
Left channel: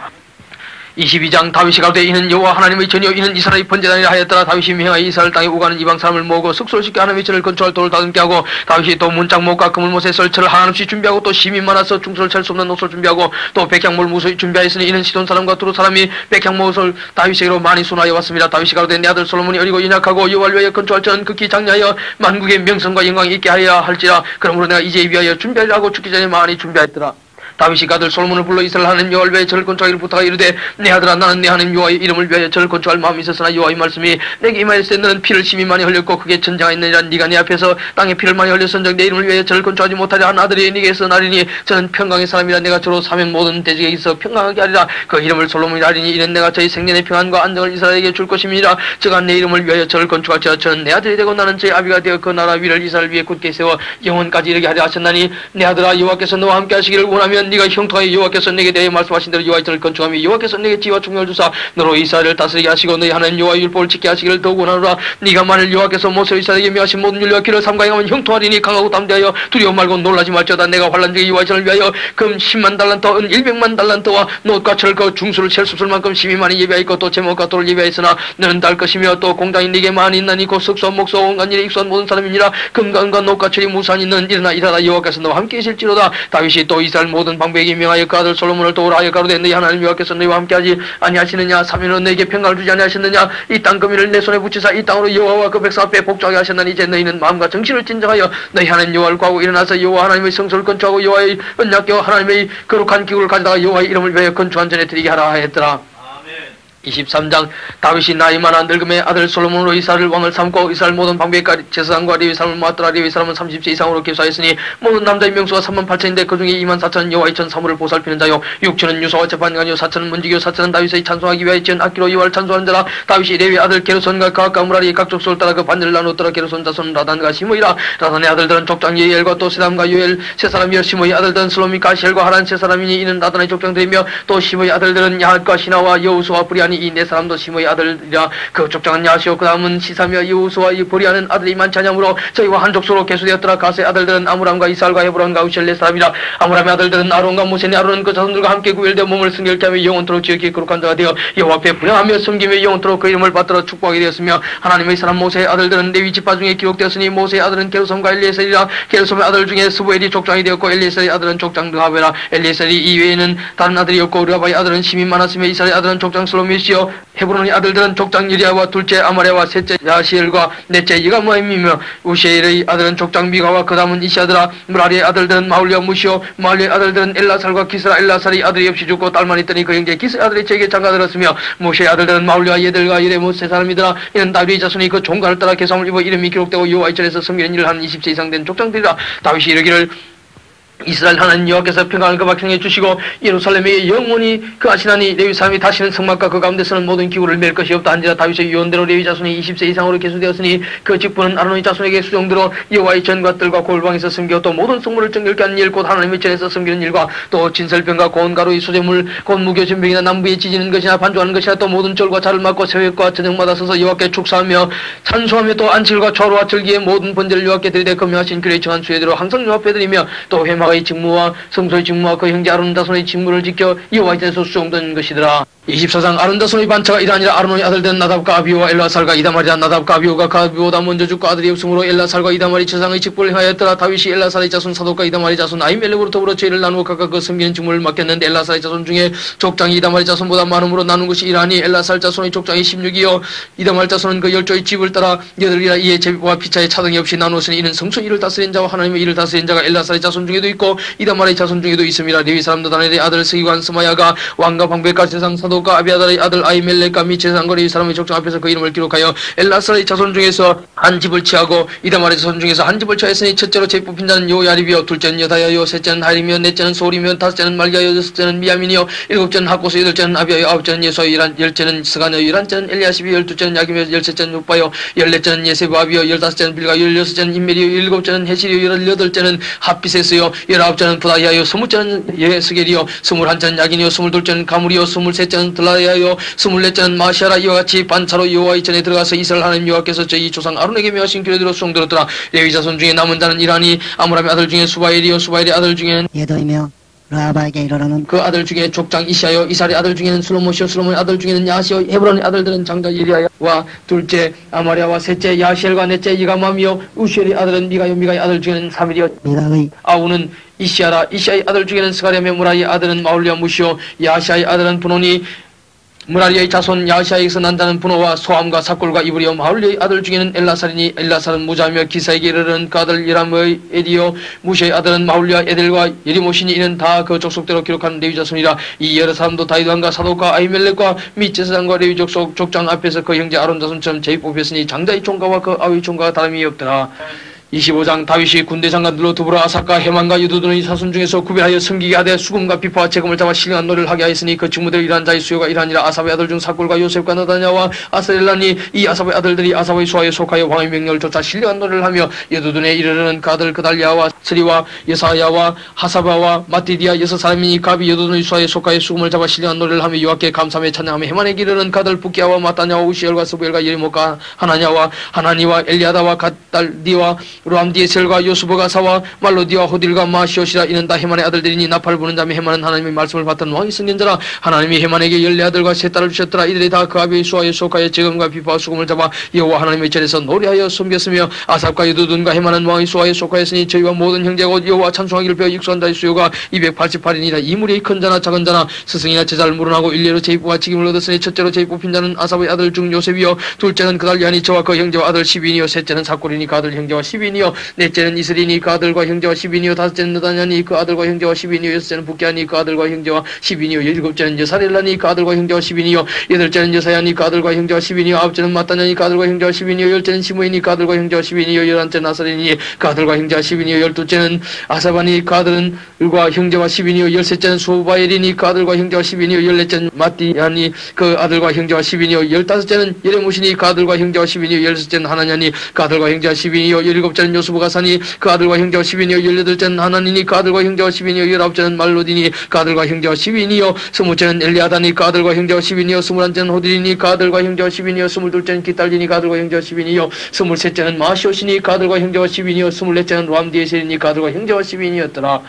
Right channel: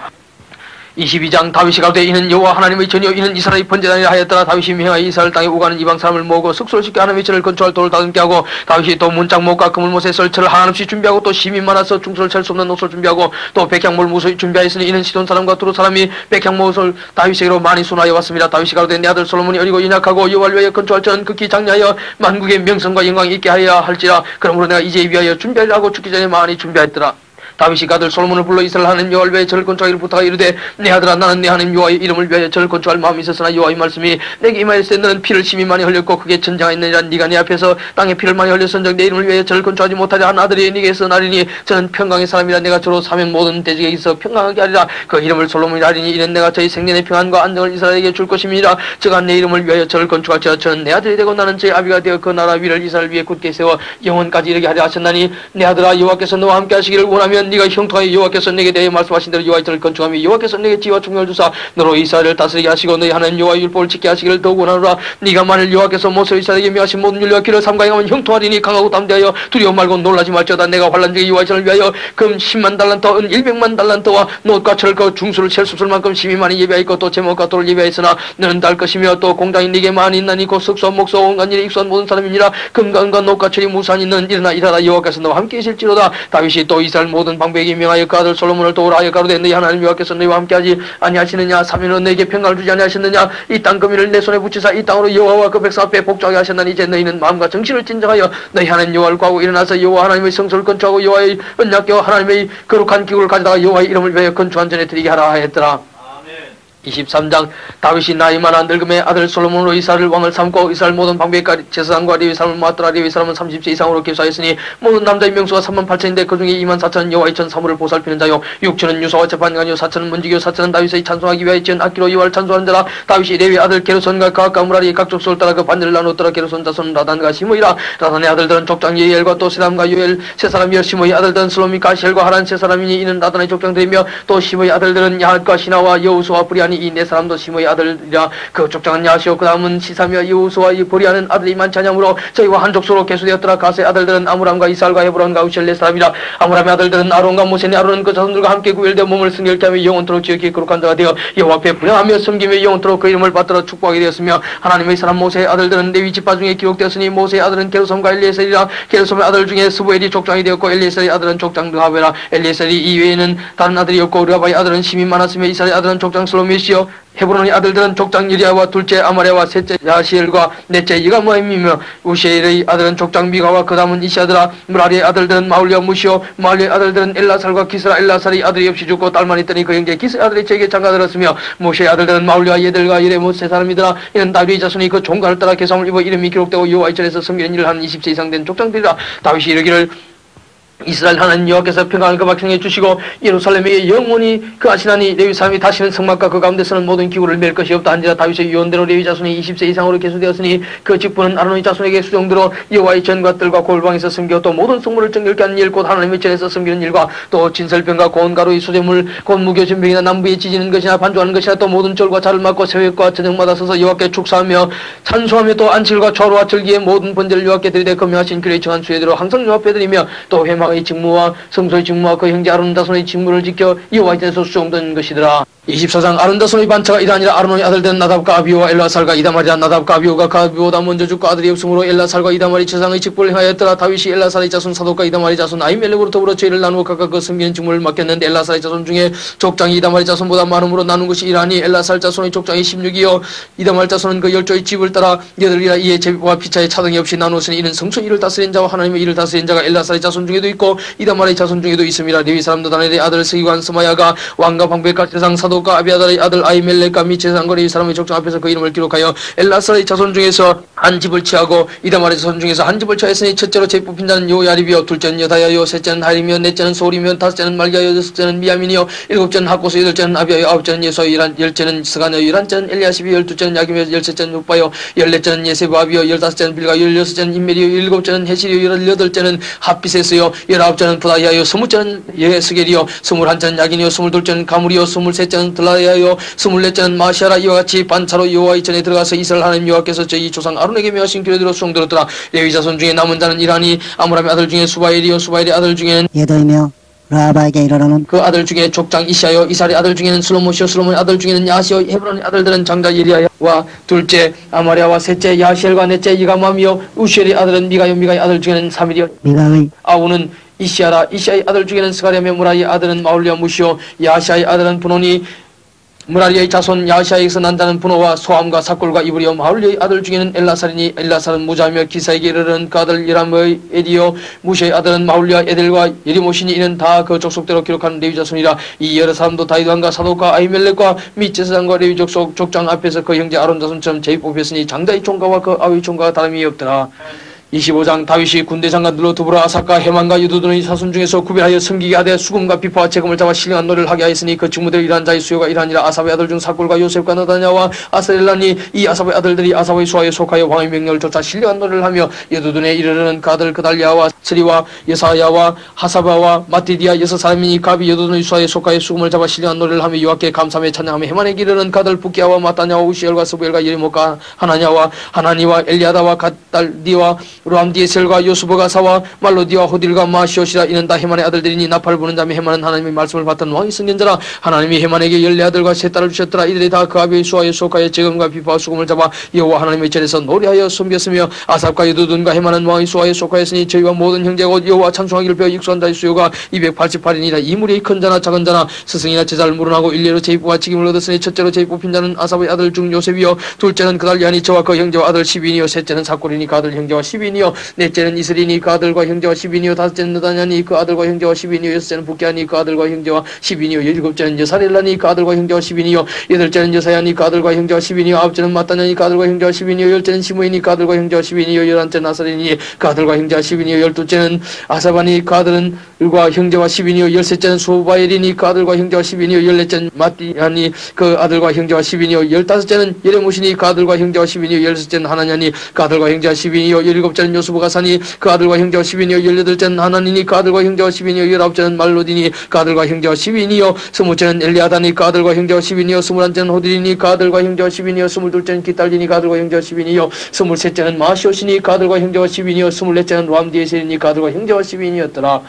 22장 다윗이 가로되 이는 여호와 하나님의 전이요 이는 이스라엘의 번제단이라 하였더라. 다윗이 명하여 이스라엘 땅에 오가는 이방 사람을 모으고 숙소를 짓게 하나님의 전을 건축할 돌을 다듬게 하고 다윗이 또 문짝목과 그물못에 설철을 한없이 준비하고 또 심이 많아서 중소를 찰 수 없는 옷을 준비하고 또 백향목을 무수히 준비하였으니 이는 시돈 사람과 두루 사람이 백향목을 다윗에게로 많이 순하여 왔습니다. 다윗이 가로되 내 아들 솔로몬이 어리고 연약하고 여호와를 위하여 건축할 전은 극히 장려하여 만국의 명성과 영광이 있게 하여야 할지라. 그러므로 내가 이제 위하여 준비하려 하고 죽기 전에 많이 준비하였더라. 다윗이 아들 솔로몬을 불러 이스라엘 하나님 여호와를 위하여 절을 건축하기를 부탁하여 이르되 내 아들아 나는 내 하나님 여호와의 이름을 위하여 절을 건축할 마음이 있었으나 여호와의 말씀이 내게 임하였을 때 너는 피를 심히 많이 흘렸고 크게 전쟁하였느니라. 네가 내 앞에서 땅에 피를 많이 흘렸은즉 내 이름을 위하여 절을 건축하지 못하려 한 아들이 네게서 나리니 저는 평강의 사람이라. 내가 저로 사면 모든 대적에 있어 평강하게 하리라. 그 이름을 솔로몬이라 하리니 이는 내가 저희 생년의 평안과 안정을 이스라엘에게 줄 것임이라. 저가 내 이름을 위하여 절을 건축할지라. 저는 내 아들이 되고 나는 저의 아비가 되어 그 나라 위를 이스라엘 위에 굳게 세워 영원까지 이르게 하려 하셨나니 내 아들아 여호와께서 너와 함께 하시기를 원하면 네가 형통하여 여호와께서 내게 대해 말씀하신 대로 여호와의 절을 건축하며 여호와께서 내게 지혜와 총명을 주사 너로 이스라엘을 다스리게 하시고 너희 하나님 여호와의 율법을 지키게 하시기를 더욱 원하노라. 네가 만일 여호와께서 모세로 이스라엘에게 명하신 모든 율례와 기를 삼가행하면 형통하리니 강하고 담대하여 두려워 말고 놀라지 말지어다. 내가 환난 중에 여호와의 절을 위하여 금 10만 달란트 은 100만 달란트와 노옷과 철과 중수를 셀 수 없을 만큼 심히 많이 예비하였고 또 제목과 돌을 예비하였으나 너는 달 것이며 또 공당이 네게 많이 있나니 곧 석소 목소 온갖 일에 익수한 모든 사람이니라. 금과 은과 노옷과 철이 무수하니 너는 일어나 일하라. 여호와께서 너와 함께 계실지로다. 다윗이 또 이스라엘 모든 모든 방백이 명하여 그 아들 솔로몬을 도우라 하여 가로되 너희 하나님 여호와께서 너희와 함께하지 아니하시느냐 사면은 너에게 평강을 주지 아니하셨느냐 이 땅 금인을 내 손에 붙이사 이 땅으로 여호와와 그 백성 앞에 복종하게 하셨나니 이제 너희는 마음과 정신을 진정하여 너희 하나님 여호와를 구하고 일어나서 여호와 하나님의 성소를 건축하고 여호와의 언약궤와 하나님의 거룩한 기구를 가져다가 여호와의 이름을 위하여 건축한 전에 드리게 하라 하였더라. 23장 다윗이 나이 많아 늙음의 아들 솔로몬으로 이스라엘 왕을 삼고 이스라엘 모든 방백과 제사장과 레위 사람을 모았더라. 레위 사람은 30세 이상으로 계수하였으니 모든 남자의 명수가 38,000인데 그중에 24,000은 여호와의 전 사물을 보살피는 자요 6,000은 유사와 재판관이요 4,000은 문지기요 4,000은 다윗의 찬송하기 위하여 지은 악기로 여호와를 찬송하는 자라. 다윗이 레위 아들 게르손과 그와 가므라리 각 족속을 따라 그 반열을 나누었더라. 게르손 자손은 라단과 시므이라. 라단의 아들들은 족장 예엘과 또 세담과 요엘 세 사람이요 시므의 아들들은 슬로미과 시엘과 하란 세 사람이니 이는 라단의 족장들이며 또 시므의 아들들은 야핫과 시나와 여우수와 브리아니 이 네 사람도 시므의 아들이라. 그 족장은 야시오 그 다음은 시사며 여우수와 이 브리아는 아들이 많지 않으므로 저희와 한 족속으로 계수되었더라. 가스의 아들들은 아므람과 이살과 헤브론과 우셀 네 사람이라. 아므람의 아들들은 아론과 모세니 아론은 그 자손들과 함께 구별되어 몸을 승결케 하며 영원토록 지극히 거룩한 자가 되어 여호와 앞에 분양하며 섬기며 영원토록 그 이름을 받들어 축복하게 되었으며 하나님의 사람 모세의 아들들은 레위 지파 중에 기록되었으니 모세의 아들은 게르솜과 엘리에셀이라. 게르솜의 아들 중에 스부엘이 족장이 되었고 엘리에셀의 아들은 족장 느하베라. 엘리에셀이 이외에는 다른 아들이 없고 르하바의 아들은 심이 많았으며 이스라엘의 아들은 족장 슬로미시요 헤브론의 아들들은 족장 유리아와 둘째 아마랴와 셋째 야시엘과 넷째 이가모임이며 우시엘의 아들은 족장 미가와 그 다음은 이시아드라. 무라리의 아들들은 마울리와 무시오 마울리의 아들들은 엘라살과 기스라. 엘라살이 아들이 없이 죽고 딸만 있더니 그 형제 기스의 아들이 제게 장가들었으며 모세의 아들들은 마울리와 예델과 예레못 세 사람이더라. 이는 다윗의 자손이 그 종가를 따라 계성을 입어 이름이 기록되고 여호와의 전에서 섬기는 일을 한 20세 이상 된 족장들이라. 다윗이 이르기를 이스라엘 하나님 여호와께서 평강을 그 백성에 주시고 예루살렘에 영원히 그 하시나니 레위 사람이 다시는 성막과 그 가운데서는 모든 기구를 맬 것이 없다 한지라. 다윗의 유언대로 레위 자손이 20세 이상으로 계수되었으니 그 직분은 아론의 자손에게 수정대로 여호와의 전과 뜰과 골방에서 섬겨 또 모든 성물을 정결케 하는 일 곧 하나님의 전에서 섬기는 일과 또 진설병과 고운 가루의 수제물 곧 무교전병이나 남부에 찢는 것이나 반주하는 것이나 또 모든 절과 자를 막고 새벽과 저녁마다 서서 여호와께 축사하며 찬송하며 또 안식일과 좌로와 절기의 모든 번제를 여호와께 드리되 금요하신 그의 정한 수혜대로 항상 여호와 앞에 드리며 또 회막의 직무와 성소의 직무와 그 형제 아론 자손의 직무를 지켜 여호와의 전에서 수종된 것이더라. 24장 아론 자손의 반차가 이다니라. 아론의 아들된 나답과 아비오와 엘라살과 이다말이라. 나답과 아비오가 그 아비보다 먼저 죽고 아들이 없으므로 엘라살과 이다말이 제사장의 직분을 행하였더라. 다윗이 엘라살의 자손 사독과 이다말의 자손 아히멜렉으로 더불어 죄를 나누어 각각 그 섬기는 직무를 맡겼는데 엘라살의 자손 중에 족장이 이다말의 자손보다 많음으로 나눈 것이 이라니 엘라살 자손의 족장이 16이요 이다말 자손은 그 10조의 집을 따라 8이라. 이에 제비와 피차의 차등이 없이 나누었으니 이는 성소 일을 다스린 자와 하나님의 일을 다스린 자가 엘라살의 자손 중에도 있고 이다말의 자손 중에도 있음이라. 레위 사람도 다니엘의 아들 스기관 스마야가 왕과 방백과 제사장 사독과 아비아달의 아들 아히멜렉과 및 제사장과 레위 사람의 족장 앞에서 그 이름을 기록하여 엘라살의 자손 중에서 한 집을 취하고 이다말의 자손 중에서 한 집을 취하였으니 첫째로 제 뽑힌 자는 요야립이요 둘째는 여다야요 셋째는 하림이요 넷째는 소리며 다섯째는 말기야요 여섯째는 미야민이요 일곱째는 하고스 여덟째는 아비야요 아홉째는 예수요 열째는 스가냐요 열한째는 엘리야십이요 열둘째는 야김이요 열셋째는 육바요 열넷째는 예세바비요 열다섯째는 빌가요 열여섯째는 인멜이요 일곱째는 헤시리요 열여덟째는 핫비세스요 열아홉째는 부다야요 스무째는 예스겔이요 스물한째는 야긴이요 스물둘째는 가물이요 스물셋째는 들라야요 스물넷째는 마시아라. 이와 같이 반차로 여호와의 전에 들어가서 이스라엘 하나님 여호와께서 저희 조상 아론에게 명하신 규례대로 수종들었더라. 레위 자손 중에 남은 자는 이라니 아므람의 아들 중에 수바엘이요 수바엘의 아들 중에는 예더이며 라바에게 이르러는 그 아들 중에 족장 이시아요 이살의 아들 중에는 슬로모시요 슬로모의 아들 중에는 야시요 헤브론의 아들들은 장자 예리야와 둘째 아마랴와 셋째 야시엘과 넷째 이가맘이요 우시엘의 아들은 미가요 미가의 아들 중에는 사밀이요 미가의 아우는 이시아라. 이시아의 아들 중에는 스가랴며 무라리의 아들은 마울리와 무시요 야시아의 아들은 분온이 무라리의 자손 야시아에게서 난 자는 분호와 소함과 사골과 이브리요. 마울리의 아들 중에는 엘라살이니 엘라살은 무자며 기사에게 이르는 그 아들 예람의 에디요. 무시의 아들은 마울리와 에델과 예리모시니 이는 다 그 족속대로 기록한 레위 자손이라. 이 여러 사람도 다윗왕과 사독과 아히멜렉과 및 제사장과 레위 족속 족장 앞에서 그 형제 아론 자손처럼 제비 뽑혔으니 장자의 총가와 그 아위 총가가 다름이 없더라. 25장 다윗이 군대 장관들로 더불어 아삭과 해만과 유두둔의 사손 중에서 구별하여 섬기게 하되 수금과 비파와 재금을 잡아 신령한 노래를 하게 하였으니 그 직무대로 일한 자의 수요가 이러하니라. 아삽의 아들 중 사골과 요셉과 나다냐와 아스렐라니 이 아삽의 아들들이 아삽의 수하에 속하여 왕의 명령을 쫓아 신령한 노래를 하며 여두둔에 이르르는 그 아들 그달리아와 스리와 여사야와 하사바와 마띠디아 여섯 사람이니 갑이 여두둔의 수하에 속하여 수금을 잡아 신령한 노래를 하며 여호와께 감사하며 찬양하며 해만에게 이르는 그 아들 부기야와 마따냐와 우시엘과 스부엘과 예리모가 하나냐와 하나니와 엘리아다와 갓달디와 람디에셀과 요수버가 사와 말로디와 호딜과 마시오시라 이는 다 헤만의 아들들이니 나팔 부는 자매 헤만은 하나님의 말씀을 받던 왕이 승견자라. 하나님이 헤만에게 14아들과 3딸을 주셨더라. 이들이 다 그 아비의 수아의 소가의 재금과 비파와 수금을 잡아 여호와 하나님의 절에서 노래하여 섬겼으며 아삽과 여두둔과 헤만은 왕의 수아의 소가였으니 저희와 모든 형제가 여호와 찬송하기를 배워 익숙한 자의 수요가 288인이라. 이 무리의 큰 자나 작은 자나 스승이나 제자를 물어나고 일례로 제입부와 직임을 얻었으니 첫째로 제입 뽑힌 자는 아삽의 아들 중 요셉이요 둘째는 그달리아니 저와 그 형제와 아들 10인이요 셋째는 사골이니 그 아들 형제와 10인이요 넷째는 이슬이니 그 아들과 형제와 10인이요 다섯째는 느다냐니 그 아들과 형제와 10인이요 여섯째는 북게아니 그 아들과 형제와 10인이요 일곱째는 여사렐라니 그 아들과 형제와 10인이요 여덟째는 여사야니 그 아들과 형제와 10인이요 아홉째는 마따냐니 그 아들과 형제와 10인이요 열째는 시므이니 그 아들과 형제와 10인이요 열한째는 아사레니 그 아들과 형제와 10인이요 열둘째는 아사바니 그 아들과 형제와 10인이요 열셋째는 수바엘이니 그 아들과 형제와 10인이요 열넷째는 마띠야니 그 아들과 형제와 10인이요 열다섯째는 예레모시니 그 아들과 형제와 10인이요 열여섯째는 하나냐니 그 아들과 형제와 10인이요 열일곱째는 요수부가 사니 그 아들과 형제와 10인이요 열여덟째는 하나니니 그 아들과 형제와 10인이요 열아홉째는 말로디니 그 아들과 형제와 10인이요 스무째는 엘리아다니 그 아들과 형제와 10인이요 스물한째는 호딜이니 그 아들과 형제와 10인이요 스물둘째는 기딸리니 그 아들과 형제와 10인이요 스물셋째는 마시오시니 그 아들과 형제와 10인이요 스물넷째는 람디에셀이니 그 아들과 형제와 10인이었더라.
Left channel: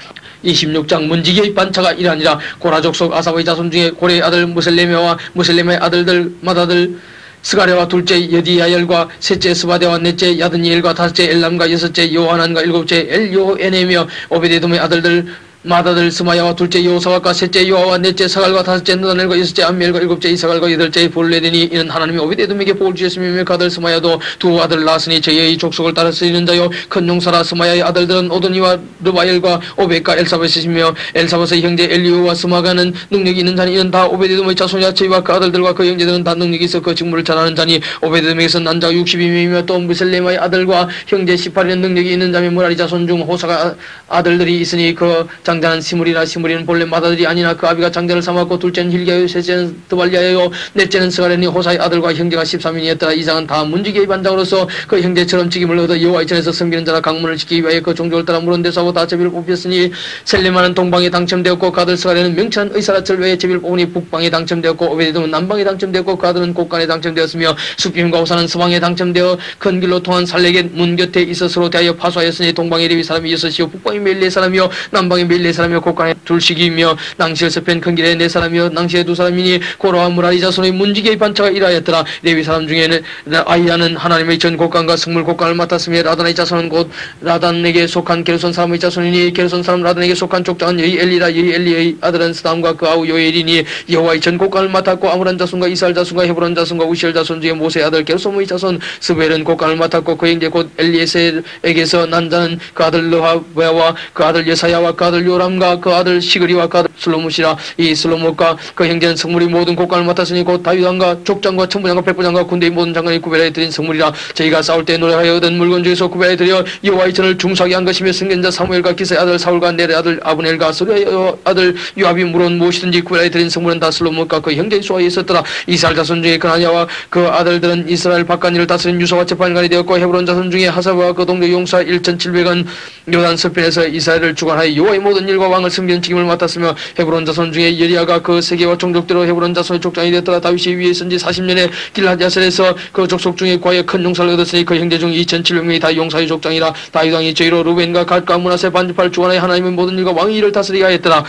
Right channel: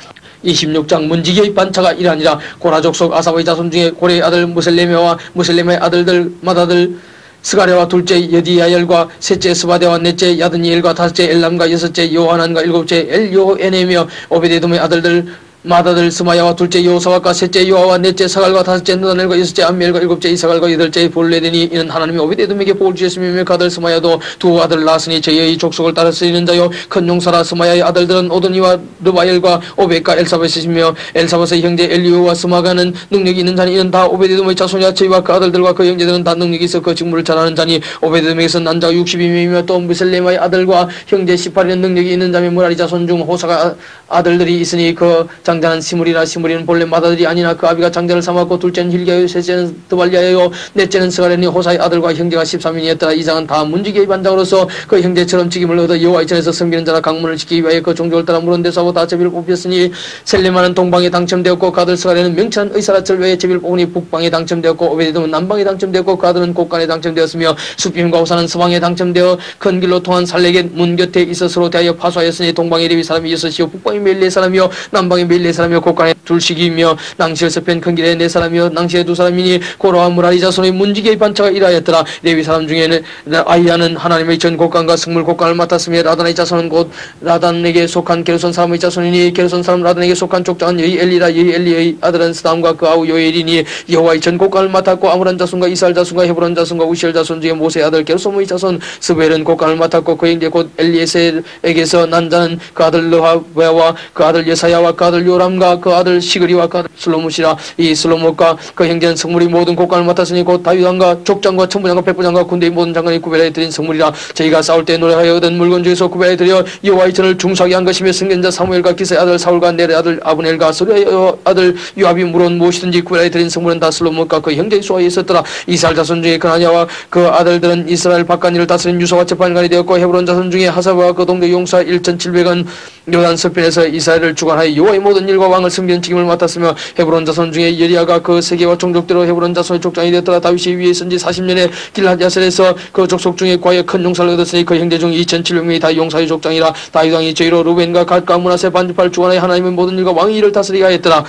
26장 문지기의 반차가 이라니라. 고라 족속 아삽의 자손 중에 고레의 아들 무셀레메와 무셀레메의 아들들 맏아들 스가랴와 둘째 여디야엘과 셋째 스바데와 넷째 야드니엘과 다섯째 엘람과 여섯째 요하난과 일곱째 엘요에네며 오베데돔의 아들들 맏아들 스마야와 둘째 여호사밧과 셋째 요아와 넷째 사갈과 다섯째 느다넬과 여섯째 암미엘과 일곱째 이사갈과 여덟째 볼레데니 이는 하나님이 오베데돔에게 복을 주셨으며 그 아들 스마야도 두 아들을 낳았으니 저희의 족속을 따라 쓰이는 자요 큰 용사라. 스마야의 아들들은 오도니와 르바엘과 오벳과 엘사벳이시며 엘사벳의 형제 엘리오와 스마가는 능력이 있는 자니 이는 다 오베데돔의 자손이라. 저희와 그 아들들과 그 형제들은 다 능력이 있어 그 직무를 잘하는 자니 오베데돔에게서 난 자가 62명이며 또 무셀레마의 아들과 형제 18인은 능력이 있는 자며 무라리 자손 중 호사가 아들들이 있으니 그 장자는 시므리라. 시므리는 본래 맏아들이 아니나 그 아비가 장자를 삼았고 둘째는 힐기야요 셋째는 드발리아요 넷째는 스가랴니 호사의 아들과 형제가 13인이었더라. 이장은 다 문지기의 반장으로서 그 형제처럼 직임을 얻어 여호와의 전에서 섬기는 자라. 강문을 지키기 위하여 그 종족을 따라 물은 데서하고 다 제비를 뽑혔으니 셀레마는 동방에 당첨되었고 그 아들 스가랴는 명찬 의사라. 절외에 제비를 뽑으니 북방에 당첨되었고 오베데돔은 남방에 당첨되었고 그 아들은 곡간에 당첨되었으며 수빔과 호사는 서방에 당첨되어 큰 길로 통한 살렉의 문 곁에 있어 서로 대하여 파수하였으니 동방에 레위 사람이 여섯이요 북방에 멜레 사람이요 남방에 멜레 사람이요 곡간에 둘씩이며 낭시에서 편 큰 길에 네 사람이요 낭시에 두 사람이니 고라와 무라리 자손의 문지기의 반차가 이라였더라. 레위 사람 중에는 아이야는 하나님의 전 곡간과 성물 곡간을 맡았으며 라단의 자손은 곧 라단에게 속한 게르손 사람의 자손이니 게르손 사람 라단에게 속한 족장은 여희 엘리라. 여희 엘리의 아들은 스담과 그 아우 요엘이니 여호와의 전 곡간을 맡았고 아므란 자손과 이스라엘 자손과 헤브론 자손과 우시엘 자손 중에 모세의 아들 게르솜의 자손 스벨은 곡간을 맡았고 그 형제 곧 엘리에셀에게서 난 자는 그 아들 르하베와 그 아들 여사야와 그 아들 요람과 그 아들 시그리와 그 아들 슬로무시라. 이 슬로무과 그 형제는 성물이 모든 곡간을 맡았으니 곧 다윗왕과 족장과 천부장과 백부장과 군대의 모든 장관이 구별하여 드린 성물이라. 저희가 싸울 때 노래하여 얻은 물건 중에서 구별하여 드려 여호와의 전을 중수하게 한 것이며 승견자 사무엘과 기사의 아들 사울과 넬의 아들 아브넬과 스루의 아들 요압이 물은 무엇이든지 구별하여 드린 성물은 다 슬로무과 그 형제의 수하에 있었더라. 이스라엘 자손 중에 그나냐와 그 아들들은 이스라엘 바깥일을 다스린 유서와 재판관이 되었고 헤브론 자손 중에 하사바와 그 동료 용사 1700은 요단 서편에서 이스라엘을 주관하여 여호와의 모든 일과 왕을 섬기는 책임을 맡았으며 헤브론 자손 중에 예리야가 그 세계와 종족대로 헤브론 자손의 족장이 되었더라. 다윗이 위에 있은 지 40년에 길하디아셀에서 그 족속 중에 과에 큰 용사를 얻었으니 그 형제 중 2700명이 다 용사의 족장이라. 다윗 왕이 저희로 루벤과 갓과 므낫세 반지파를 주관하여 하나님의 모든 일과 왕의 일을 다스리게 하였더라.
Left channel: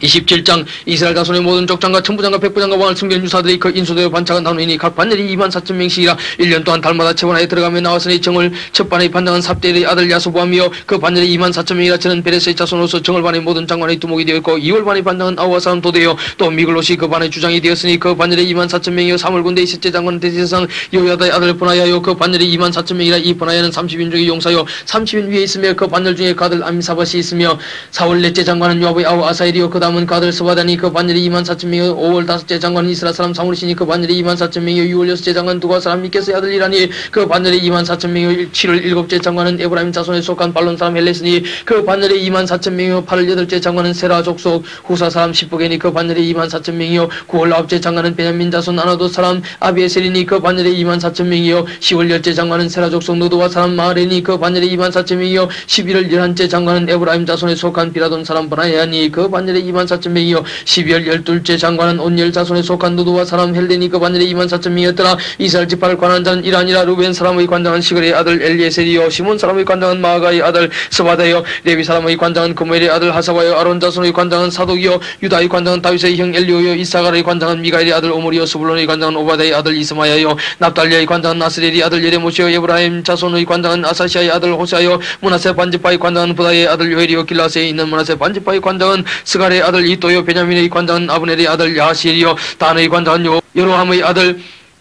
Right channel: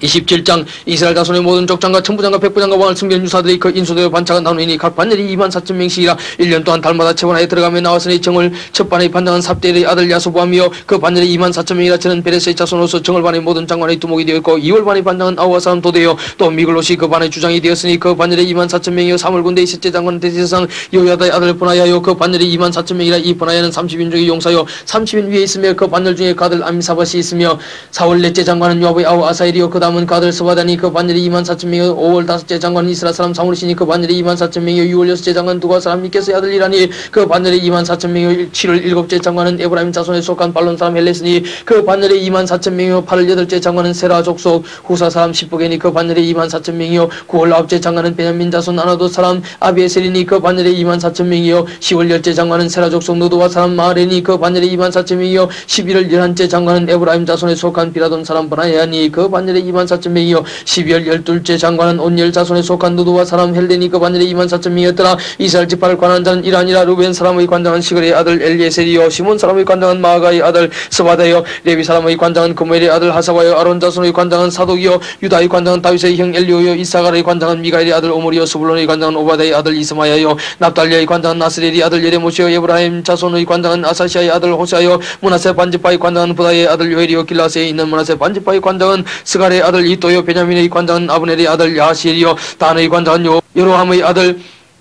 27장 이스라엘 자손의 모든 족장과 천부장과 백부장과 왕을 숨긴 유사들이 그 인수되어 반차가 나누니 각 반열이 24,000명씩이라. 1년 동안 달마다 채원하여 들어가며 나왔으니 정을 첫 반의 반장은 삽대의 아들 야소보하며 그 반열이 24,000명이라. 저는 베레스의 자손으로서 정을 반의 모든 장관의 두목이 되었고 2월 반의 반장은 아우아 사람 도되어 또 미글롯이 그 반의 주장이 되었으니 그 반열이 24,000명이요 사물군대의 셋째 장관은 대제사장 여호야다의 아들 브나야요 그 반열이 24,000명이라. 이 브나야는 30인 중의 용사요 30인 위에 있으며 그 반열 중에 그 아들 암사밧이 있으며 4월 넷째 장관은 요압의 아우 아사엘이요 그 다음은 그 아들 스바다니 그 반열이 24,000명이요 5월 다섯째 장관은 이스라 사람 사무리시니 그 반열이 24,000명이요 6월 여섯째 장관은 두가 사람 미케스의 아들이라니 그 반열이 24,000명이요 7월 일곱째 장관은 에브라임 자손에 속한 발론 사람 헬레스니 그 반열이 24,000명이요 8월 여덟째 장관은 세라 족속 후사 사람 십부게니 그 반열이 24,000명이요 9월 아홉째 장관은 베냐민 자손 아나도 사람 아비에셀이니 그 반열이 24,000명이요 10월 열째 장관은 세라 족속 노도와 사람 마하레니 그 반열이 24,000명이요 11월 열한째 장관은 에브라임 자손에 속한 비라돈 사람 브나야니 그 반열이 24,000명이요 12월 12일째 장관은 온열 자손에 속한 누드와 사람 헬레니 그 반열에 24,000명이었더라. 이스라엘 지파를 관한 자는 이란이라. 루벤 사람의 관장은 시글의 아들 엘리에셀이요 시몬 사람의 관장은 마가의 아들 스바다요 레위 사람의 관장은 그무엘의 아들 하사와요 아론 자손의 관장은 사독이요 유다의 관장은 다윗의 형 엘리오요 이사갈의 관장은 미가엘의 아들 오므리요 스불론의 관장은 오바다의 아들 이스마야요 납달리의 관장은 나스렐의 아들 예레모시요 에브라임 자손의 관장은 아사시아의 아들 호세아요 무나세 반지파의 관장은 부다의 아들 요엘이요 길라세에 있는 무나세 반지파의 관장은 스갈의 아들 이또요 베냐민의 관장은 아브넬의 아들 야시엘이요 단의 관장은 여로함의 아들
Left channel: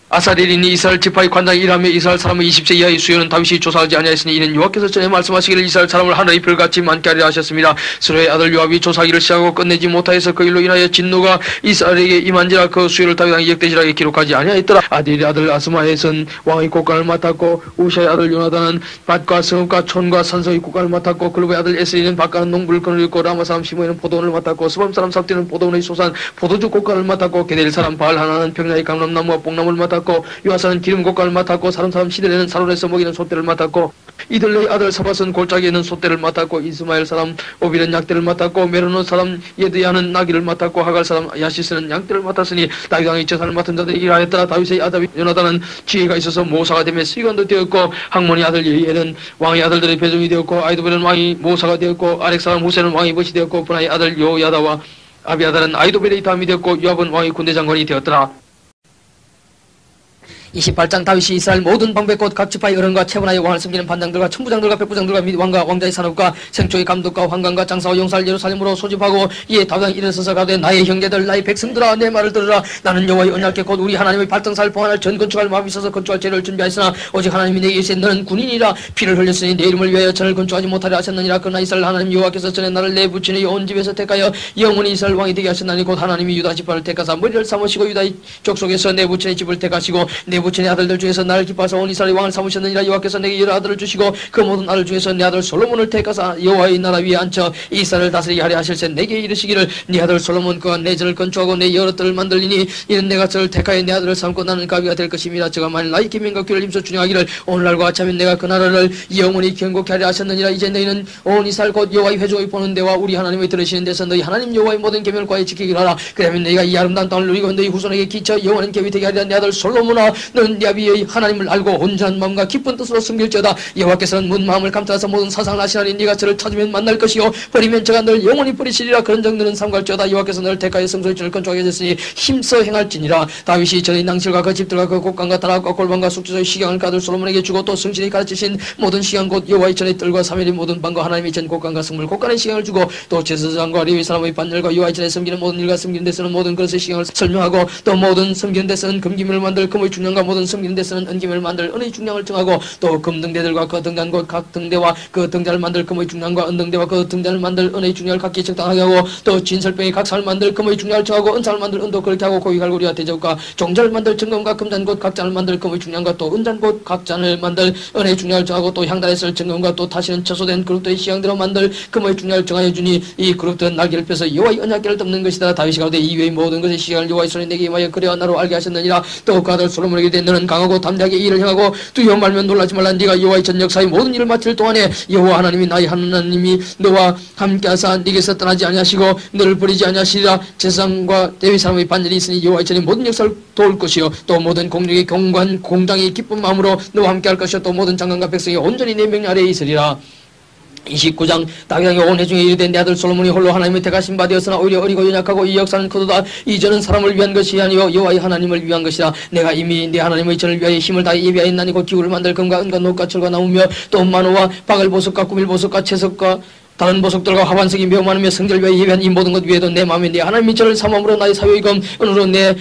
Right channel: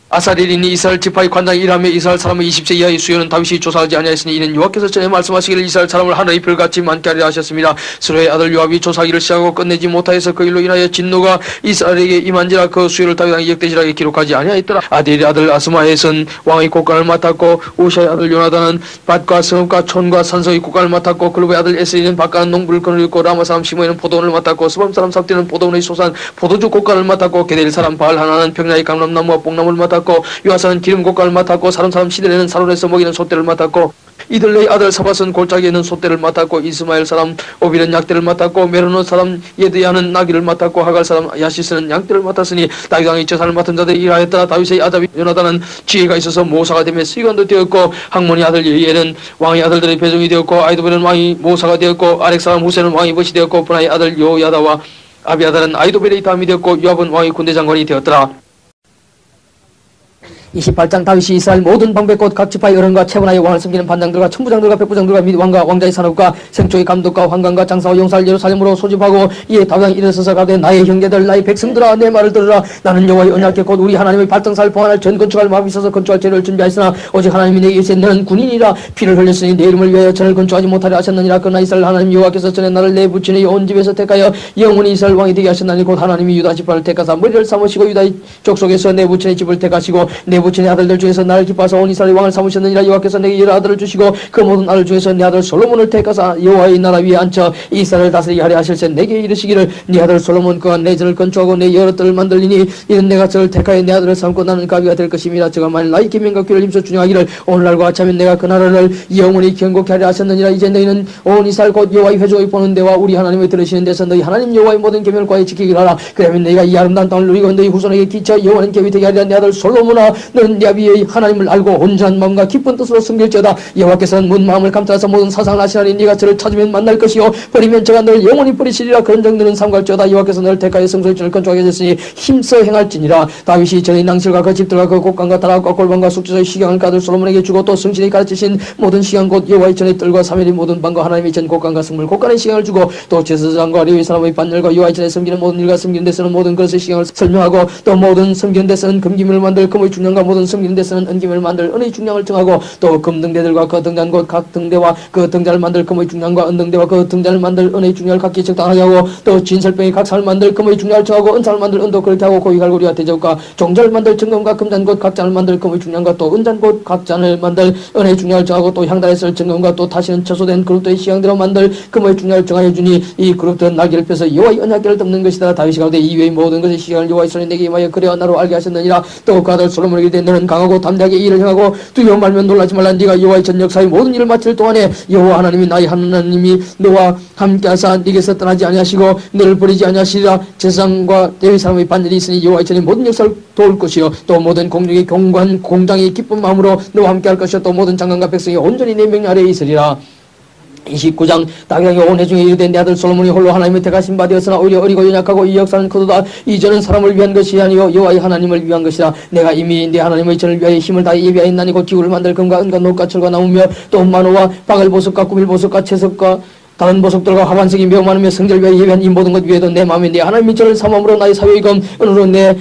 아사리린이 이스라엘 지파의 관장 이람의 이스라엘 사람의 20세 이하의 수요는 다윗이 조사하지 아니하였으니 이는 여호와께서 전에 말씀하시기를 이스라엘 사람을 하늘의 별같이 많게 하리라 하셨습니다. 스로의 아들 요압이 조사하기를 시작하고 끝내지 못하여서 그 일로 인하여 진노가 이스라엘에게 임한지라 그 수요를 다윗 왕이 역대지라게 기록하지 아니하였더라. 아델의 아들 아스마에선 왕의 국관을 맡았고 우샤의 아들 요나단은 밭과 성읍과 촌과 산성의 국관을 맡았고 글로의 아들 에스리는 밭가는 농부를 거느렸고 라마 사람 시므에는 포도원을 맡았고 스밤 사람 삽디는 포도원의 소산 포도주 국관을 맡았고 게델 사람 바알 하나는 평야의 감람나무와 뽕나무를 맡았고 요아사는 기름 곡간을 맡았고 사람 시들에는 사론에서 먹이는 소떼를 맡았고 이들레의 아들 사밧은 골짜기에는 소떼를 맡았고 이스마엘 사람 오빌은 약대를 맡았고 메로노 사람 예드야는 나귀를 맡았고 하갈 사람 야시스는 양떼를 맡았으니 다윗 왕이 저산을 맡은 자들이 일하였더라. 다윗의 아들 요나단은 지혜가 있어서 모사가 되며 시관도 되었고 학몬의 아들 예히엘은 왕의 아들들의 배종이 되었고 아이도벨은 왕이 모사가 되었고 아렉 사람 후세는 왕이 벗이 되었고 분하의 아들 요야다와 아비아달은 아이도벨의 다음이 되었고 요압은 왕의 군대 장관이 되었더라. 28장 다윗이 이스라엘 모든 방백꽃 각 지파의 어른과 체분하여 왕을 섬기는 반장들과 천부장들과 백부장들과 및 왕과 왕자의 산업과 생초의 감독과 환관과 장사와 용사를 예루살렘으로 소집하고 이에 다윗왕이 일어서서 가되 나의 형제들 나의 백성들아 내 말을 들으라. 나는 여호와의 언약궤 곧 우리 하나님의 발등사를 보관할 전 건축할 마음이 있어서 건축할 재료를 준비하였으나 오직 하나님이 내게 이르시되 너는 군인이라 피를 흘렸으니 내 이름을 위하여 전을 건축하지 못하려 하셨느니라. 그러나 이스라엘 하나님 여호와께서 전에 나를 내 부친의 온 집에서 택하여 영원히 이스라엘 왕이 되게 하셨나니 곧 하나님이 유다 지파를 택하사 머리를 삼으시고 유다의 족속에서 내 부친의 집을 택하시고 내 부친의 아들들 중에서 나를 기뻐하사 온 이스라엘 왕을 삼으셨느니라. 여호와께서 내게 여러 아들을 주시고 그 모든 아들 중에서 내 아들 솔로몬을 택하사 여호와의 나라 위에 앉혀 이스라엘을 다스리게 하려 하실세. 내게 이르시기를 네 아들 솔로몬 그가 내 전을 건축하고 내 여러 뜰을 만들리니 이는 내가 저를 택하여 내 아들을 삼고 나는 가비가 될 것임이라. 저가 만일 나의 기명과 규를 힘써 준행하기를 오늘날과 같이하면 내가 그 나라를 영원히 견고케 하려 하셨느니라. 이제 너희는 온 이스라엘 곧 여호와의 회중의 보는 데와 우리 하나님의 들으시는 데서 너희 하나님 여호와의 모든 계명을 과히 지키기를 하라. 그러면 너희가 이 아름다운 땅을 누리고 너희 후손에게 기쳐 영원한 계획이 되게 하리라. 내 아들 솔로몬아 너는 네 아비의 하나님을 알고 온전한 마음과 기쁜 뜻으로 섬길지어다. 여호와께서는 문 마음을 감찰하사 모든 사상을 아시나니 네가 저를 찾으면 만날 것이요 버리면 저가 너를 영원히 버리시리라. 그런 정도는 삼갈지어다. 여호와께서 너를 택하여 성소의 전을 건축하게 하셨으니 힘써 행할지니라. 다윗이 전의 낭실과 그 집들과 그 곡간과 다락과 골방과 숙제소의 시경을 가들 솔로몬에게 주고 또 성신이 가르치신 모든 시경 곧 여호와의 전의 뜰과 사면의 모든 방과 하나님의 전 곡간과 성물 곡간의 시경을 주고 또 제사장과 레위 사람의 반열과 여호와의 전에 섬기는 모든 일과 섬기는 데서는 모든 것의 시경을 설명하고 또 모든 섬기는 데서는 금기물을 만들 금의 중량과 모든 섬기는 데서는 은기물을 만들 은의 중량을 정하고 또 금등대들과 그 등잔 곧 각 등대와 그 등잔을 만들 금의 중량과 은등대와 그 등잔을 만들 은의 중량을 각기 적당하게 하고 또 진설병이 각 상을 만들 금의 중량을 정하고 은상을 만들 은도 그렇게 하고 고기 갈고리와 대접과 종자를 만들 정금과 금잔 곧 각 잔을 만들 금의 중량과 또 은잔 곧 각 잔을 만들 은의 중량을 정하고 또 향단에 쓸 정금과 또 다시는 처소된 그룹들의 시향대로 만들 금의 중량을 정하여 주니 이 그룹들은 날개를 펴서 여호와의 언약궤를 덮는 것이다. 다윗이 가로되 이외의 모든 것의 시향을 여호와의 손에 내게 임하여 그래야 나로 알게 하셨느니라. 또 그 아들 솔로몬에게 이르되 너는 강하고 담대하게 이 일을 행하고 두려워 말면 놀라지 말라. 네가 여호와의 전 역사의 모든 일을 마칠 동안에 여호와 하나님이 나의 하나님이 너와 함께하사 네게서 떠나지 아니하시고 너를 버리지 아니하시리라. 제사장과 레위 사람의 반열이 있으니 여호와의 전의 모든 역사를 도울 것이요 또 모든 공중의 경관 공장이 기쁜 마음으로 너와 함께할 것이요 또 모든 장관과 백성이 온전히 내 명령 아래에 있으리라. 29장 다윗왕이 온 회중에 이르되 내 아들 솔로몬이 홀로 하나님의 택하신 바 되었으나 오히려 어리고 연약하고 이 역사는 크도다. 이 전은 사람을 위한 것이 아니요 여호와의 하나님을 위한 것이라. 내가 이미 내 하나님의 전을 위하여 힘을 다해 예비하였나니 곧 기구를 만들 금과 은과 녹과 철과 나무며 또 만호와 바글보석과 꾸밀보석과 채석과 다른 보석들과 화반석이 매우 많으며 성전을 위하여 예비한 이 모든 것 위에도 내 마음에 내 하나님의 전을 삼음으로 나의 사유의 금 은으로 내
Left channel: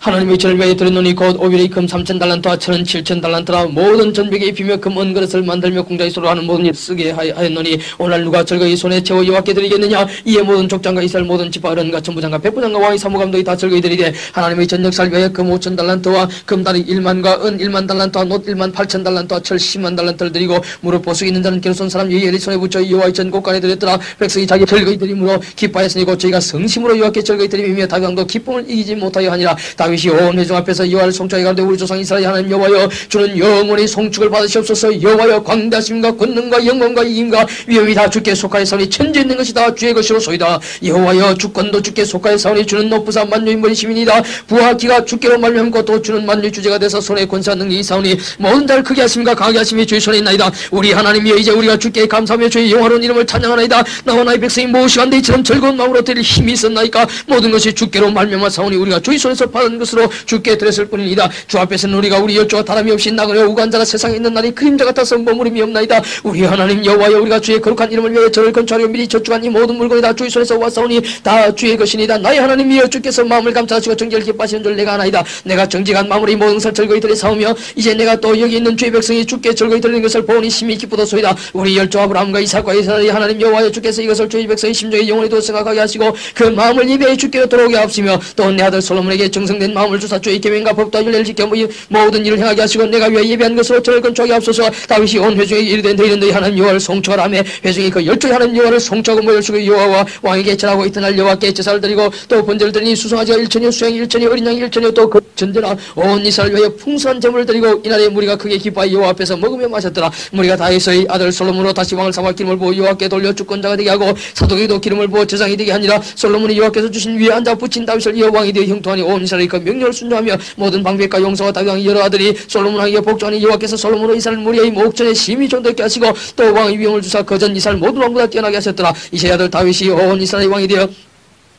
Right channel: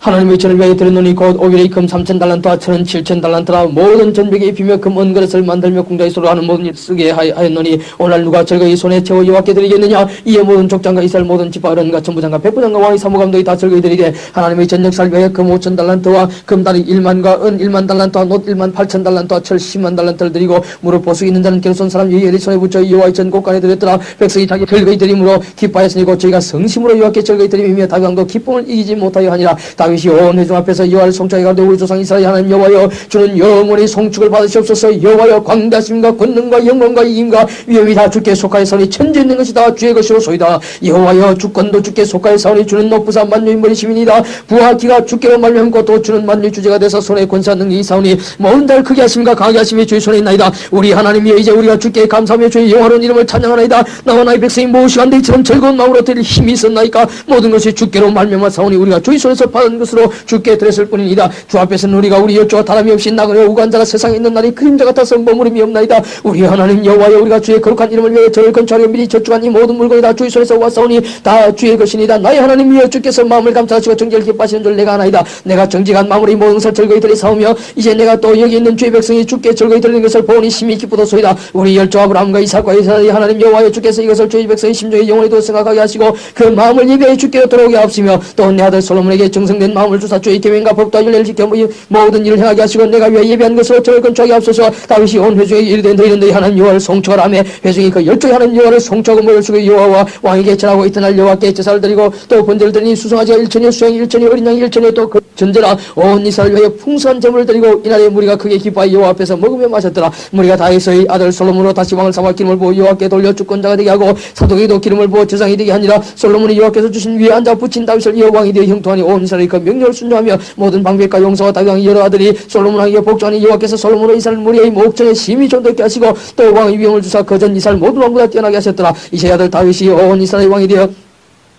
하나님의 전을 위하여 드렸노니 곧 오빌의 금 3,000달란트와 천은 7,000달란트라. 모든 전벽에 입히며 금 은그릇을 만들며 공자의 소로 하는 모든 일 쓰게 하였노니 오늘 누가 절거의 손에 채워 여호와께 드리겠느냐. 이에 모든 족장과 이스라엘 모든 지파 어른과 천부장과 백부장과 왕의 사무감독이 다 절거의 드리되 하나님의 전 역사를 위하여 금 5,000달란트와 금다리 1만과 은 1만 달란트와 놋 1만 8,000달란트와 철 10만 달란트를 드리고 무릎 보수 있는 자는 게르손 사람 예히엘의 손에 붙여 여호와의 전 곳간에 드렸더라. 백성이 자기 절거의 드림으로 기뻐하였으니 곧 저희가 성심으로 여호와께 절거의 드림이며 다윗 왕도 기쁨을 이기지 못하여 하니라. 다윗이 온 회중 앞에서 여호와를 송축하게 가는데 우리 조상 이스라엘 하나님 여호와여 주는 영원히 송축을 받으시옵소서. 여호와여 광대하심과 권능과 영광과 이김과 위엄이 다 주께 속하였사오니 천지 있는 것이 다 주의 것이로소이다. 여호와여 주권도 주께 속하였사오니 주는 높으사 만유의 머리 시민이다. 부하 기가 주께로 말미암고 또 주는 만유의 주제가 되사 손에 권세와 능력이 있사오니 모든 자를 크게 하심과 강하게 하심이 주의 손에 있나이다. 우리 하나님이여 이제 우리가 주께 감사하며 주의 영화로운 이름을 찬양하나이다. 나와 나의 백성이 무엇이간데 이처럼 즐거운 마음으로 드릴 힘이 있었나이까. 모든 것이 주께로 말미암아 사오니 우리가 주의 손에서 받은 것으로 주께 드렸을 뿐이니이다. 주 앞에서는 우리가 우리 열조와 다름이 없이 나그네 우간자가 세상에 있는 날이 그림자 같아서 머무름이 없나이다. 우리 하나님 여호와여 우리가 주의 거룩한 이름을 위해 저를 건축하려 미리 저축한 이 모든 물건이 다 주의 손에서 왔사오니 다 주의 것이니이다. 나의 하나님이여 주께서 마음을 감찰하시고 정직을 기뻐하시는 줄 내가 아나이다. 내가 정직한 마음으로 이 모든 것을 즐거이 드리사오며 이제 내가 또 여기 있는 주의 백성이 주께 즐거이 드리는 것을 보니 심히 기쁘도소이다. 우리 열조 아브라함과 이삭과 이스라엘의 하나님 여호와여 주께서 이것을 주의 백성의 심중에 영원히도 생각하게 하시고 그 마음을 예배해 주께로 돌아오게 하옵시며 또 내 아들 솔로몬에게 정성된 마음을 주사 주의 계명과 법도와 윤례를 지켜 모든 일을 행하게 하시고 내가 위하여 예배한 것으로 저를 건축하게 하옵소서. 다윗이 온 회중에게 이르되 너희는 너희 하나님 여호와를 송축하라며 회중이 그 열조의 하나님 여호와를 송축하고 모여주고 여호와와 왕에게 전하고 이튿날 여호와께 제사를 드리고 또 번제를 드리니 수송아지가 1천이요 수양이 1천이요 어린 양이 1천이요 또 그 전제라 온 이스라엘 위하여 풍성한 제물을 드리고 이날에 무리가 크게 기뻐하여 여호와 앞에서 먹으며 마셨더라. 무리가 다윗의 아들 솔로몬으로 다시 왕을 삼아 기름을 부어 여호와께 돌려 주권자가 되게 하고 사독에게도 기름을 부어 제사장이 되게 하니라. 솔로몬이 여호와께서 주신 위에 앉아 붙인 다윗을 이어 왕이 되어 형통하니 온 이스라엘이 그 명령을 순종하며 모든 방백과 용서와 다윗 왕의 여러 아들이 솔로몬 왕에게 복종하니 여호와께서 솔로몬으로 이스라엘 무리의 목전에 심히 존대케 하시고 또 왕의 위엄을 주사 그전 이스라엘 모든 왕보다 뛰어나게 하셨더라. 이세 아들 다윗이 온 이스라엘 왕이 되어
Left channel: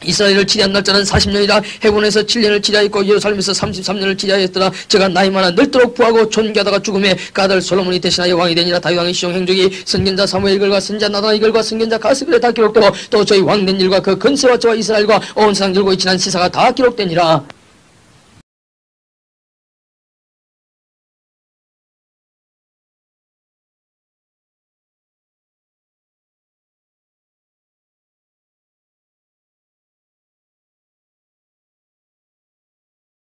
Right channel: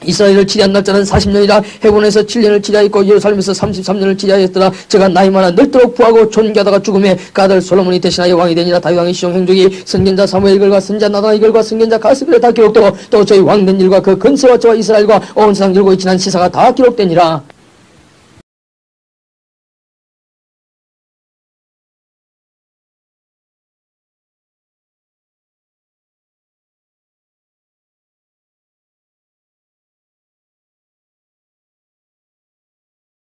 이스라엘을 치리한 날짜는 40년이라 헤본에서 7년을 치리하였고 예루살렘에서 33년을 치리하였더라. 제가 나이 많아 늙도록 부하고 존귀하다가 죽음에 그 아들 솔로몬이 대신하여 왕이 되니라. 다윗 왕의 시종 행적이 선견자 사무엘 글과 선지자 나단 글과 선견자 가스글에 다 기록되고 또 저희 왕된 일과 그 근세와 저와 이스라엘과 온 세상 들고 있지난 시사가 다 기록되니라.